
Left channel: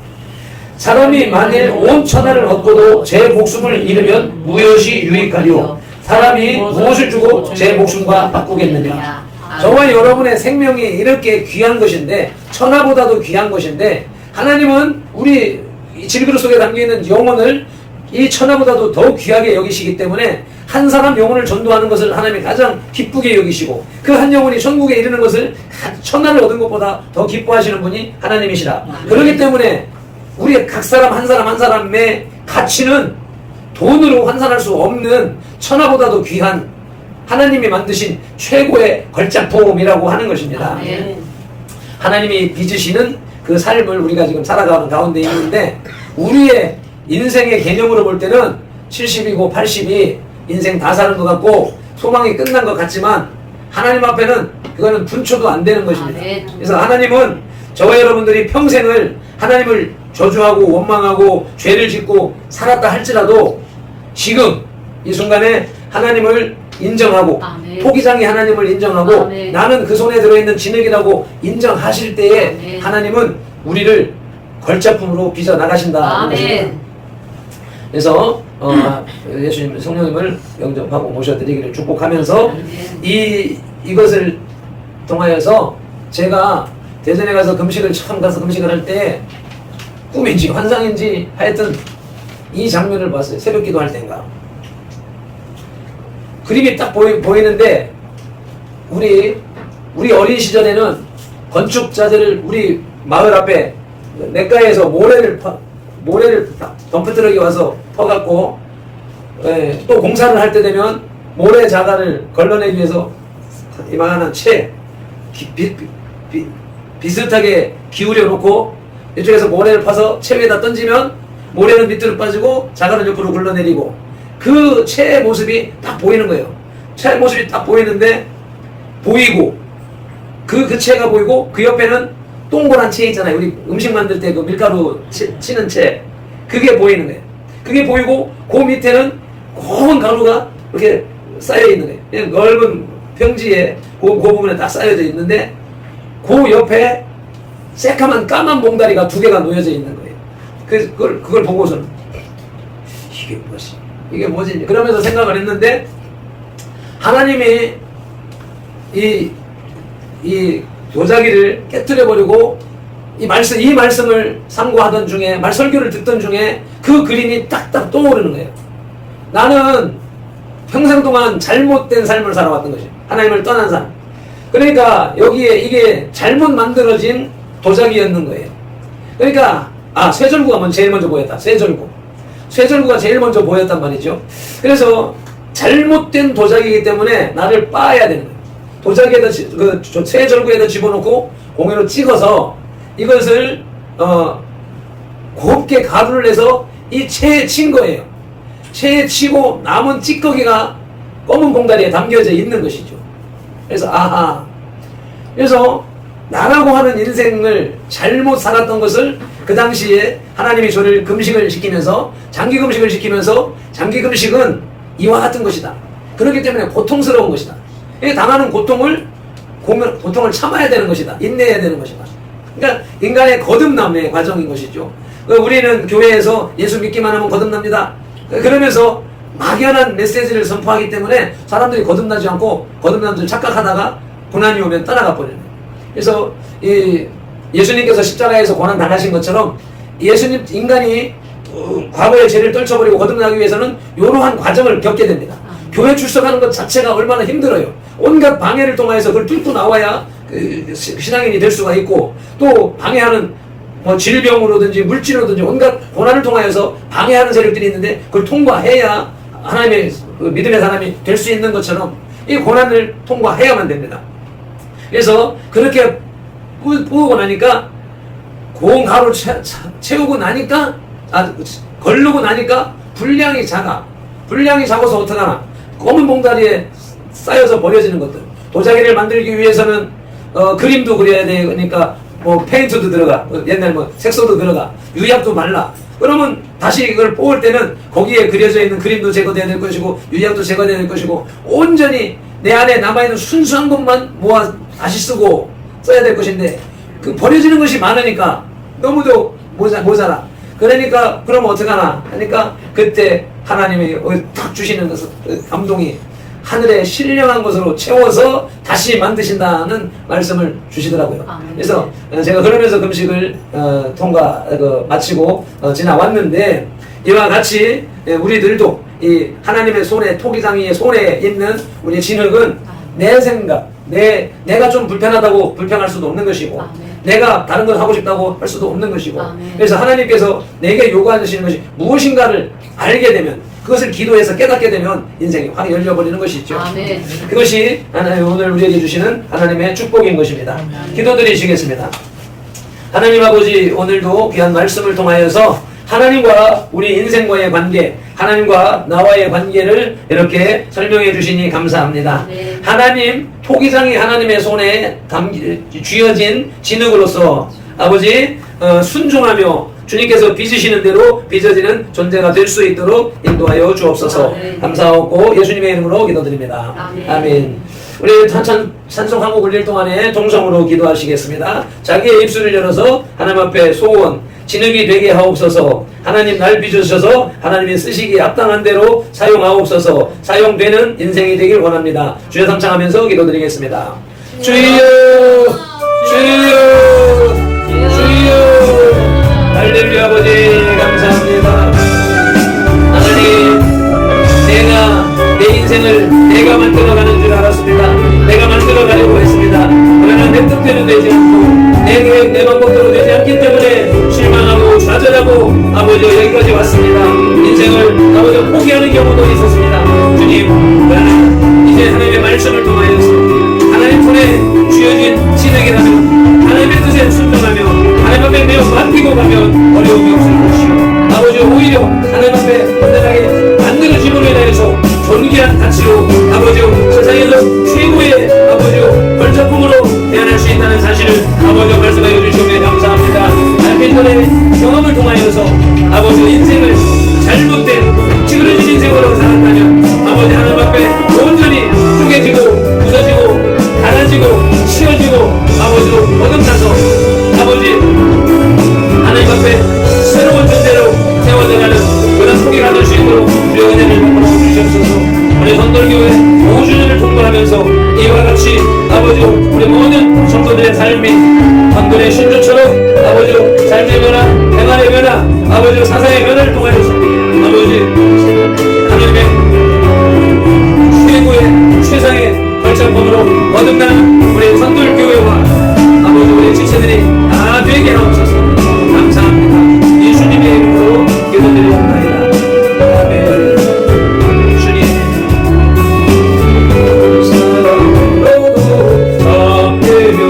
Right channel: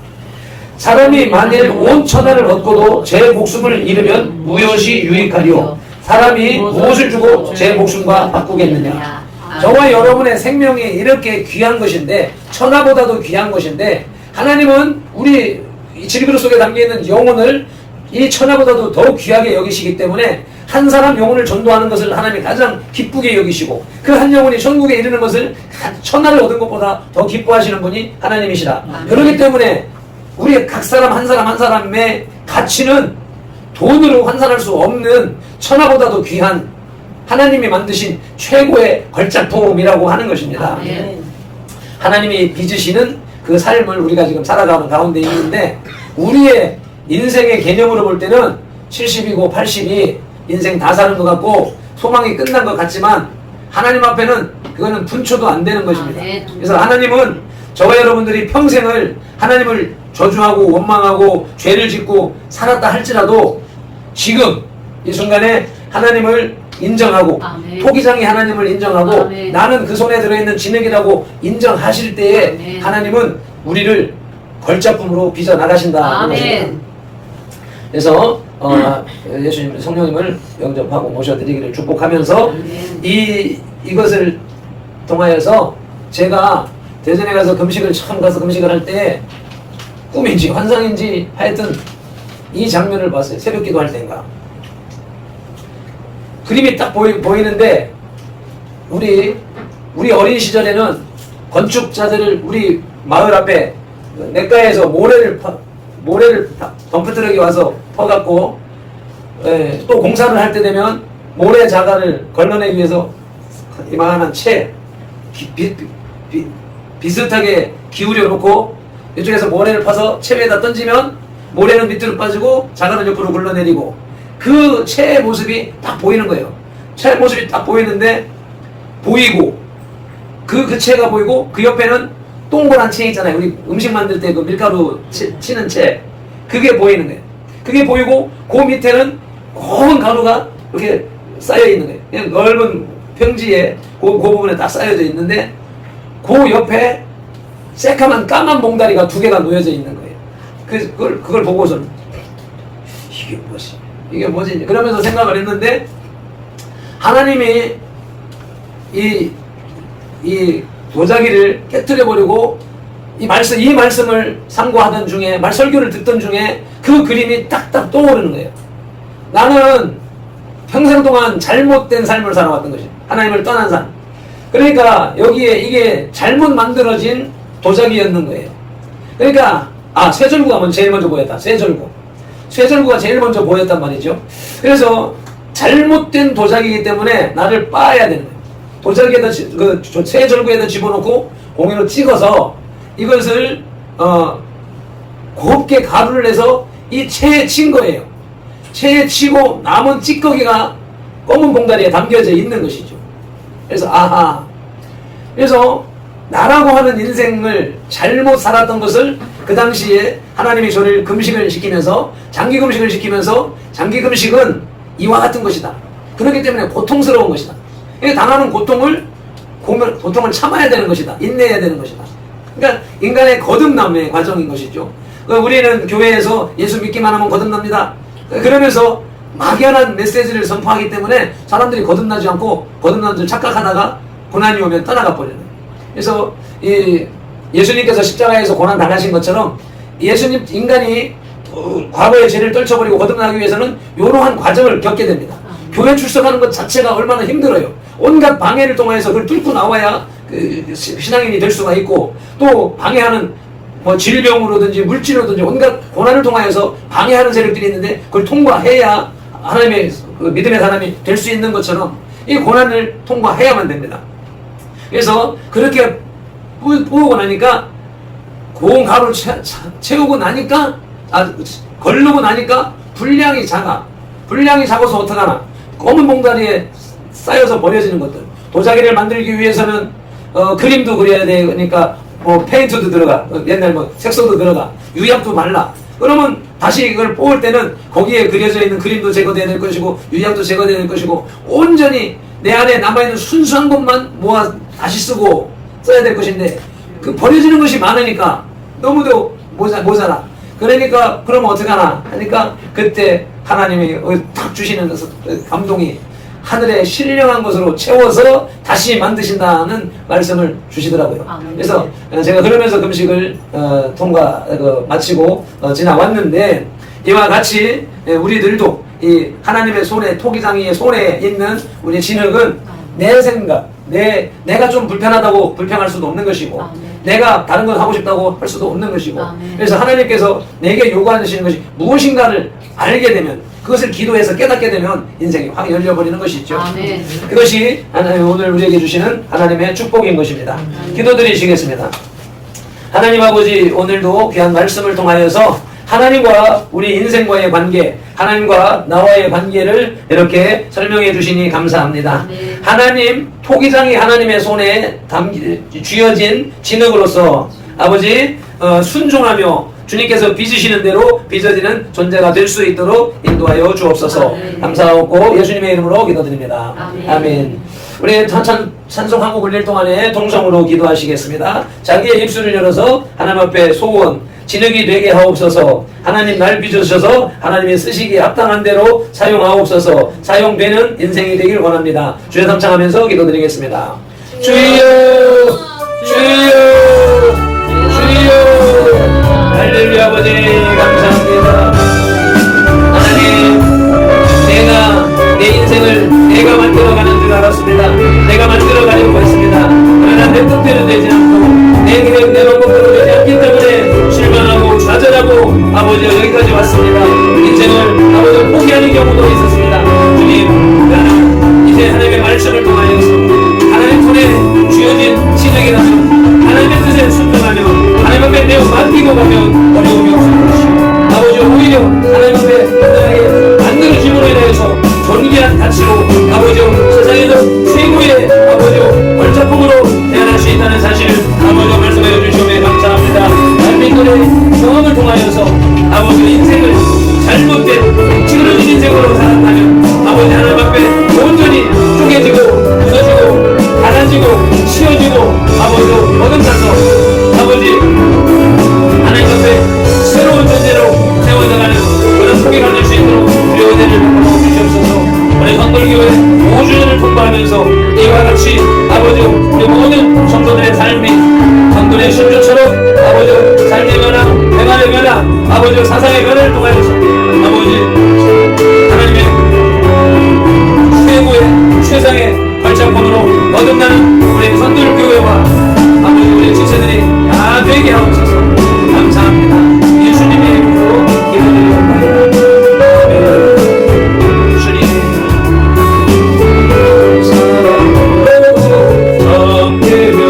사람이 만일 온 천하를 얻고도 제 목숨을 잃으면 무엇이 유익하리요? 사람이 무엇을 주고 제 목숨과 바꾸겠느냐? 저와 여러분의 생명이 이렇게 귀한 것인데, 천하보다도 귀한 것인데, 하나님은 우리 질그릇 속에 담겨있는 영혼을 이 천하보다도 더 귀하게 여기시기 때문에 한 사람 영혼을 전도하는 것을 하나님이 가장 기쁘게 여기시고, 그 한 영혼이 천국에 이르는 것을 천하를 얻은 것보다 더 기뻐하시는 분이 하나님이시라. 그렇기 때문에 우리 각 사람 한 사람의 가치는 돈으로 환산할 수 없는 천하보다도 귀한 하나님이 만드신 최고의 걸작품이라고 하는 것입니다. 아멘. 하나님이 빚으시는 그 삶을 우리가 지금 살아가는 가운데 있는데, 우리의 인생의 개념으로 볼 때는 70이고 80이 인생 다 사는 것 같고 소망이 끝난 것 같지만, 하나님 앞에는 그거는 분초도 안 되는 것입니다. 아멘. 그래서 하나님은 저와 여러분들이 평생을 하나님을 저주하고 원망하고 죄를 짓고 살았다 할지라도 지금 이 순간에 하나님을 인정하고, 아멘. 토기장이 하나님을 인정하고, 아멘. 나는 그 손에 들어있는 진흙이라고 인정하실 때에 아멘. 하나님은 우리를 걸작품으로 빚어 나가신다. 아멘. 그래서 예수님 성령님을 영접하고 모셔드리기를 축복하면서 아멘. 이것을 통하여서 제가 대전에 가서 처음 가서 금식을 할 때 꿈인지 환상인지 하여튼 이 장면을 봤어요. 새벽 기도할 때인가. 그림이 딱 보이는데, 우리 어린 시절에는 건축자들을 우리 마을 앞에 냇가에서 모래를 덤프트럭이 와서 퍼갖고, 또 공사를 할 때 되면 모래 자갈을 걸러내기 위해서 이만한 비슷하게 기울여 놓고 이쪽에서 모래를 파서 채 위에다 던지면 모래는 밑으로 빠지고 자갈은 옆으로 굴러내리고, 그 채의 모습이 딱 보이는 거예요. 채의 모습이 딱 보이는데, 보이고 그 채가 보이고, 그 옆에는 동그란 채 있잖아요. 우리 음식 만들 때 그 밀가루 치는 채, 그게 보이는 거예요. 그게 보이고, 그 밑에는 검은 가루가 이렇게 쌓여 있는 거예요. 그냥 넓은 평지에 그 부분에 딱 쌓여져 있는데, 그 옆에 새까만 까만 봉다리가 2개가 놓여져 있는 거예요. 그걸 보고서는 이게 뭐지? 그러면서 생각을 했는데, 하나님이 이 도자기를 깨뜨려 버리고 이 말씀을 상고하던 중에, 설교를 듣던 중에 그 그림이 딱딱 떠오르는 거예요. 나는 평생 동안 잘못된 삶을 살아왔던 것이, 하나님을 떠난 삶. 그러니까 여기에 이게 잘못 만들어진 도자기였는 거예요. 그러니까 쇠절구가 제일 먼저 보였다. 쇠절구가 제일 먼저 보였단 말이죠. 그래서 잘못된 도자기이기 때문에 나를 빻아야 되는 거예요. 도자기에다 쇠절구에다 집어넣고 공유로 찍어서 이것을 곱게 가루를 내서 이 체에 친 거예요. 체에 치고 남은 찌꺼기가 검은 봉다리에 담겨져 있는 것이죠. 그래서 그래서 나라고 하는 인생을 잘못 살았던 것을 그 당시에 하나님이 저를 금식을 시키면서 장기 금식을 시키면서 장기 금식은 이와 같은 것이다. 그렇기 때문에 고통스러운 것이다. 당하는 고통을 참아야 되는 것이다. 인내해야 되는 것이다. 그러니까 인간의 거듭남의 과정인 것이죠. 우리는 교회에서 예수 믿기만 하면 거듭납니다. 그러면서 막연한 메시지를 선포하기 때문에 사람들이 거듭나지 않고 거듭난 줄 착각하다가 고난이 오면 떠나가 버리는 거예요. 그래서 예수님께서 십자가에서 고난 당하신 것처럼 예수님 인간이 과거의 죄를 떨쳐버리고 거듭나기 위해서는 이러한 과정을 겪게 됩니다. 교회 출석하는 것 자체가 얼마나 힘들어요. 온갖 방해를 통해서 그걸 뚫고 나와야 신앙인이 될 수가 있고, 또 방해하는 질병으로든지 물질로든지 온갖 고난을 통하여서 방해하는 세력들이 있는데 그걸 통과해야 하나님의 믿음의 사람이 될 수 있는 것처럼 이 고난을 통과해야만 됩니다. 그래서 그렇게 부으고 나니까 고운 가루를 채우고 나니까 걸르고 나니까 분량이 작아서 어떡하나, 검은 봉다리에 쌓여서 버려지는 것들. 도자기를 만들기 위해서는 그림도 그려야 되니까 페인트도 들어가, 옛날 색소도 들어가, 유약도 말라. 그러면 다시 이걸 뽑을 때는 거기에 그려져 있는 그림도 제거돼야 될 것이고 유약도 제거돼야 될 것이고 온전히 내 안에 남아있는 순수한 것만 모아 다시 쓰고 써야 될 것인데, 그 버려지는 것이 많으니까 너무도 모자라. 그러니까 그러면 어떡하나 하니까 그때 하나님이 탁 주시는 감동이 하늘에 신령한 것으로 채워서 다시 만드신다는 말씀을 주시더라고요. 그래서 제가 그러면서 금식을 마치고 지나왔는데, 이와 같이 우리들도 이 하나님의 손에, 토기장이의 손에 있는 우리 진흙은 내 생각, 내가 좀 불편하다고 불평할 수도 없는 것이고, 내가 다른 걸 하고 싶다고 할 수도 없는 것이고, 그래서 하나님께서 내게 요구하시는 것이 무엇인가를 알게 되면, 그것을 기도해서 깨닫게 되면 인생이 확 열려버리는 것이죠. 그것이 하나님 오늘 우리에게 주시는 하나님의 축복인 것입니다. 기도드리시겠습니다. 하나님 아버지, 오늘도 귀한 말씀을 통하여서 하나님과 우리 인생과의 관계, 하나님과 나와의 관계를 이렇게 설명해 주시니 감사합니다. 하나님, 토기장이 하나님의 손에 쥐어진 진흙으로서 아버지 순종하며 주님께서 빚으시는 대로 빚어지는 존재가 될 수 있도록 인도하여 주옵소서. 감사하고 예수님의 이름으로 기도드립니다. 아멘. 우리 찬송 한 곡 올릴 동안에 동성으로 기도하시겠습니다. 자기의 입술을 열어서 하나님 앞에 소원, 진흙이 되게 하옵소서. 하나님 날 빚으셔서 하나님이 쓰시기에 합당한 대로 사용하옵소서. 사용되는 인생이 되길 원합니다. 주여 삼창하면서 기도드리겠습니다. 주여, 주여, 주여. 할렐루야. 아버지 감사합니다. 하나님, 내 인생을 내가 만들어가는 줄 알았습니다. 내가 만들어가려고 했습니다. 그러나 내 뜻대로 되지 않고 내 계획, 내 방법대로 되지 않기 때문에 실망하고 좌절하고 아버지 여기까지 왔습니다. 인생을 아버지 포기하는 경우도 있었습니다. 주님, 나는 이제 하나님의 말씀을 통하여서 하나님 손에 쥐어진 진흙이라면 하나님의 뜻에 순종하며 하나님 앞에 내어 맡기고 가면 어려움이 없을 것이요, 아버지 오히려 하나님 앞에 간단하게 만들어짐으로 인하여서 존귀한 가치로 아버지 세상에서 최고의 아버지 벌작품으로 태어날 수 있다는 사실을 아버지 말씀하여 주시오매 감사합니다. 남편들의 경험을 통하여서 아버지 인생을 잘못된 찌그러진 인생으로 살았다면 아버지 하나님 앞에 온전히 쪼개지고 부서지고 갈라지고 치어지고 아버지 버금차서 아버지 하나님 앞에 새로운 존재로 세워져가는 그런 포기가 될 수 있도록 우리 은혜를 베풀어 주시옵소서. 우리 선돌교회 5주년을 통과하면서 이와 같이 아버지 우리 모든 성도들의 삶이 성도의 신주처럼 아버지 삶의 변화, 생활의 변화, 아버지 사상의 변화를 통하여서 아버지 하나님의 최고의 최상의 발전권으로 거듭나는 우리 선돌교회와 아버지 우리 지체들이 다 되게 하옵소서. 감사합니다. 예수님의 이름으로 기도드리옵나이다. 아멘. 주님 사랑으로 섬기며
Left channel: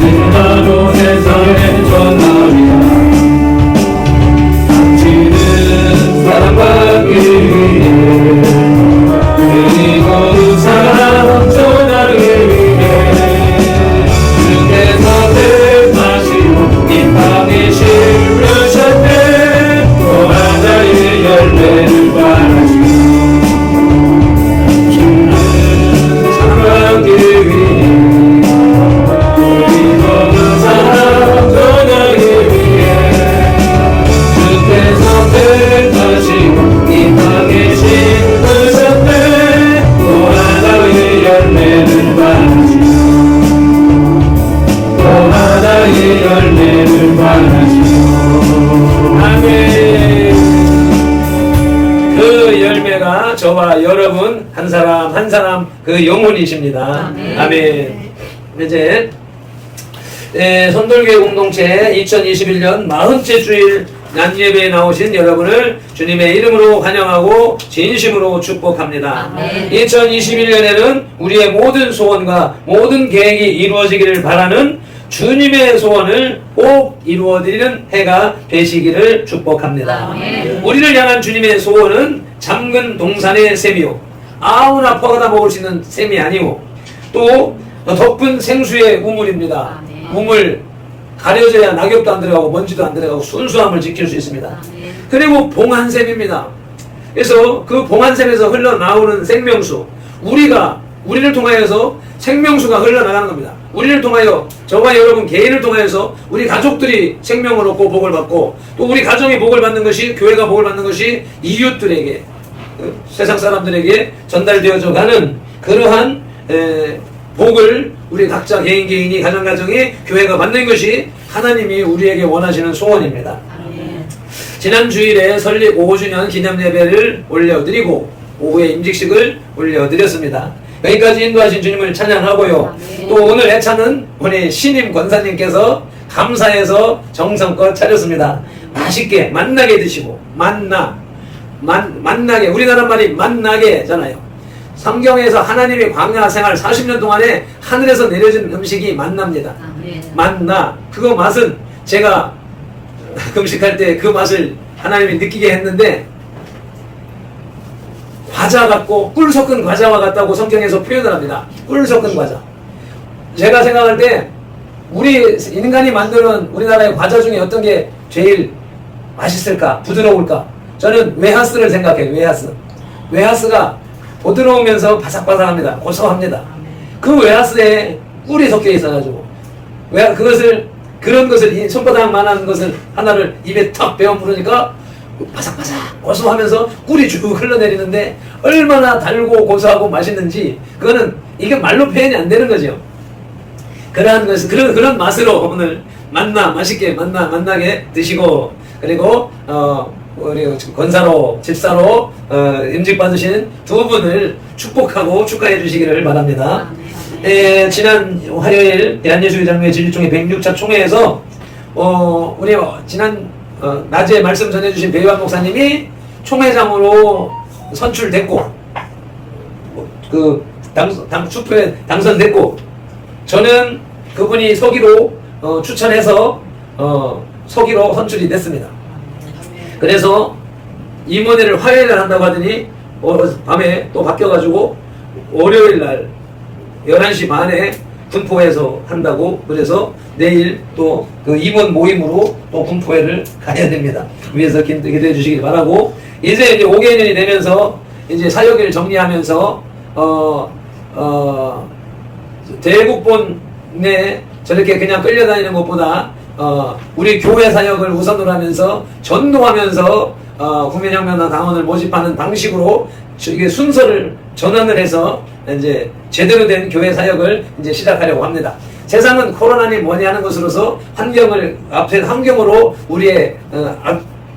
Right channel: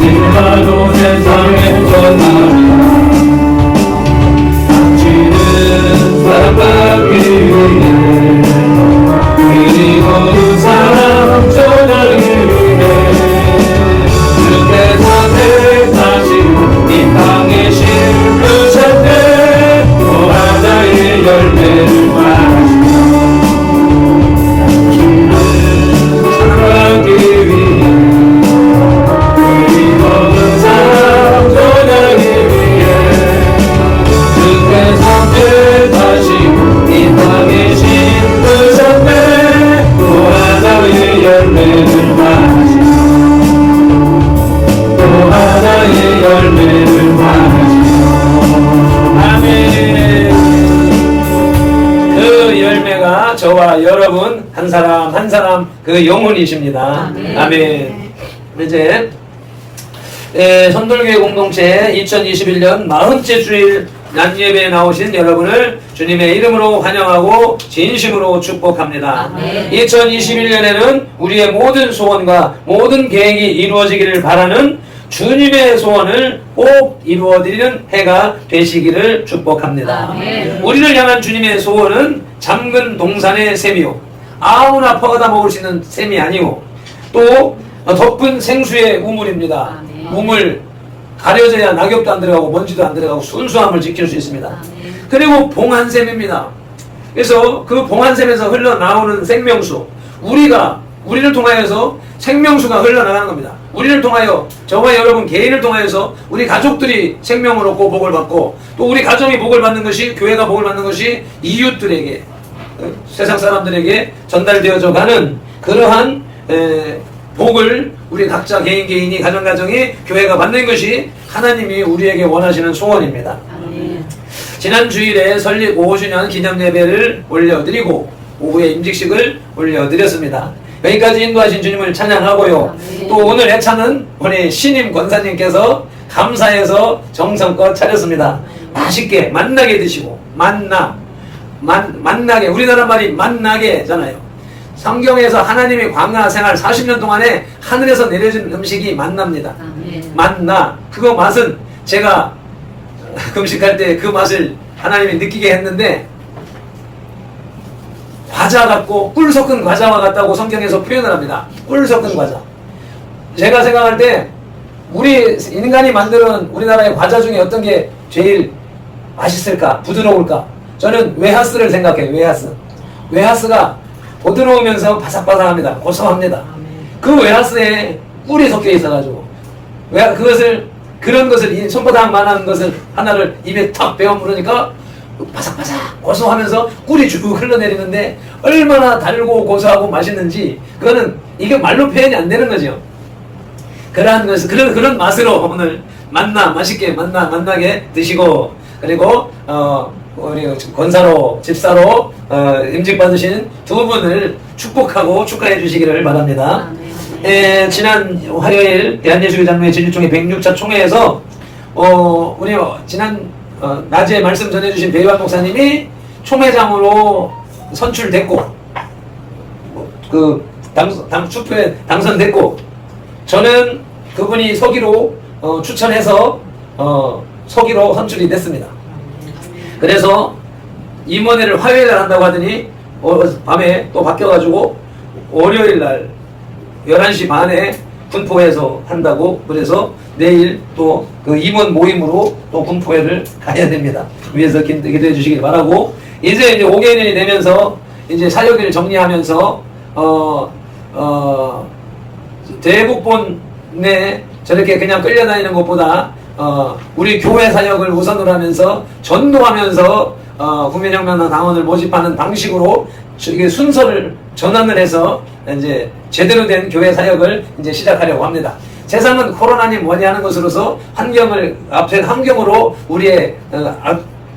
내가로 세상에 전하리라. 주님은 한 사람 한 사람 그 영혼이십니다. 아멘. 이제 선돌교회 공동체 2021년 40째 주일 낮예배에 나오신 여러분을 주님의 이름으로 환영하고 진심으로 축복합니다. 2021년에는 우리의 모든 소원과 모든 계획이 이루어지기를 바라는 주님의 소원을 꼭 이루어드리는 해가 되시기를 축복합니다. 우리를 향한 주님의 소원은 잠근 동산의 샘이요 아무나 퍼가다 먹을 수 있는 샘이 아니고 또 덮은 생수의 우물입니다. 우물 가려져야 낙엽도 안 들어가고 먼지도 안 들어가고 순수함을 지킬 수 있습니다. 그리고 봉한샘입니다. 그래서 그 봉한샘에서 흘러나오는 생명수, 우리를 통하여서 생명수가 흘러나가는 겁니다. 우리를 통하여 저와 여러분 개인을 통하여서 우리 가족들이 생명을 얻고 복을 받고 또 우리 가정이 복을 받는 것이 교회가 복을 받는 것이 이웃들에게 세상 사람들에게 전달되어져 가는 그러한 복을 우리 각자 개인이 가정가정이 교회가 받는 것이 하나님이 우리에게 원하시는 소원입니다. 지난 주일에 설립 5주년 기념 예배를 올려드리고 오후에 임직식을 올려드렸습니다. 여기까지 인도하신 주님을 찬양하고요. 또 오늘 애창은 우리 신임 권사님께서 감사해서 정성껏 차렸습니다. 맛있게 만나게 드시고 만나게 우리나라 말이 만나게잖아요. 성경에서 하나님의 광야 생활 40년 동안에 하늘에서 내려진 음식이 만납니다. 만나 그거 맛은 제가 금식할 때 그 맛을 하나님이 느끼게 했는데 과자 같고 꿀 섞은 과자와 같다고 성경에서 표현을 합니다. 꿀 섞은 과자. 제가 생각할 때 우리 인간이 만들어온 우리나라의 과자 중에 어떤 게 제일 맛있을까? 부드러울까? 저는 웨하스를 생각해요. 웨하스가 부드러우면서 바삭바삭합니다. 고소합니다. 그 웨하스에 꿀이 섞여 있어가지고 그런 것을 이 손바닥만한 것을 하나를 입에 탁 베어 물으니까 바삭바삭 고소하면서 꿀이 쭉 흘러내리는데 얼마나 달고 고소하고 맛있는지 그거는 이게 말로 표현이 안 되는 거죠. 그러한 것을 그런 맛으로 오늘 맛있게 만나게 드시고 그리고 우리 권사로 집사로 임직 받으신 두 분을 축복하고 축하해 주시기를 바랍니다. 지난 화요일 대한예수교 장로회 진리총회 106차 총회에서 우리 지난 낮에 말씀 전해주신 배유한 목사님이 총회장으로 선출됐고 그 투표에 당선됐고 저는 그분이 서기로 추천해서 서기로 선출이 됐습니다. 그래서 임원회를 화요일날 한다고 하더니 밤에 또 바뀌어가지고 월요일날 11시 반에 군포에서 한다고 그래서 내일 또 그 임원 모임으로 또 군포회를 가야 됩니다. 위에서 기도해 주시길 바라고 이제 5개년이 되면서 이제 사역을 정리하면서 대국본에 저렇게 그냥 끌려다니는 것보다 우리 교회 사역을 우선으로 하면서 전도하면서 국민혁명당 당원을 모집하는 방식으로 이게 순서를 전환을 해서 이제 제대로 된 교회 사역을 이제 시작하려고 합니다. 세상은 코로나니 뭐니 하는 것으로서 환경으로 우리의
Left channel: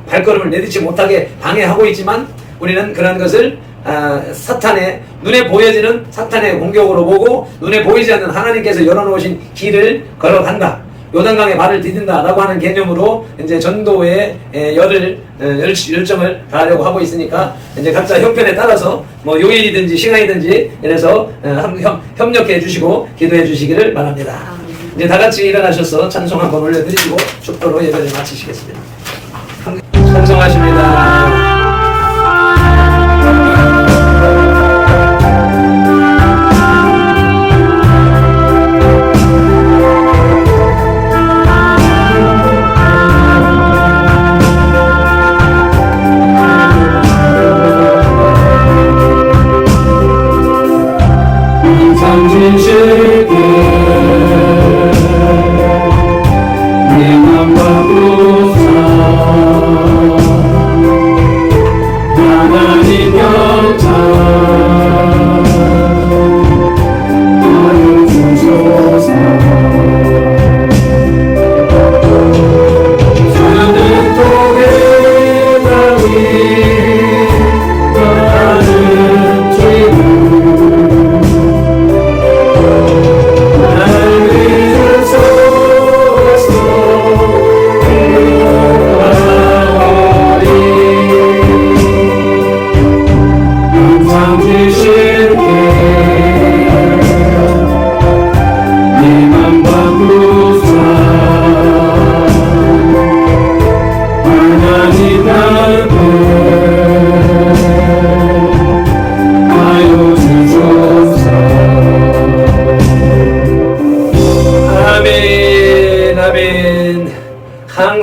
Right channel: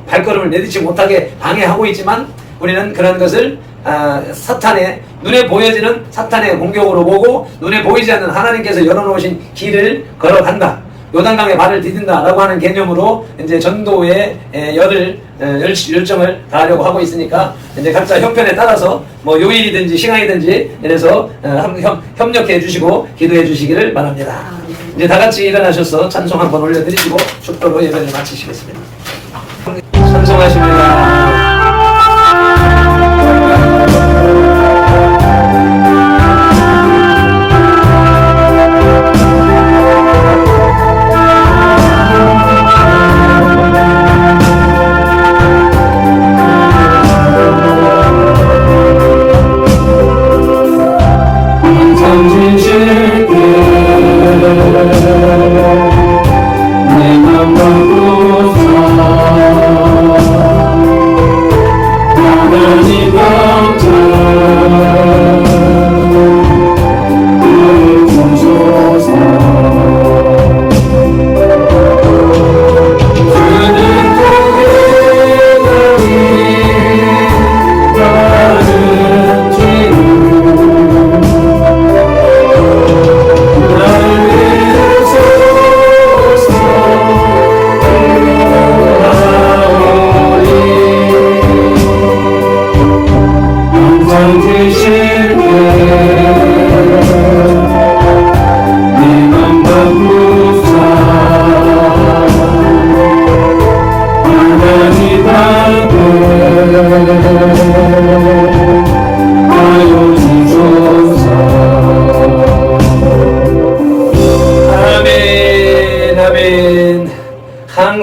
발걸음을 내딛지 못하게 방해하고 있지만 우리는 그런 것을 눈에 보여지는 사탄의 공격으로 보고 눈에 보이지 않는 하나님께서 열어놓으신 길을 걸어간다. 요단강에 발을 디딘다라고 하는 개념으로 이제 전도의 열정을 다하려고 하고 있으니까 이제 각자 형편에 따라서 뭐 요일이든지 시간이든지 이래서 협력해 주시고 기도해 주시기를 바랍니다. 이제 다 같이 일어나셔서 찬송 한번 올려드리시고 축도로 예배를 마치시겠습니다. 찬송하십니다.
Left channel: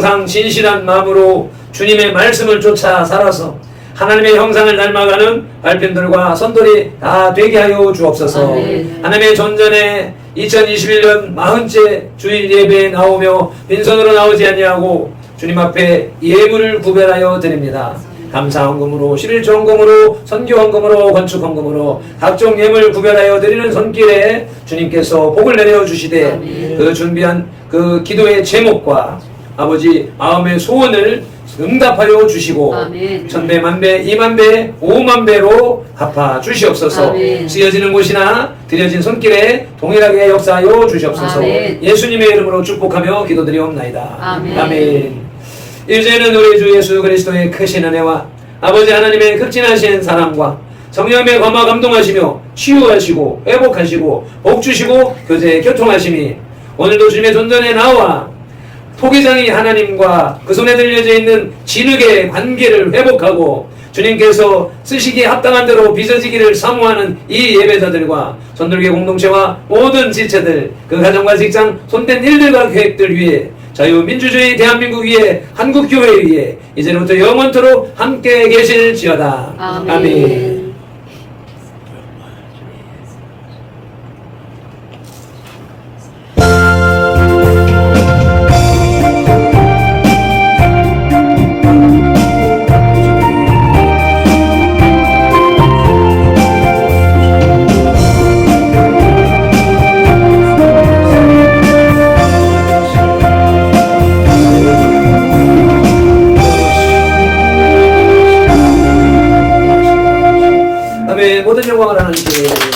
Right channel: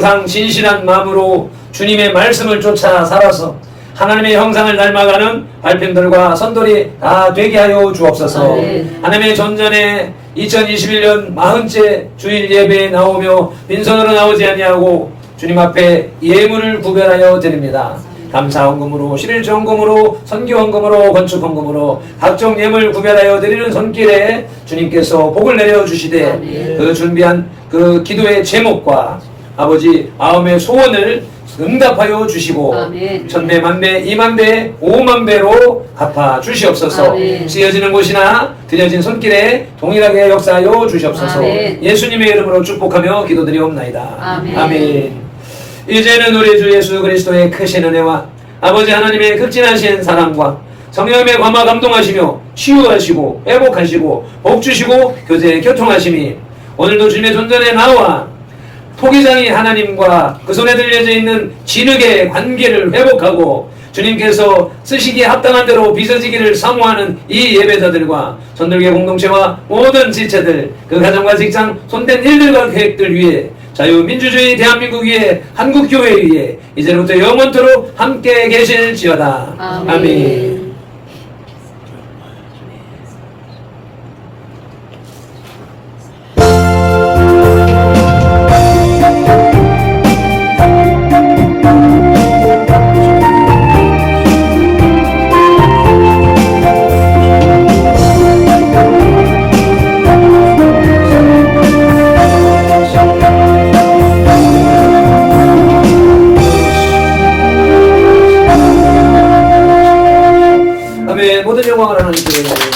항상 진실한 마음으로 주님의 말씀을 쫓아 살아서 하나님의 형상을 닮아가는 발편들과 선돌이 다 되게 하여 주옵소서. 아멘. 하나님의 전전에 2021년 40째 주일 예배에 나오며 빈손으로 나오지 아니하고 주님 앞에 예물을 구별하여 드립니다. 감사 헌금으로, 실일주 헌금으로, 선교 헌금으로, 건축 헌금으로 각종 예물 구별하여 드리는 손길에 주님께서 복을 내려 주시되 아멘. 그 준비한 그 기도의 제목과 아버지 마음의 소원을 응답하여 주시고 아멘. 천배 만배 이만배 오만배로 갚아 주시옵소서. 아멘. 쓰여지는 곳이나 드려진 손길에 동일하게 역사하여 주시옵소서. 아멘. 예수님의 이름으로 축복하며 기도드리옵나이다. 아멘. 이제는 우리 주 예수 그리스도의 크신 은혜와 아버지 하나님의 극진하신 사랑과 성령의 감화 감동하시며 치유하시고 회복하시고 복주시고 교제 교통하심이 오늘도 주님의 존전에 나와 토기장이 하나님과 그 손에 들려져 있는 진흙의 관계를 회복하고 주님께서 쓰시기에 합당한 대로 빚어지기를 사모하는 이 예배자들과 전도계 공동체와 모든 지체들 그 가정과 직장 손댄 일들과 계획들 위해 자유민주주의 대한민국 위에 한국교회 위에 이제부터 영원토록 함께 계실지어다. 아멘. 모든 영광을 하나님께